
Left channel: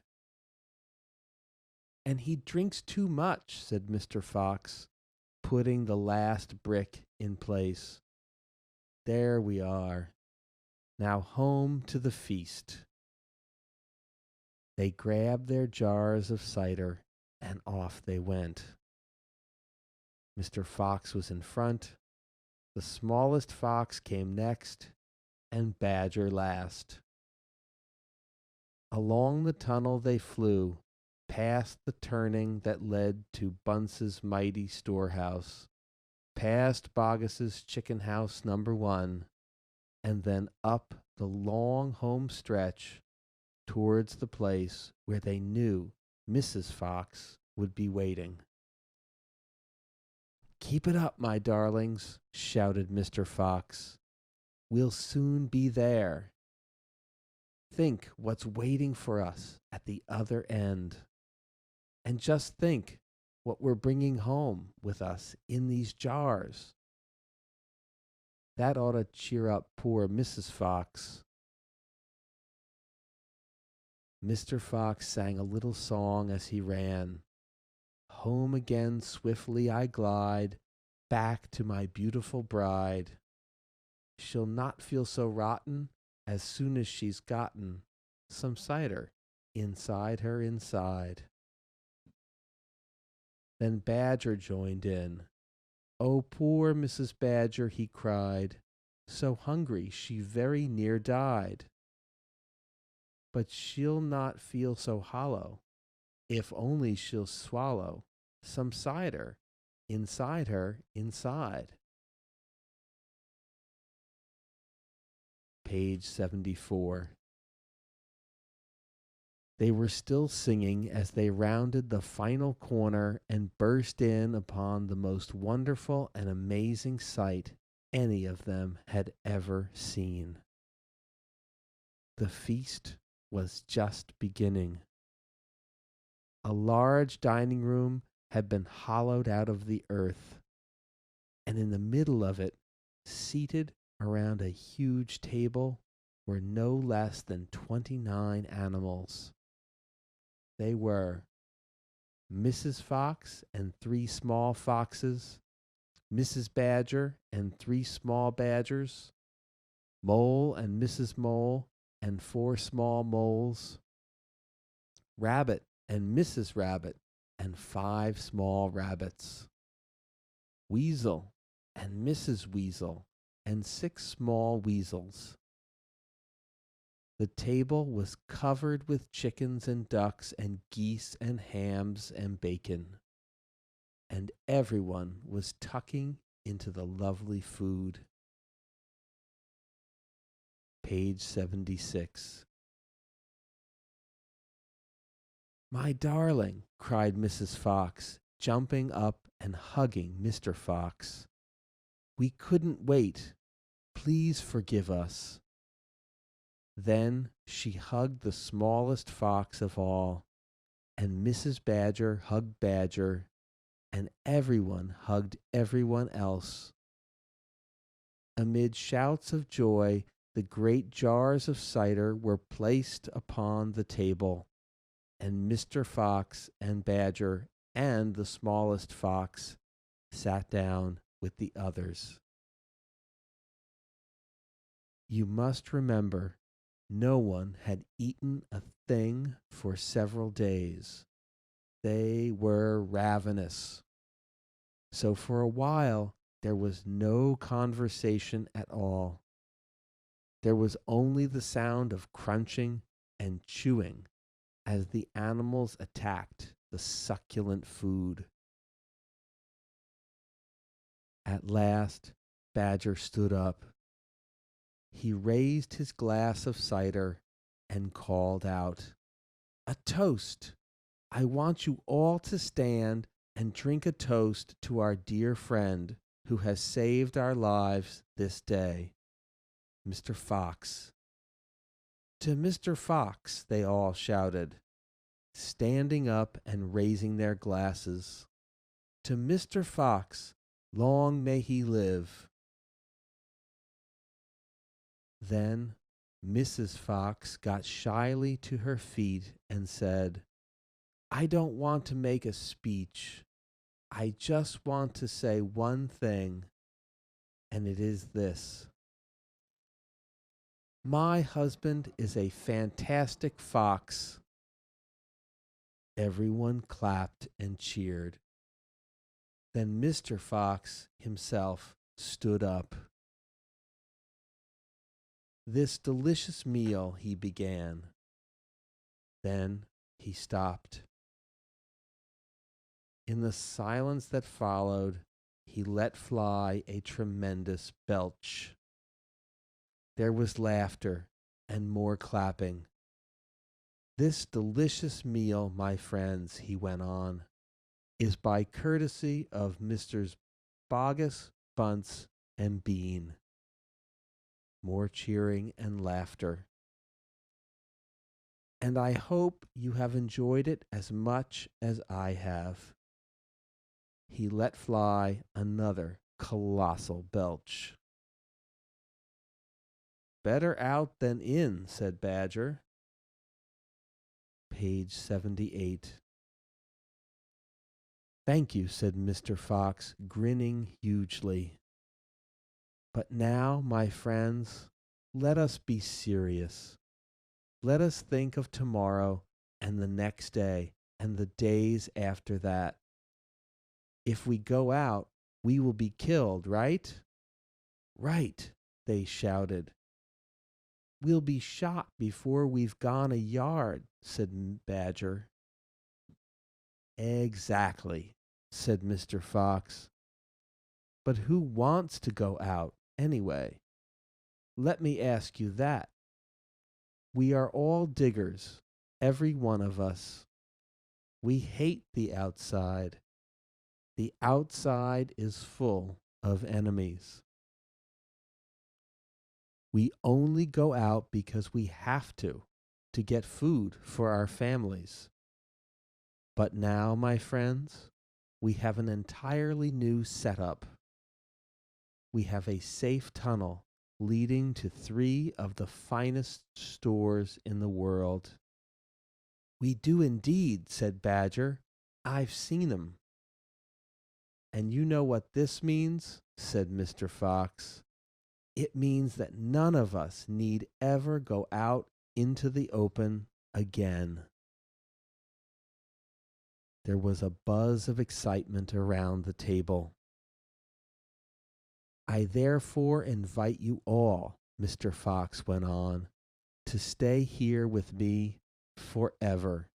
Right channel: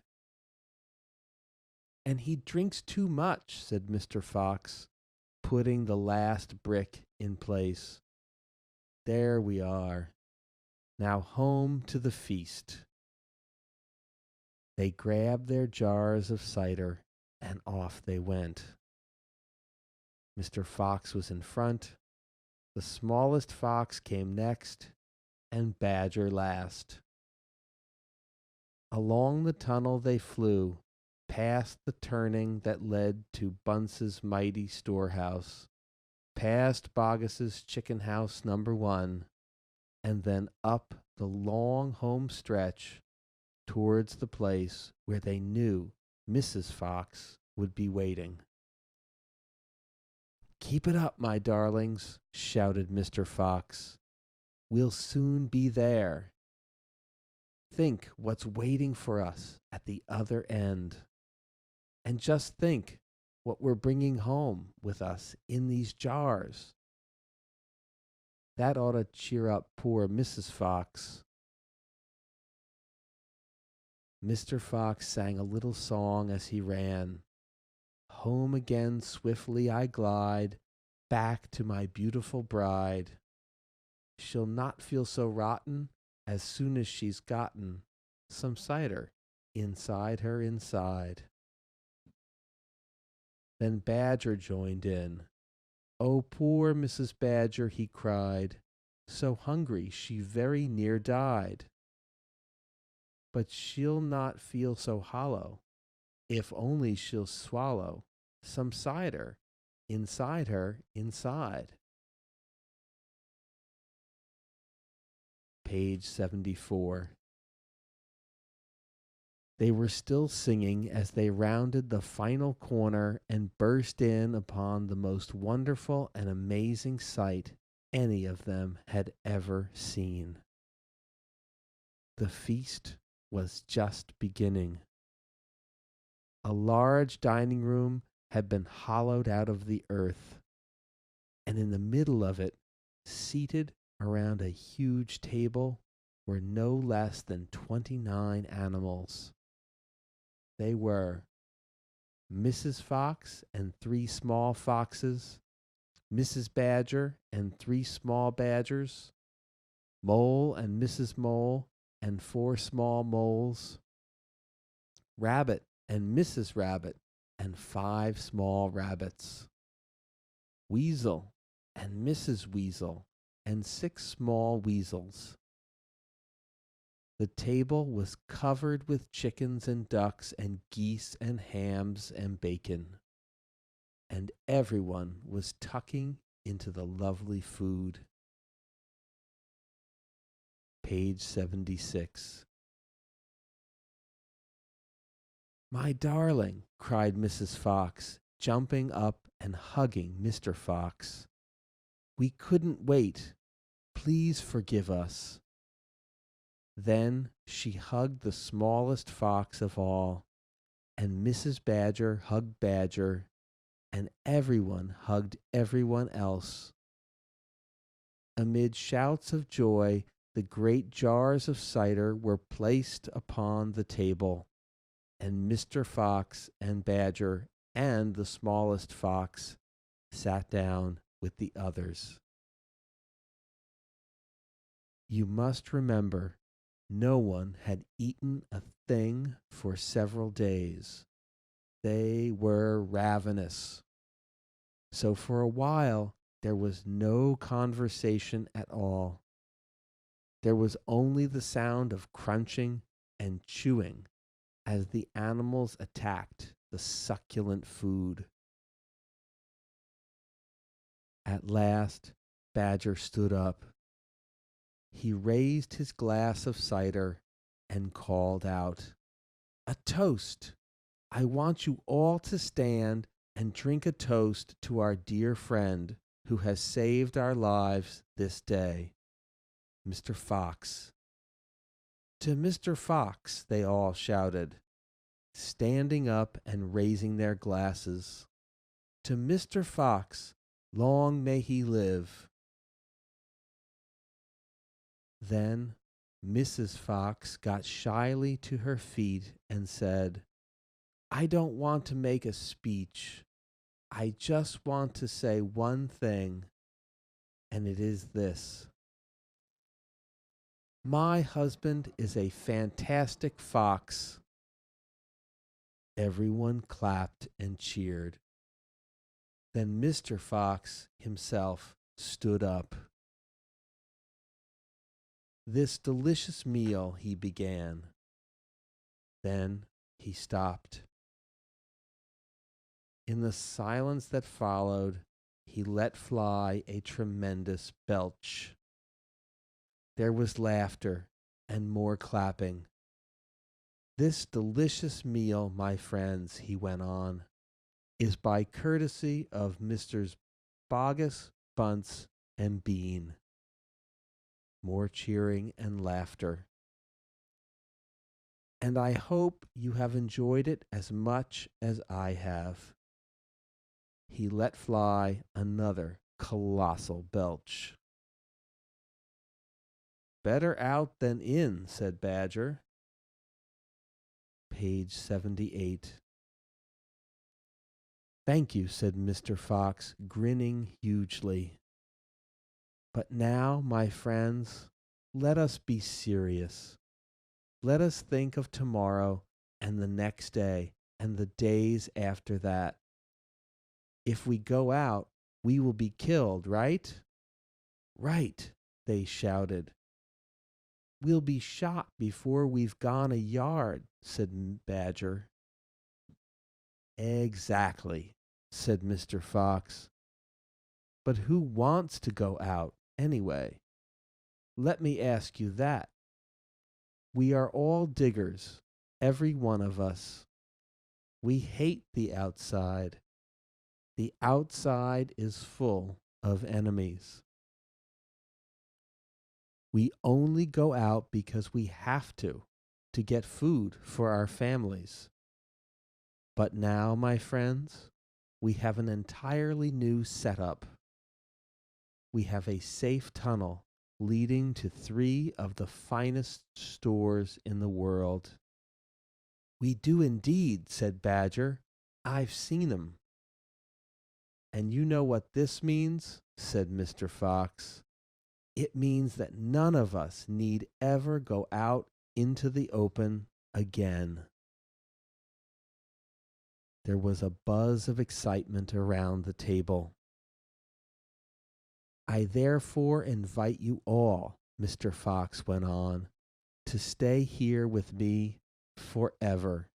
And he drinks too much, said Mr. Fox, putting the last brick in place. There we are. Now home to the feast. They grabbed their jars of cider and off they went. Mr. Fox was in front, the smallest fox came next, and Badger last. Along the tunnel they flew, past the turning that led to Bunts's mighty storehouse, past Boggis's chicken house #1, and then up the long home stretch towards the place where they knew Mrs. Fox would be waiting. Keep it up, my darlings, shouted Mr. Fox. We'll soon be there. Think what's waiting for us at the other end. And just think what we're bringing home with us in these jars. That ought to cheer up poor Mrs. Fox. Mr. Fox sang a little song as he ran. Home again swiftly I glide, back to my beautiful bride. She'll not feel so rotten as soon as she's gotten some cider inside her inside. Then Badger joined in. Oh, poor Mrs. Badger, he cried, so hungry she very near died. But she'll not feel so hollow, if only she'll swallow some cider inside her inside. Page 74. They were still singing as they rounded the final corner and burst in upon the most wonderful and amazing sight any of them had ever seen. The feast was just beginning. A large dining room had been hollowed out of the earth, and in the middle of it, seated around a huge table, were no less than 29 animals. They were Mrs. Fox and 3 small foxes, Mrs. Badger and 3 small badgers, Mole and Mrs. Mole and 4 small moles, Rabbit and Mrs. Rabbit and 5 small rabbits, Weasel and Mrs. Weasel and 6 small weasels. The table was covered with chickens and ducks and geese and hams and bacon, and everyone was tucking into the lovely food. Page 76. My darling, cried Mrs. Fox, jumping up and hugging Mr. Fox. We couldn't wait. Please forgive us. Then she hugged the smallest fox of all, and Mrs. Badger hugged Badger, and everyone hugged everyone else. Amid shouts of joy, the great jars of cider were placed upon the table, and Mr. Fox and Badger and the smallest fox sat down with the others. You must remember, no one had eaten a thing for several days. They were ravenous. So for a while, there was no conversation at all. There was only the sound of crunching and chewing as the animals attacked the succulent food. At last, Badger stood up. He raised his glass of cider and called out, A toast! I want you all to stand and drink a toast to our dear friend who has saved our lives this day, Mr. Fox. To Mr. Fox, they all shouted, standing up and raising their glasses. To Mr. Fox, long may he live. Then Mrs. Fox got shyly to her feet and said, I don't want to make a speech. I just want to say one thing, and it is this. My husband is a fantastic fox. Everyone clapped and cheered. Then Mr. Fox himself stood up. This delicious meal, he began. Then he stopped. In the silence that followed, he let fly a tremendous belch. There was laughter and more clapping. This delicious meal, my friends, he went on, is by courtesy of Messrs. Bogus, Bunts, and Bean. More cheering and laughter. And I hope you have enjoyed it as much as I have. He let fly another colossal belch. Better out than in, said Badger. Page 78. Thank you, said Mr. Fox, grinning hugely. But now, my friends, let us be serious. Let us think of tomorrow and the next day and the days after that. If we go out, we will be killed, right? Right, they shouted. We'll be shot before we've gone a yard, said Badger. Exactly, said Mr. Fox. But who wants to go out anyway? Let me ask you that. We are all diggers, every one of us. We hate the outside. The outside is full of enemies. We only go out because we have to. to get food for our families. But now, my friends, we have an entirely new setup. We have a safe tunnel leading to three of the finest stores in the world. We do indeed, said Badger. I've seen 'em. And you know what this means, said Mr. Fox. It means that none of us need ever go out into the open again. There was a buzz of excitement around the table. I therefore invite you all, Mr. Fox went on, to stay here with me forever.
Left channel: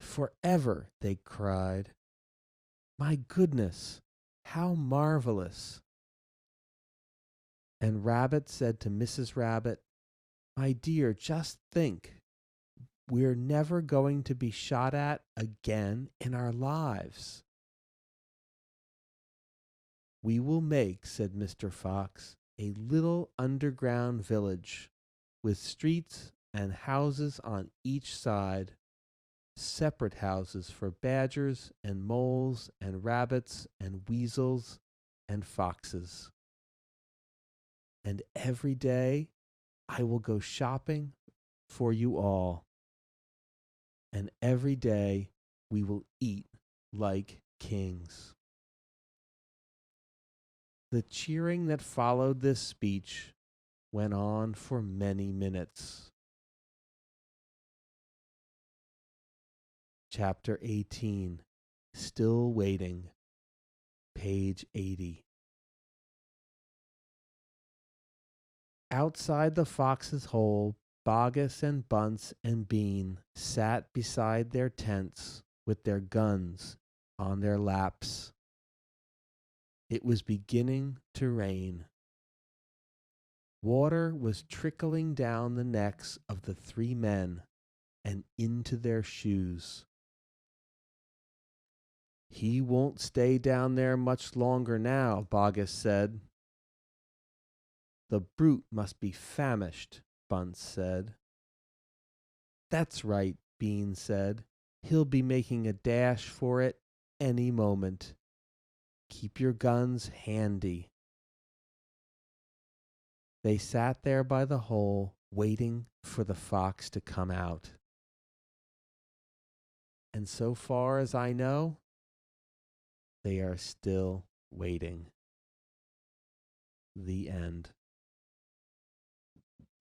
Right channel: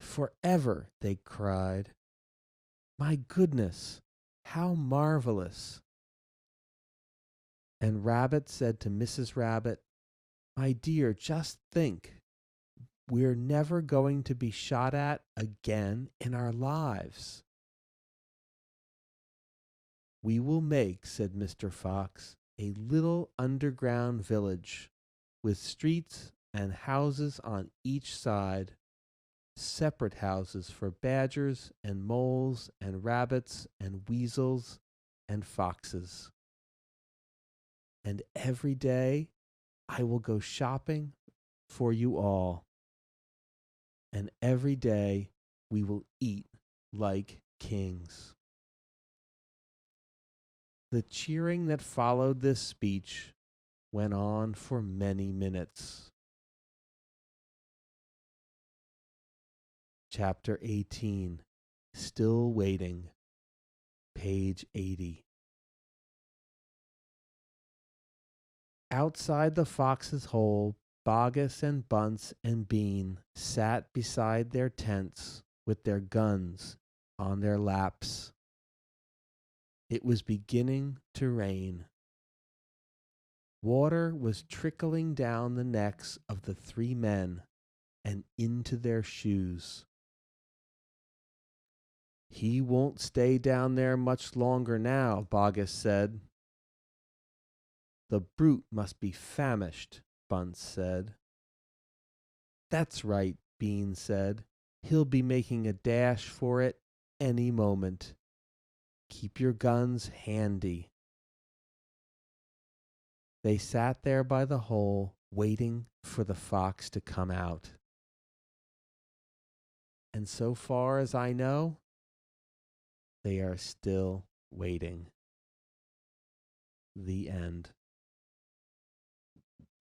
Forever, they cried. My goodness, how marvelous. And Rabbit said to Mrs. Rabbit, my dear, just think. We're never going to be shot at again in our lives. We will make, said Mr. Fox, a little underground village with streets and houses on each side, separate houses for badgers and moles and rabbits and weasels and foxes. And every day I will go shopping for you all. And every day we will eat like kings. The cheering that followed this speech went on for many minutes. Chapter 18, Still Waiting, page 80. Outside the fox's hole, Bogus and Bunts and Bean sat beside their tents with their guns on their laps. It was beginning to rain. Water was trickling down the necks of the three men and into their shoes. He won't stay down there much longer now, Bogus said. The brute must be famished, Bunts said. That's right, Bean said. He'll be making a dash for it any moment. Keep your guns handy. They sat there by the hole, waiting for the fox to come out. And so far as I know, they are still waiting. The end.